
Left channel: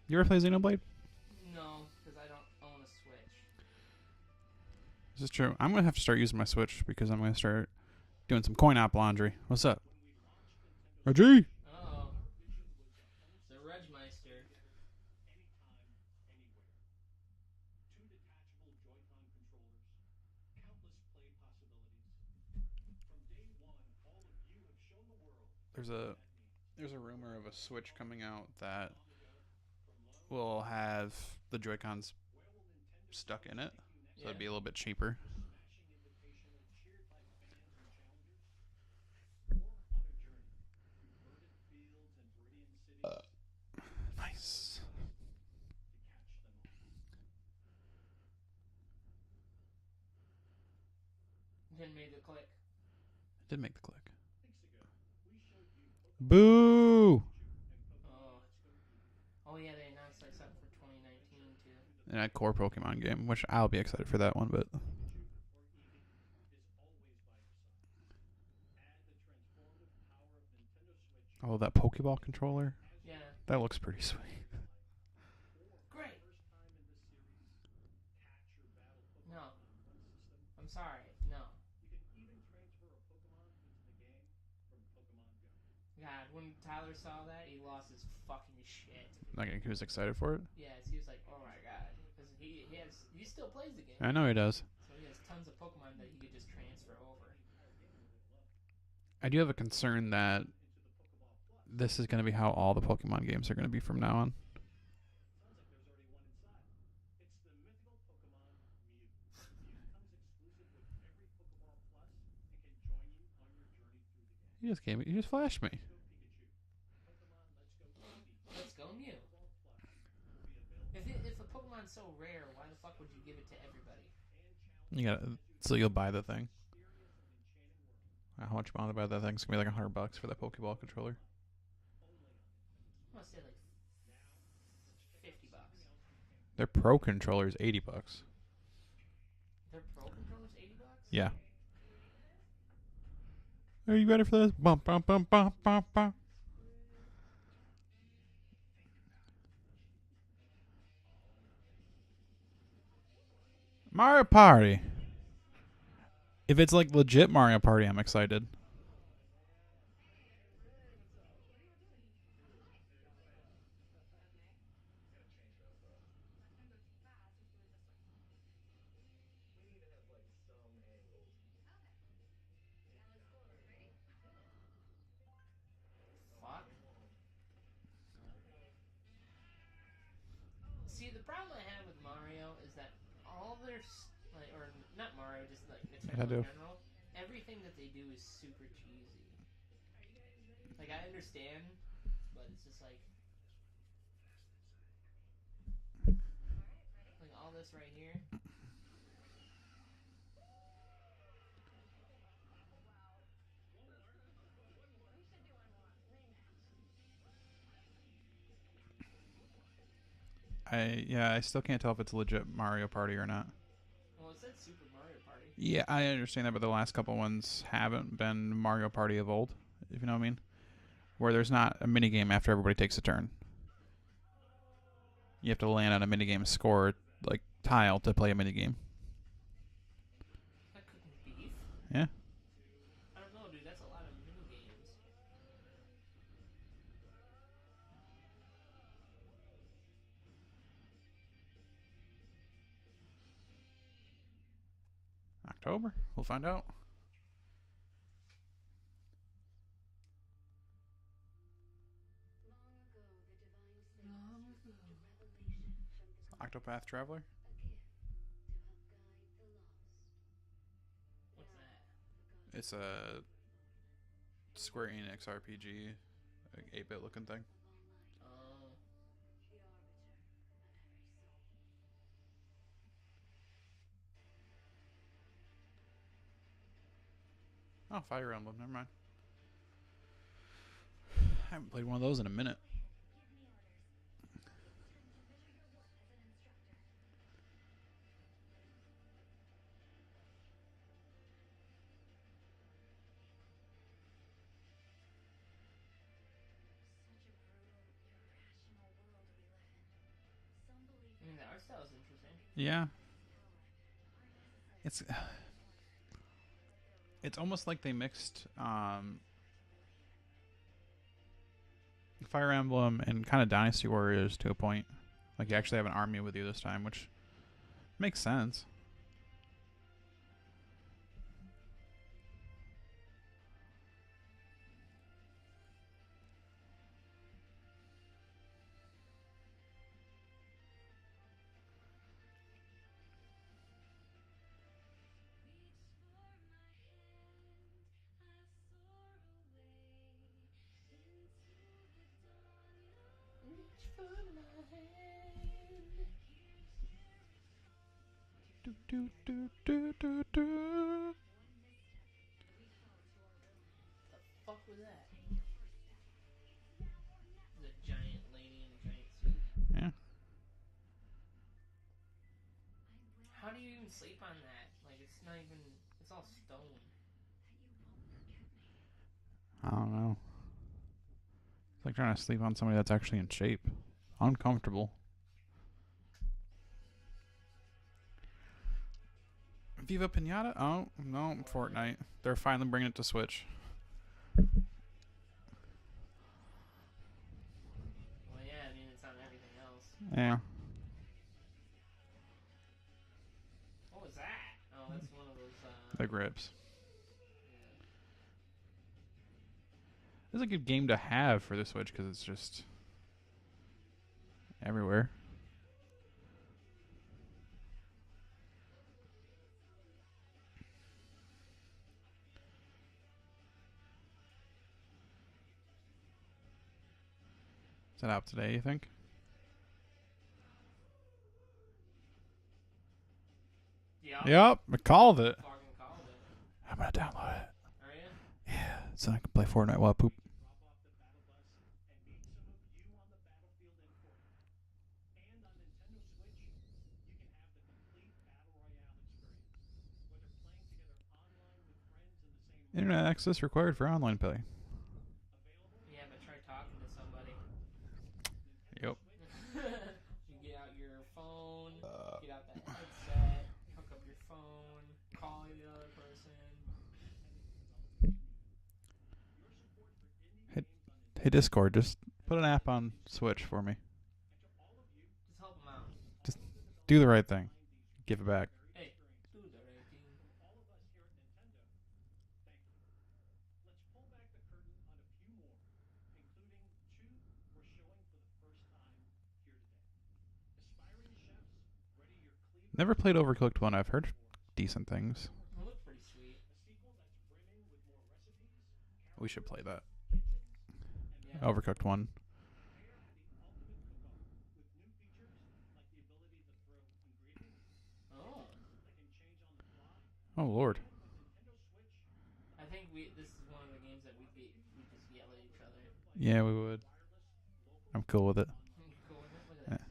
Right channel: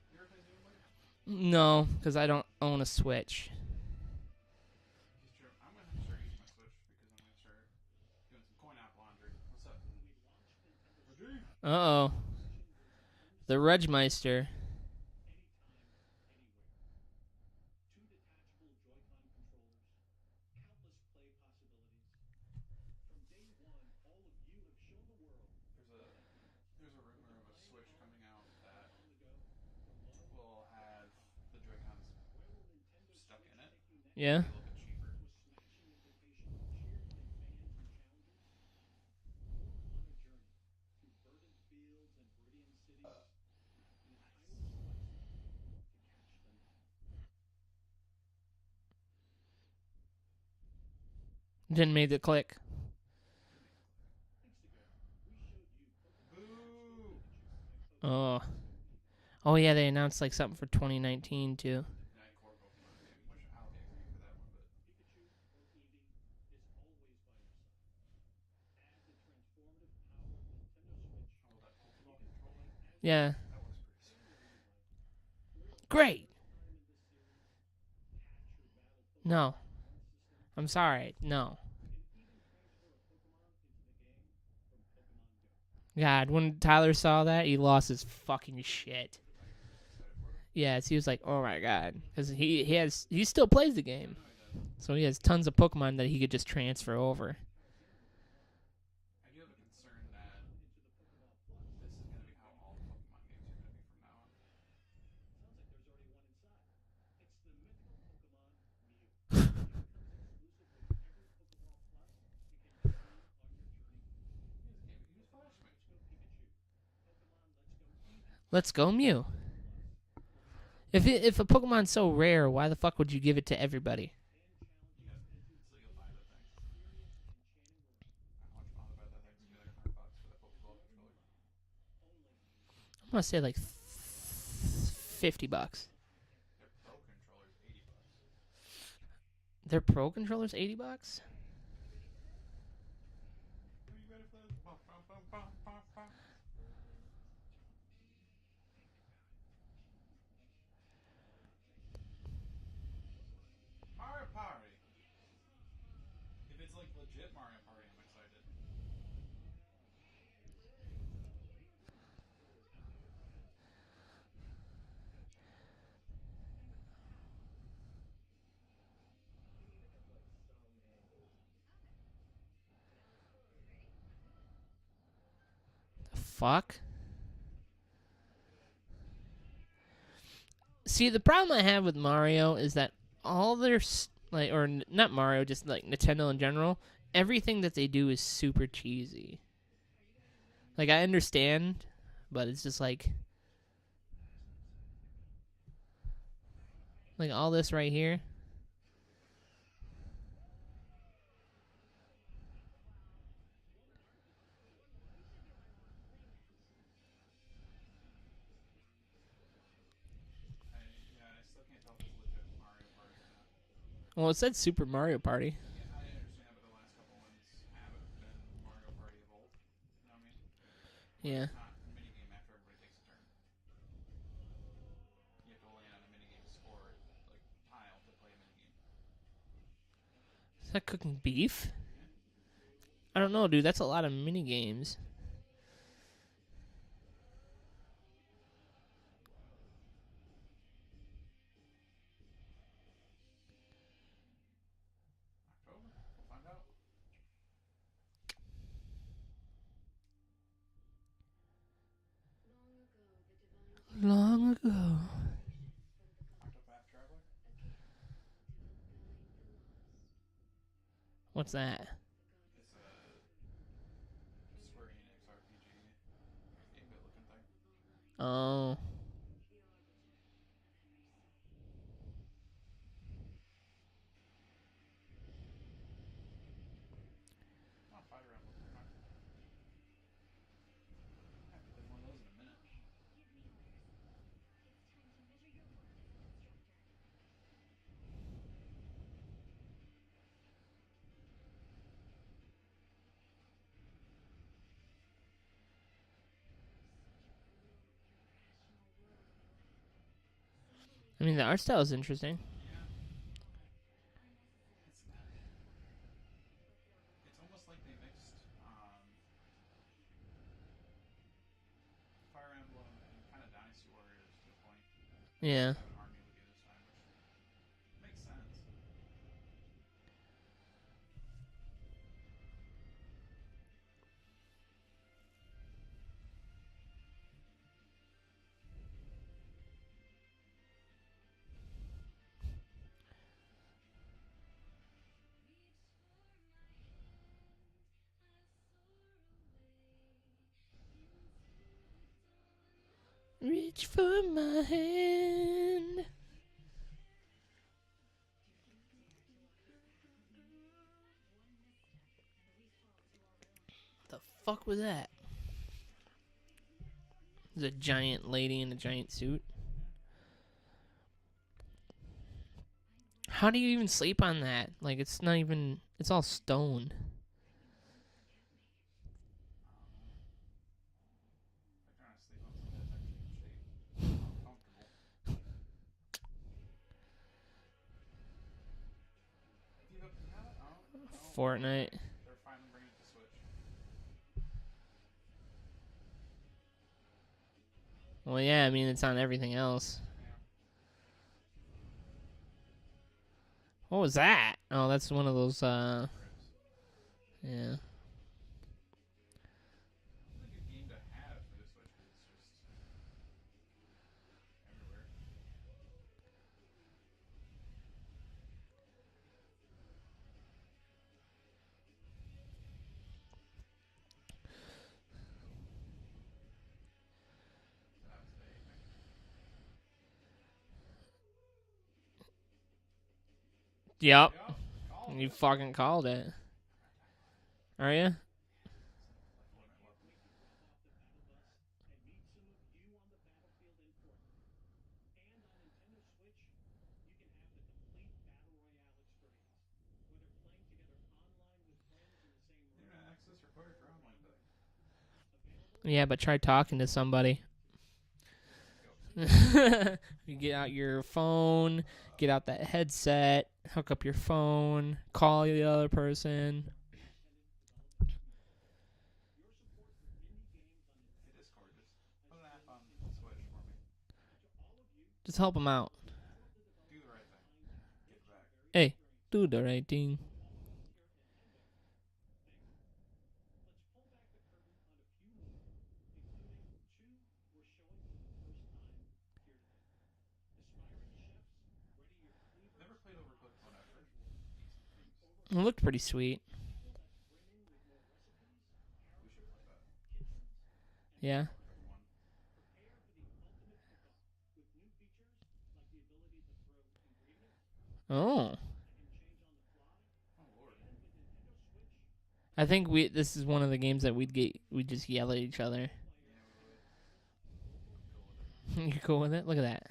You ever play Xenoblade? No, because I don't own a Switch. This is true. I'm going to have to start using my Switch because I'm going to start doing some coin-op laundry. What's up? Reggie? Uh-oh. The Regmeister. There's a rumor of a Switch coming out that will have the Joy-Cons stuck in it. Yeah? It'll be a little bit cheaper. Nice. Didn't make the click. Did make the click. Boo! Oh. Oh, yeah, they announced like something for 2019, too. And a core Pokemon game, which I'll be excited for that one, but... Oh, that Pokeball controller? Yeah. That looks pretty sweet. Great. No. I'm sorry. No. God, when Tyler saw that, he lost his fucking shit. Like, he was excited for it? Yes, he was like, "Oh my god," because he still plays the game. I know he does. So he has tons of Pokemon that he could just transfer over. I do have a concern that this is going to be how all the Pokemon games are going to be from now on. You just flashed me. Let's go, Mew. If a Pokemon's so rare, why the fuck would you give it to everybody? So you'll buy the thing. How much you want to buy that thing? It's gonna be like $100 for that Pokeball controller. I'm gonna say like $50. Their Pro controller is $80. Their Pro controller's $80. Yeah. Are you ready for this? Bum, bum, bum, bum, bum, bum. Mario Party. If it's like legit Mario Party, I'm excited. Fuck. See, the problem I have with Mario is that all their not Mario, just like Nintendo in general, everything that they do is super cheesy. Like, I understand, but it's just like all this right here. I still can't tell if it's legit Mario Party or not. Well, it said Super Mario Party. Yeah, I understand that, but the last couple ones haven't been Mario Party of old, if you know what I mean. Where there's not a minigame after everybody takes a turn. You have to land on a minigame score, like, tile to play a minigame. Is that cooking beef? Yeah. I don't know, dude. That's a lot of mini games. October? We'll find out. Long ago. Octopath Traveler? What's that? It's a Square Enix RPG, like 8-bit looking thing. Oh. Oh, Fire Emblem. Never mind. I haven't played one of those in a minute. I mean, the art style is interesting. Yeah. It's almost like they mixed Fire Emblem and kind of Dynasty Warriors to a point. Like, you actually have an army with you this time, which makes sense. Reach for my hand. Do, do, do, do, do, do. The fuck was that? There's a giant lady in a giant suit. Yeah. How do you even sleep on that? Like, it's not even... It's all stone. I don't know. It's like trying to sleep on somebody that's actually in shape. Uncomfortable. Viva Pinata? Oh, no. Fortnite. They're finally bringing it to Switch. Well, yeah, I mean, it's on everything else. Yeah. What was that? Oh, that's one of those, Big ribs. Yeah. It's a good game to have for the Switch because it's just everywhere. Is that out today, you think? Yep. Yep, I called You it. fucking called it. I'm gonna download it. Are you? Yeah, so I can play Fortnite while I poop. Internet access required for online play. Yeah, but try talking to somebody. Yep. You get out your phone, get out that headset, hook up your phone, call the other person. Hey, Discord, just put an app on Switch for me. Just help them out. Do the right thing. Give it back. Hey, do the right thing. Never played Overcooked 1. I've heard decent things. It looked pretty sweet. We should play that. Yeah. Overcooked 1. Oh. Oh, Lord. I think this is one of the games that we'd just yell at each other. Yeah, we would. I'm cool with it. You cool with it? Look at that.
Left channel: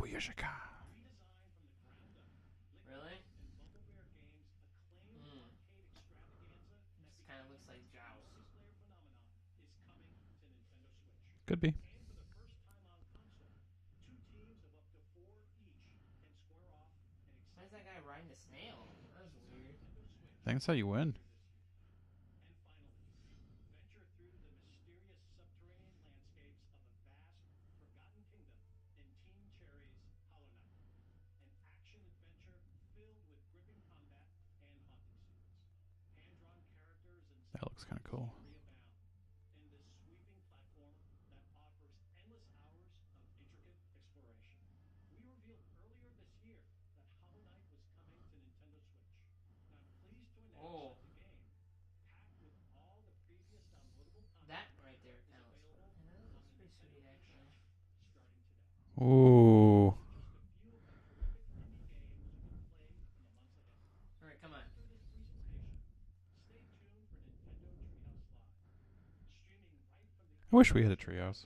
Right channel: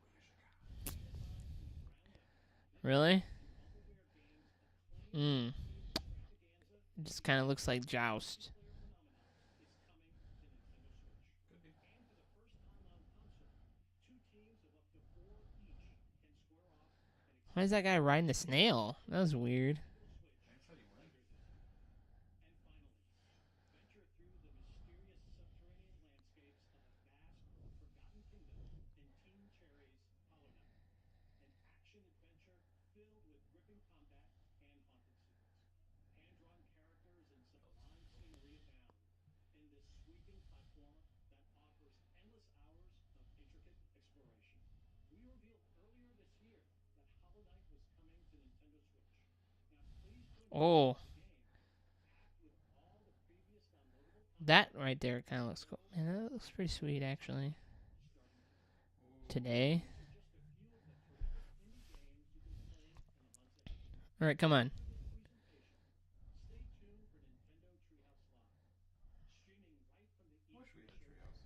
Booyashaka. Really? It just kind of looks like Joust. Could be. Why is that guy riding a snail? That was weird. I think that's how you win. That looks kind of cool. Oh. That right there kind of looks cool. Man, that looks pretty sweet, actually. Ooh. All right, come on. I wish we had a treehouse.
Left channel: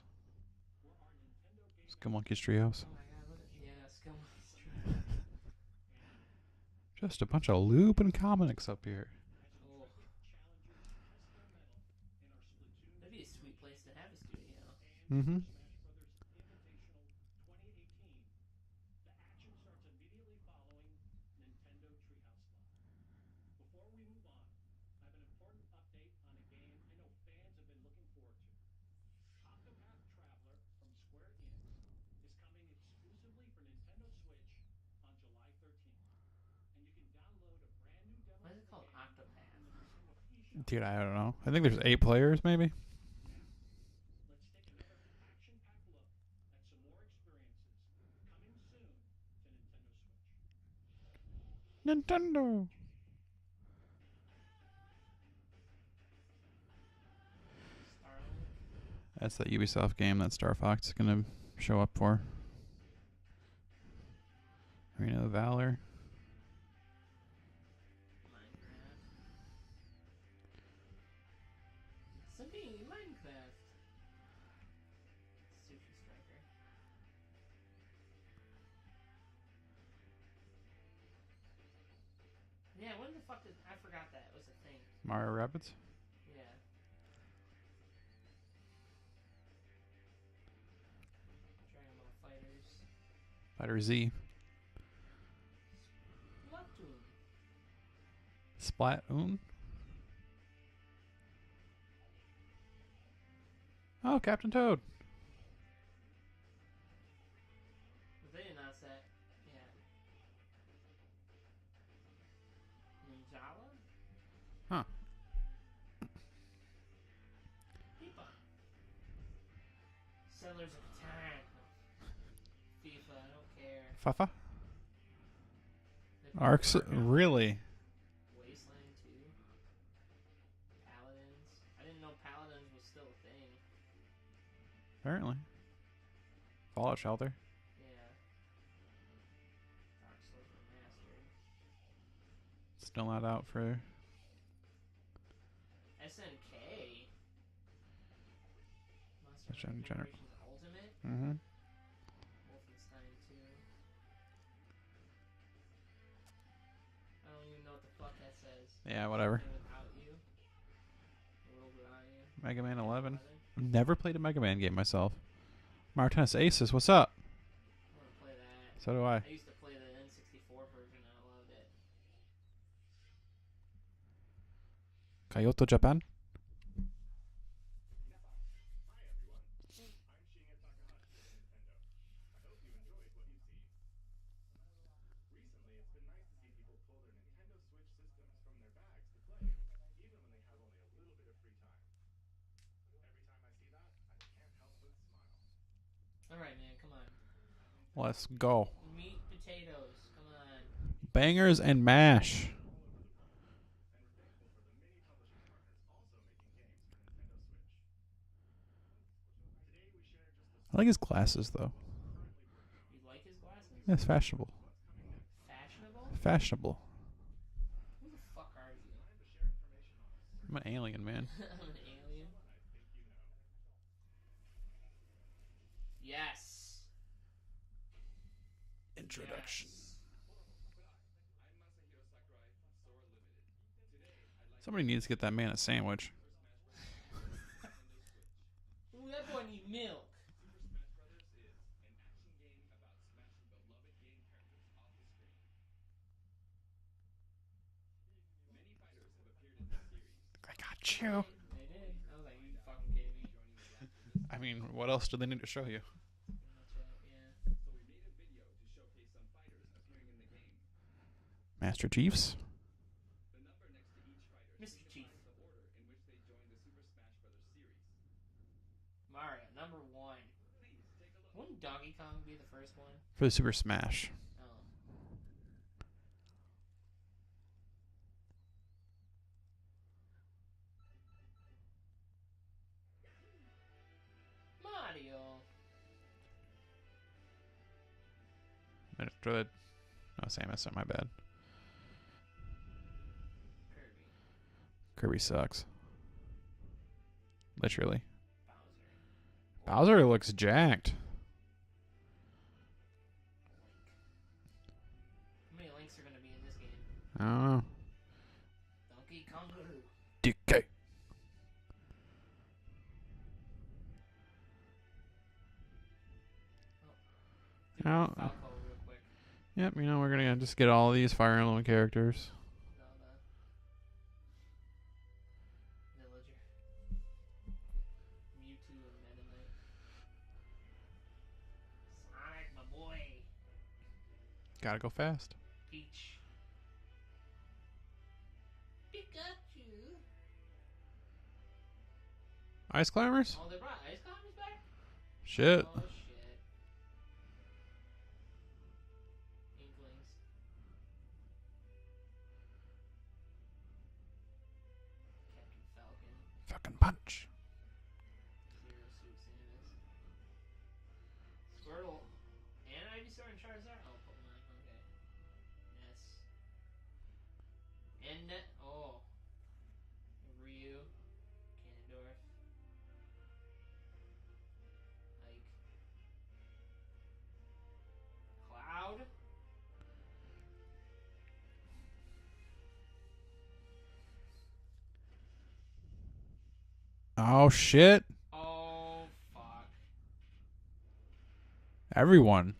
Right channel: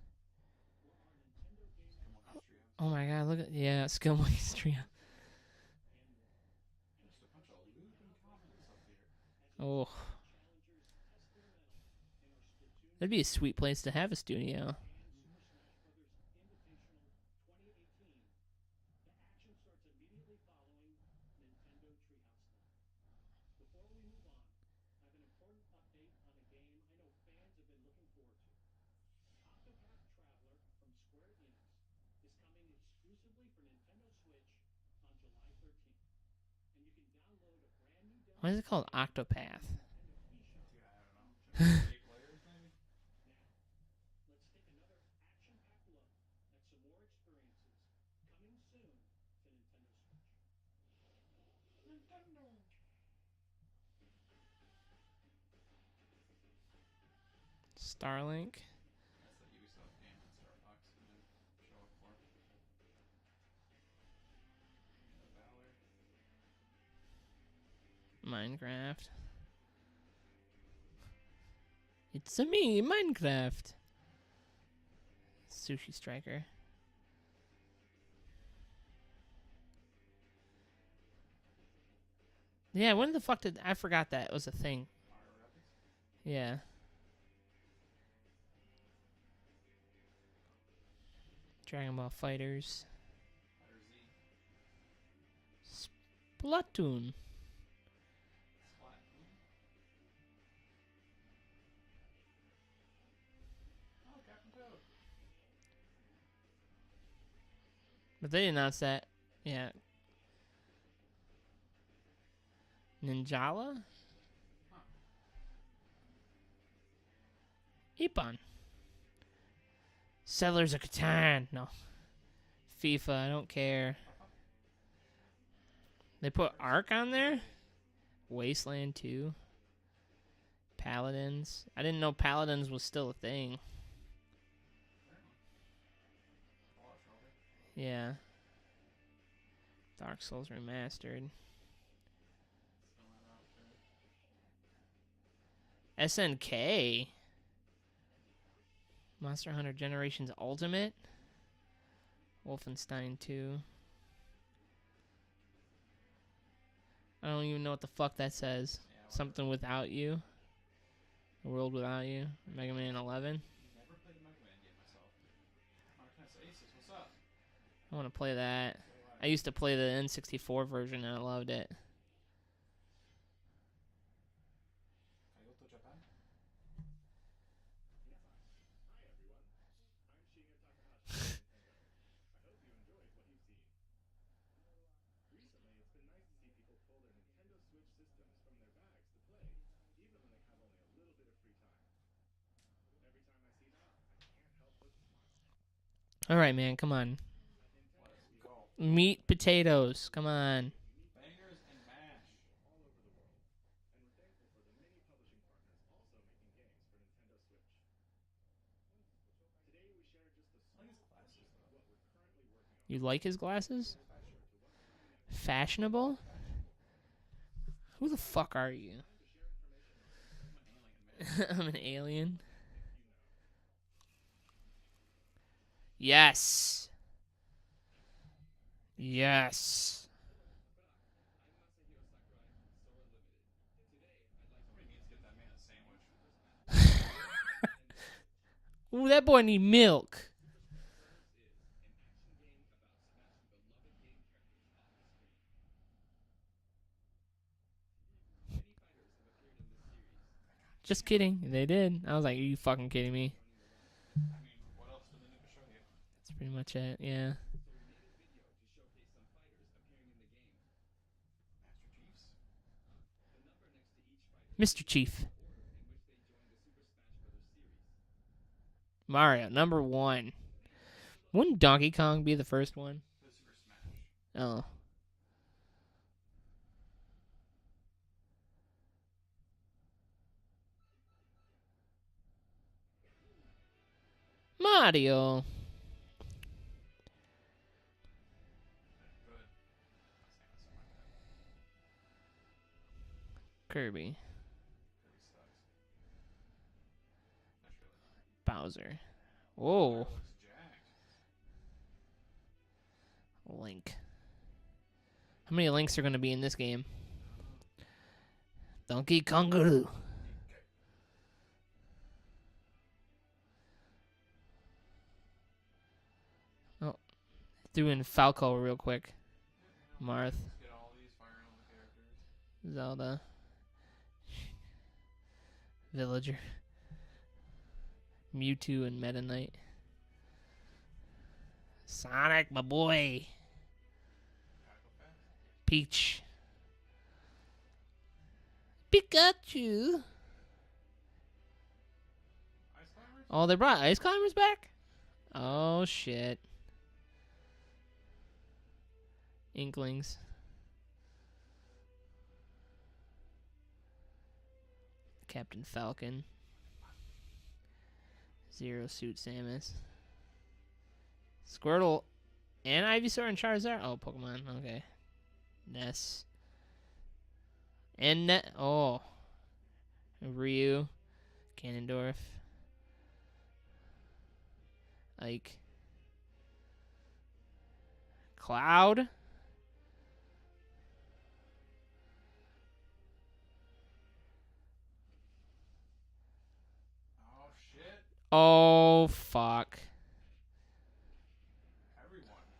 Skill Monkey's treehouse. Oh my god, look at Skill Monkey's Trio. Just a bunch of loop and comics up here. Oh. That'd be a sweet place to have a studio. Mm-hmm. Why is it called Octopath? Dude, I don't know. I think there's 8 players, maybe. Nintendo. Starlink. That's that Ubisoft game that Star Fox is gonna show up for. Arena of Valor. Minecraft. It's a me, Minecraft. Sushi Striker. Yeah, when the fuck did I forgot that was a thing? Mario Rabbids. Yeah. Dragon Ball Fighters. Fighter Z. Splatoon. Splatoon. Oh, Captain Toad. But they announced that. Yeah. Ninjala? Huh. Ippon. Settlers of Catan. No. FIFA, I don't care. Fafa. They put Ark on there? really? Wasteland 2. Paladins. I didn't know Paladins was still a thing. Apparently. Fallout Shelter. Yeah. Dark Souls Remastered. Still not out for. SNK. Monster Hunter SNK. Generations Ultimate. Mm-hmm. Wolfenstein 2. I don't even know what the fuck that says. Yeah, whatever. Something without you. A world without you. Mega Man 11. Never played a Mega Man game myself. Martinez Aces, what's up? I want to play that. So do I. I used to play the N64 version and I loved it. Kyoto, Japan. All right, man. Come on. Let's go. Meat potatoes. Come on. Bangers and mash. I like his glasses, though. You like his glasses? Yeah, it's fashionable. Fashionable? Fashionable. Who the fuck are you? I'm an alien, man. I'm an alien. Yes. Yes. Somebody needs to get that man a sandwich. Ooh, that boy need milk. Just kidding. They did. I was like, are you fucking kidding me? I mean, what else do they need to show you? That's pretty much it, yeah. Master Chiefs? Mr. Chief. Mario, number 1. Wouldn't Donkey Kong be the first one? For the Super Smash. Oh. Mario. Good. Oh, Samus, my bad. Kirby. Kirby sucks. Literally. Bowser. Bowser looks jacked. Link. How many Links are going to be in this game? I don't know. Donkey Kongaroo. DK. Threw in Falco real quick. Yep, you know, we're going to just get all these Fire Emblem characters. Zelda. Villager. Mewtwo and Meta Knight. Sonic, my boy. Gotta go fast. Peach. Pikachu. Ice Climbers? Oh, they brought Ice Climbers back? Shit. Oh, shit. Inklings. Captain Falcon. Fucking punch. Zero Suit Samus. Squirtle. And Ivysaur and Charizard. Oh, Pokemon. Okay. Ness. And oh. Ryu. Ganondorf. Like Cloud. Oh shit! Oh fuck. Everyone.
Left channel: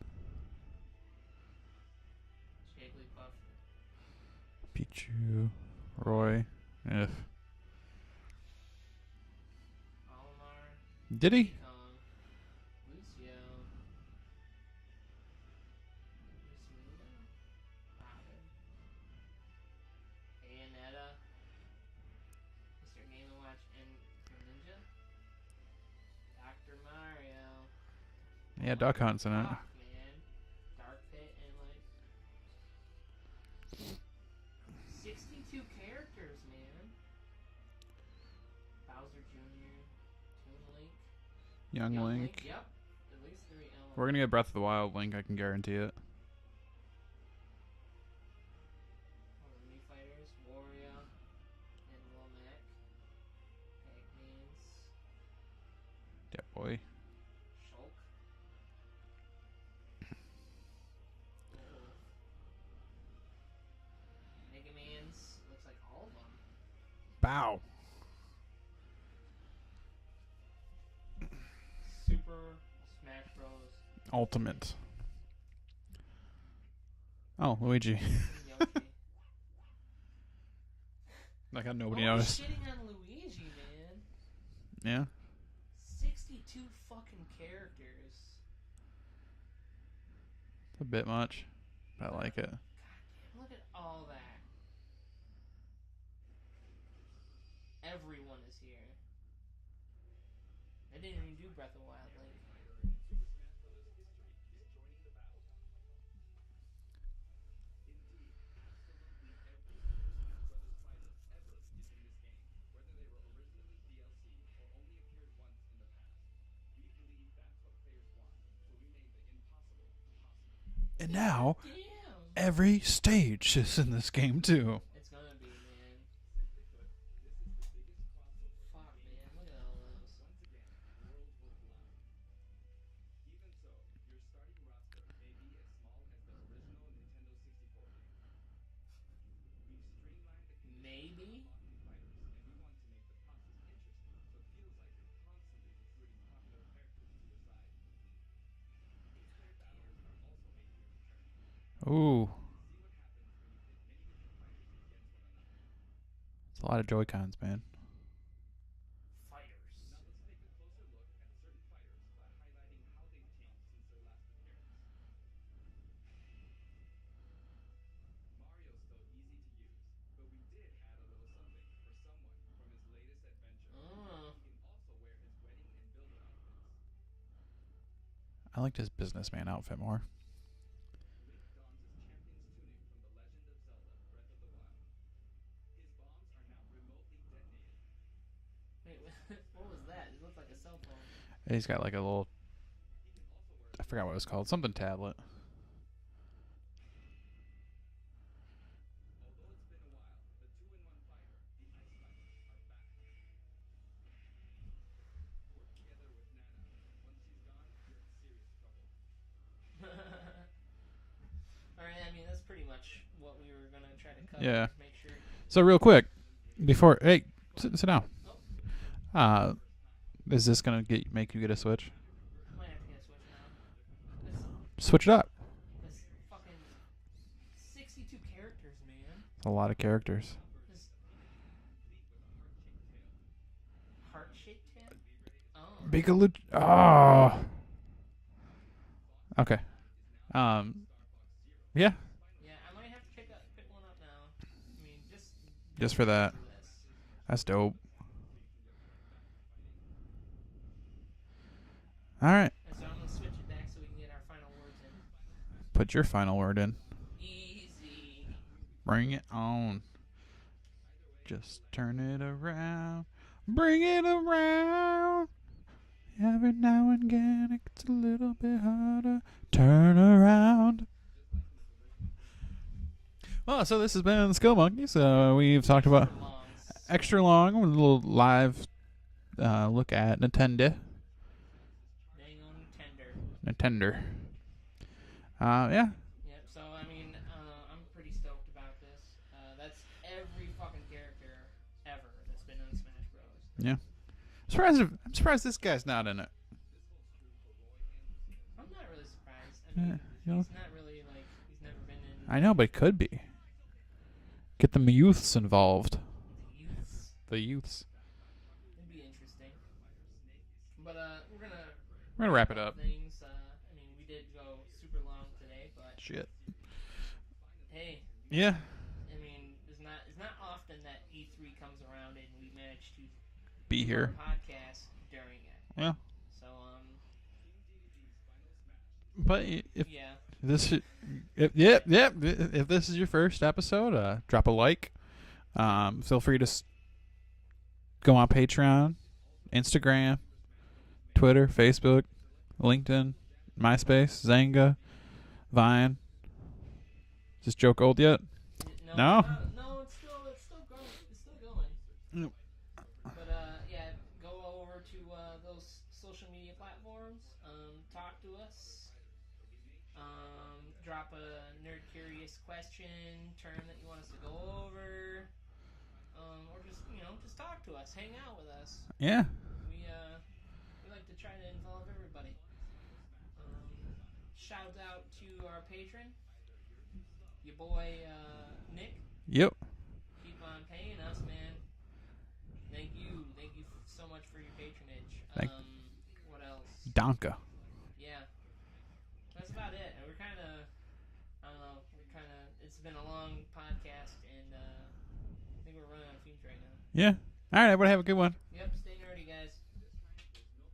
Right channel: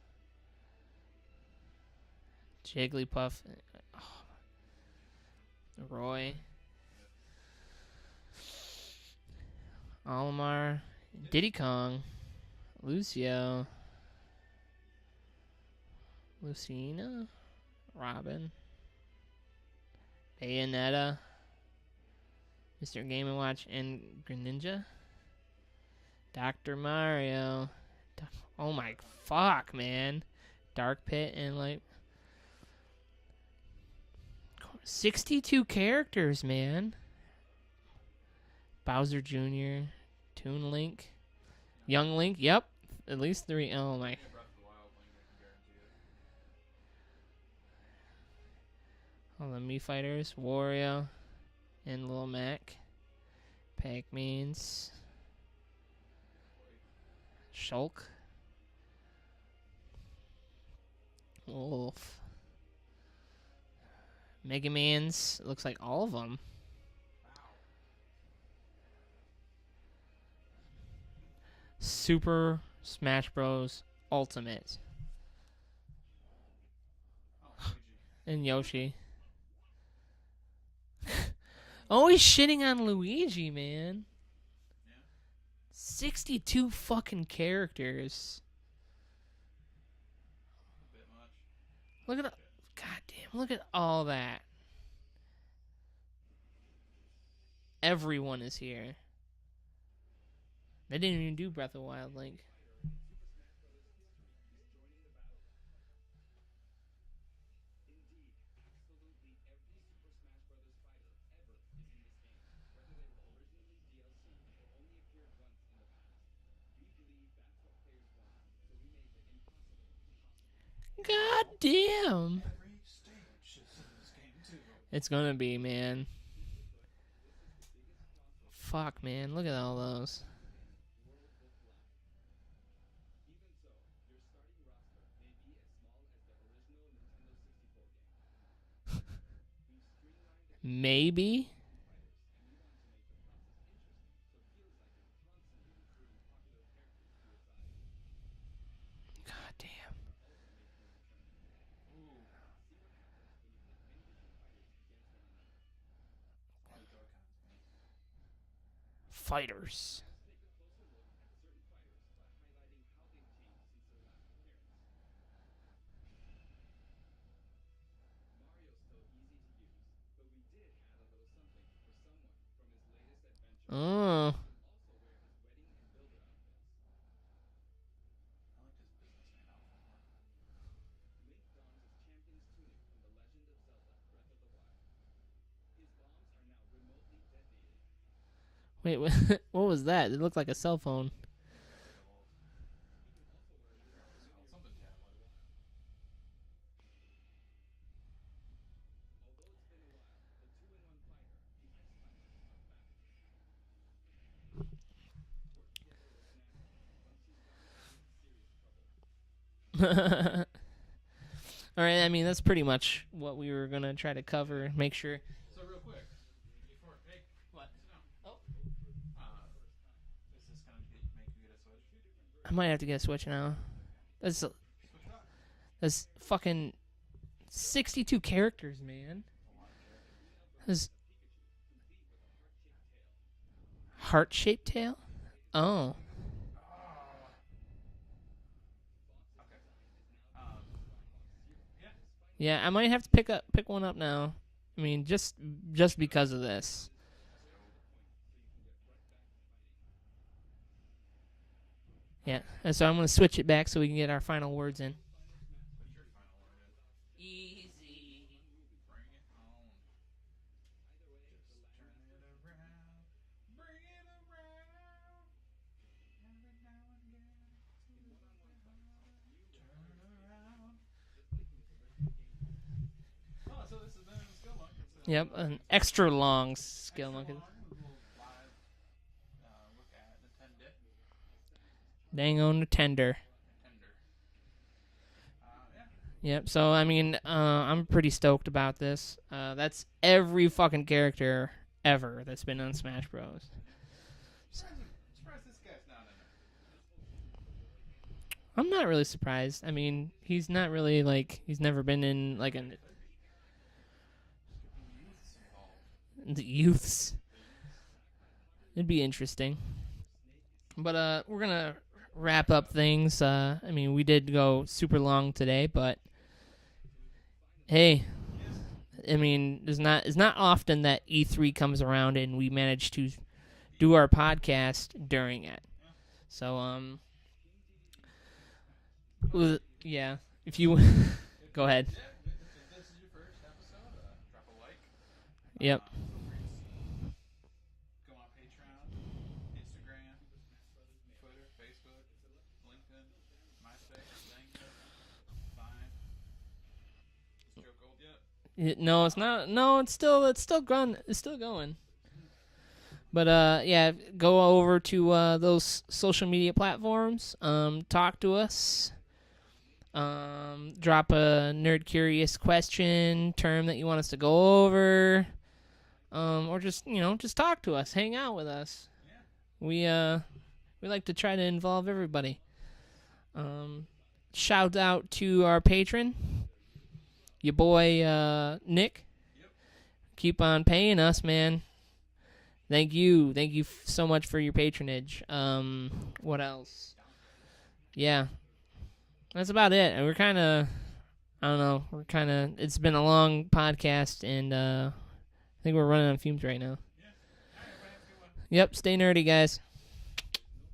Jigglypuff. Pichu. Roy. Ugh. Olimar. Diddy. Diddy Kong. Lucio. Lucina. Robin. Bayonetta. Mr. Game & Watch and Greninja. Dr. Mario. Oh Yeah, my Duck Hunt's in it. fuck, man. Dark Pit and like 62 characters, man. Bowser Jr., Toon Link, Young Link. Yep, at least 3. Oh, We're gonna get Breath of the Wild Link. I can guarantee it. all the Mii Fighters, Wario, and Lil Mac, Pac-Mans, Yeah, boy. Shulk, Wolf, Mega Man's. Looks like all of them. Bow. Super Smash Bros. Ultimate. Oh, Luigi. And Yoshi. I got no. Always shitting on Luigi, man. Yeah. 62 fucking characters. It's a bit much. I Look at like it. God damn, look at all that. Everyone is here. They didn't even do Breath of the Wild Link. And God now, damn. every stage is in this game too. It's gonna be, man. Fuck, man. Look at all those. Maybe. God damn. Ooh. It's a lot of Joy-Cons, man. Fighters. Oh. I liked his businessman outfit more. Wait, what was that? It looked like a cell phone. He's got like a little, I forgot what it was called, something tablet. All right, I mean, that's pretty much what we were going to try to cover. Yeah. Make sure. So real quick, before, hey, sit down. Is this gonna make you get a Switch? I might have to get a Switch now. Switch it up. That's fucking 62 characters, man. A lot of characters. That's heart-shaped tail? Oh. Oh. Okay. Yeah. Yeah, I might have to pick one up now. I mean, just for because that. of this. That's dope. All right. And so I'm going to switch it back so we can get our final words in. Put your final word in. Easy. Bring it on. Just turn it around. Bring it around. Every now and again it gets a little bit harder. Turn around. Oh, so this has been Skill Monkeys. We've talked extra about long. extra long, with a little live look at Nintendo. Dang-o Nintendo. Nintendo. Yeah. Yep. So I mean, I'm pretty stoked about this. That's every fucking character ever that's been on Smash Bros. Yeah. I'm surprised this guy's not in it. I'm not really surprised. I mean, he's not really like he's never been in. I know, but it could be. Get the youths involved. The youths. The youths. It'd be interesting. But we're gonna We're gonna wrap wrap it up up. things. I mean, we did go super long today, but Shit. hey, Yeah. I mean, it's not often that E3 comes around and we manage to Be do here. our podcast during it. Yeah. So But yeah. This you- if, Go yeah, ahead. yeah, if this is your first episode, drop a like. Yep. Feel free to go on Patreon, Instagram, Twitter, Facebook, LinkedIn, MySpace, Zanga, Vine. Is this joke old yet? No, No? it's not. No, it's still going. It's still going. Yep. But yeah, go over to those social media platforms. Talk to us. Drop a nerd curious question, term that you want us to go over, or just just talk to us, hang out with us. Yeah. We like to try to involve everybody. Shout out to our patron, your boy Nick. Yep. Keep on paying us, man. Thank you so much for your patronage. What else? Donka. Yeah, that's about it. And we're kind of, I don't know. It's been a long podcast, and I think we're running on fumes right now. Yeah. All right, everybody have a good one. Yep. Stay nerdy, guys.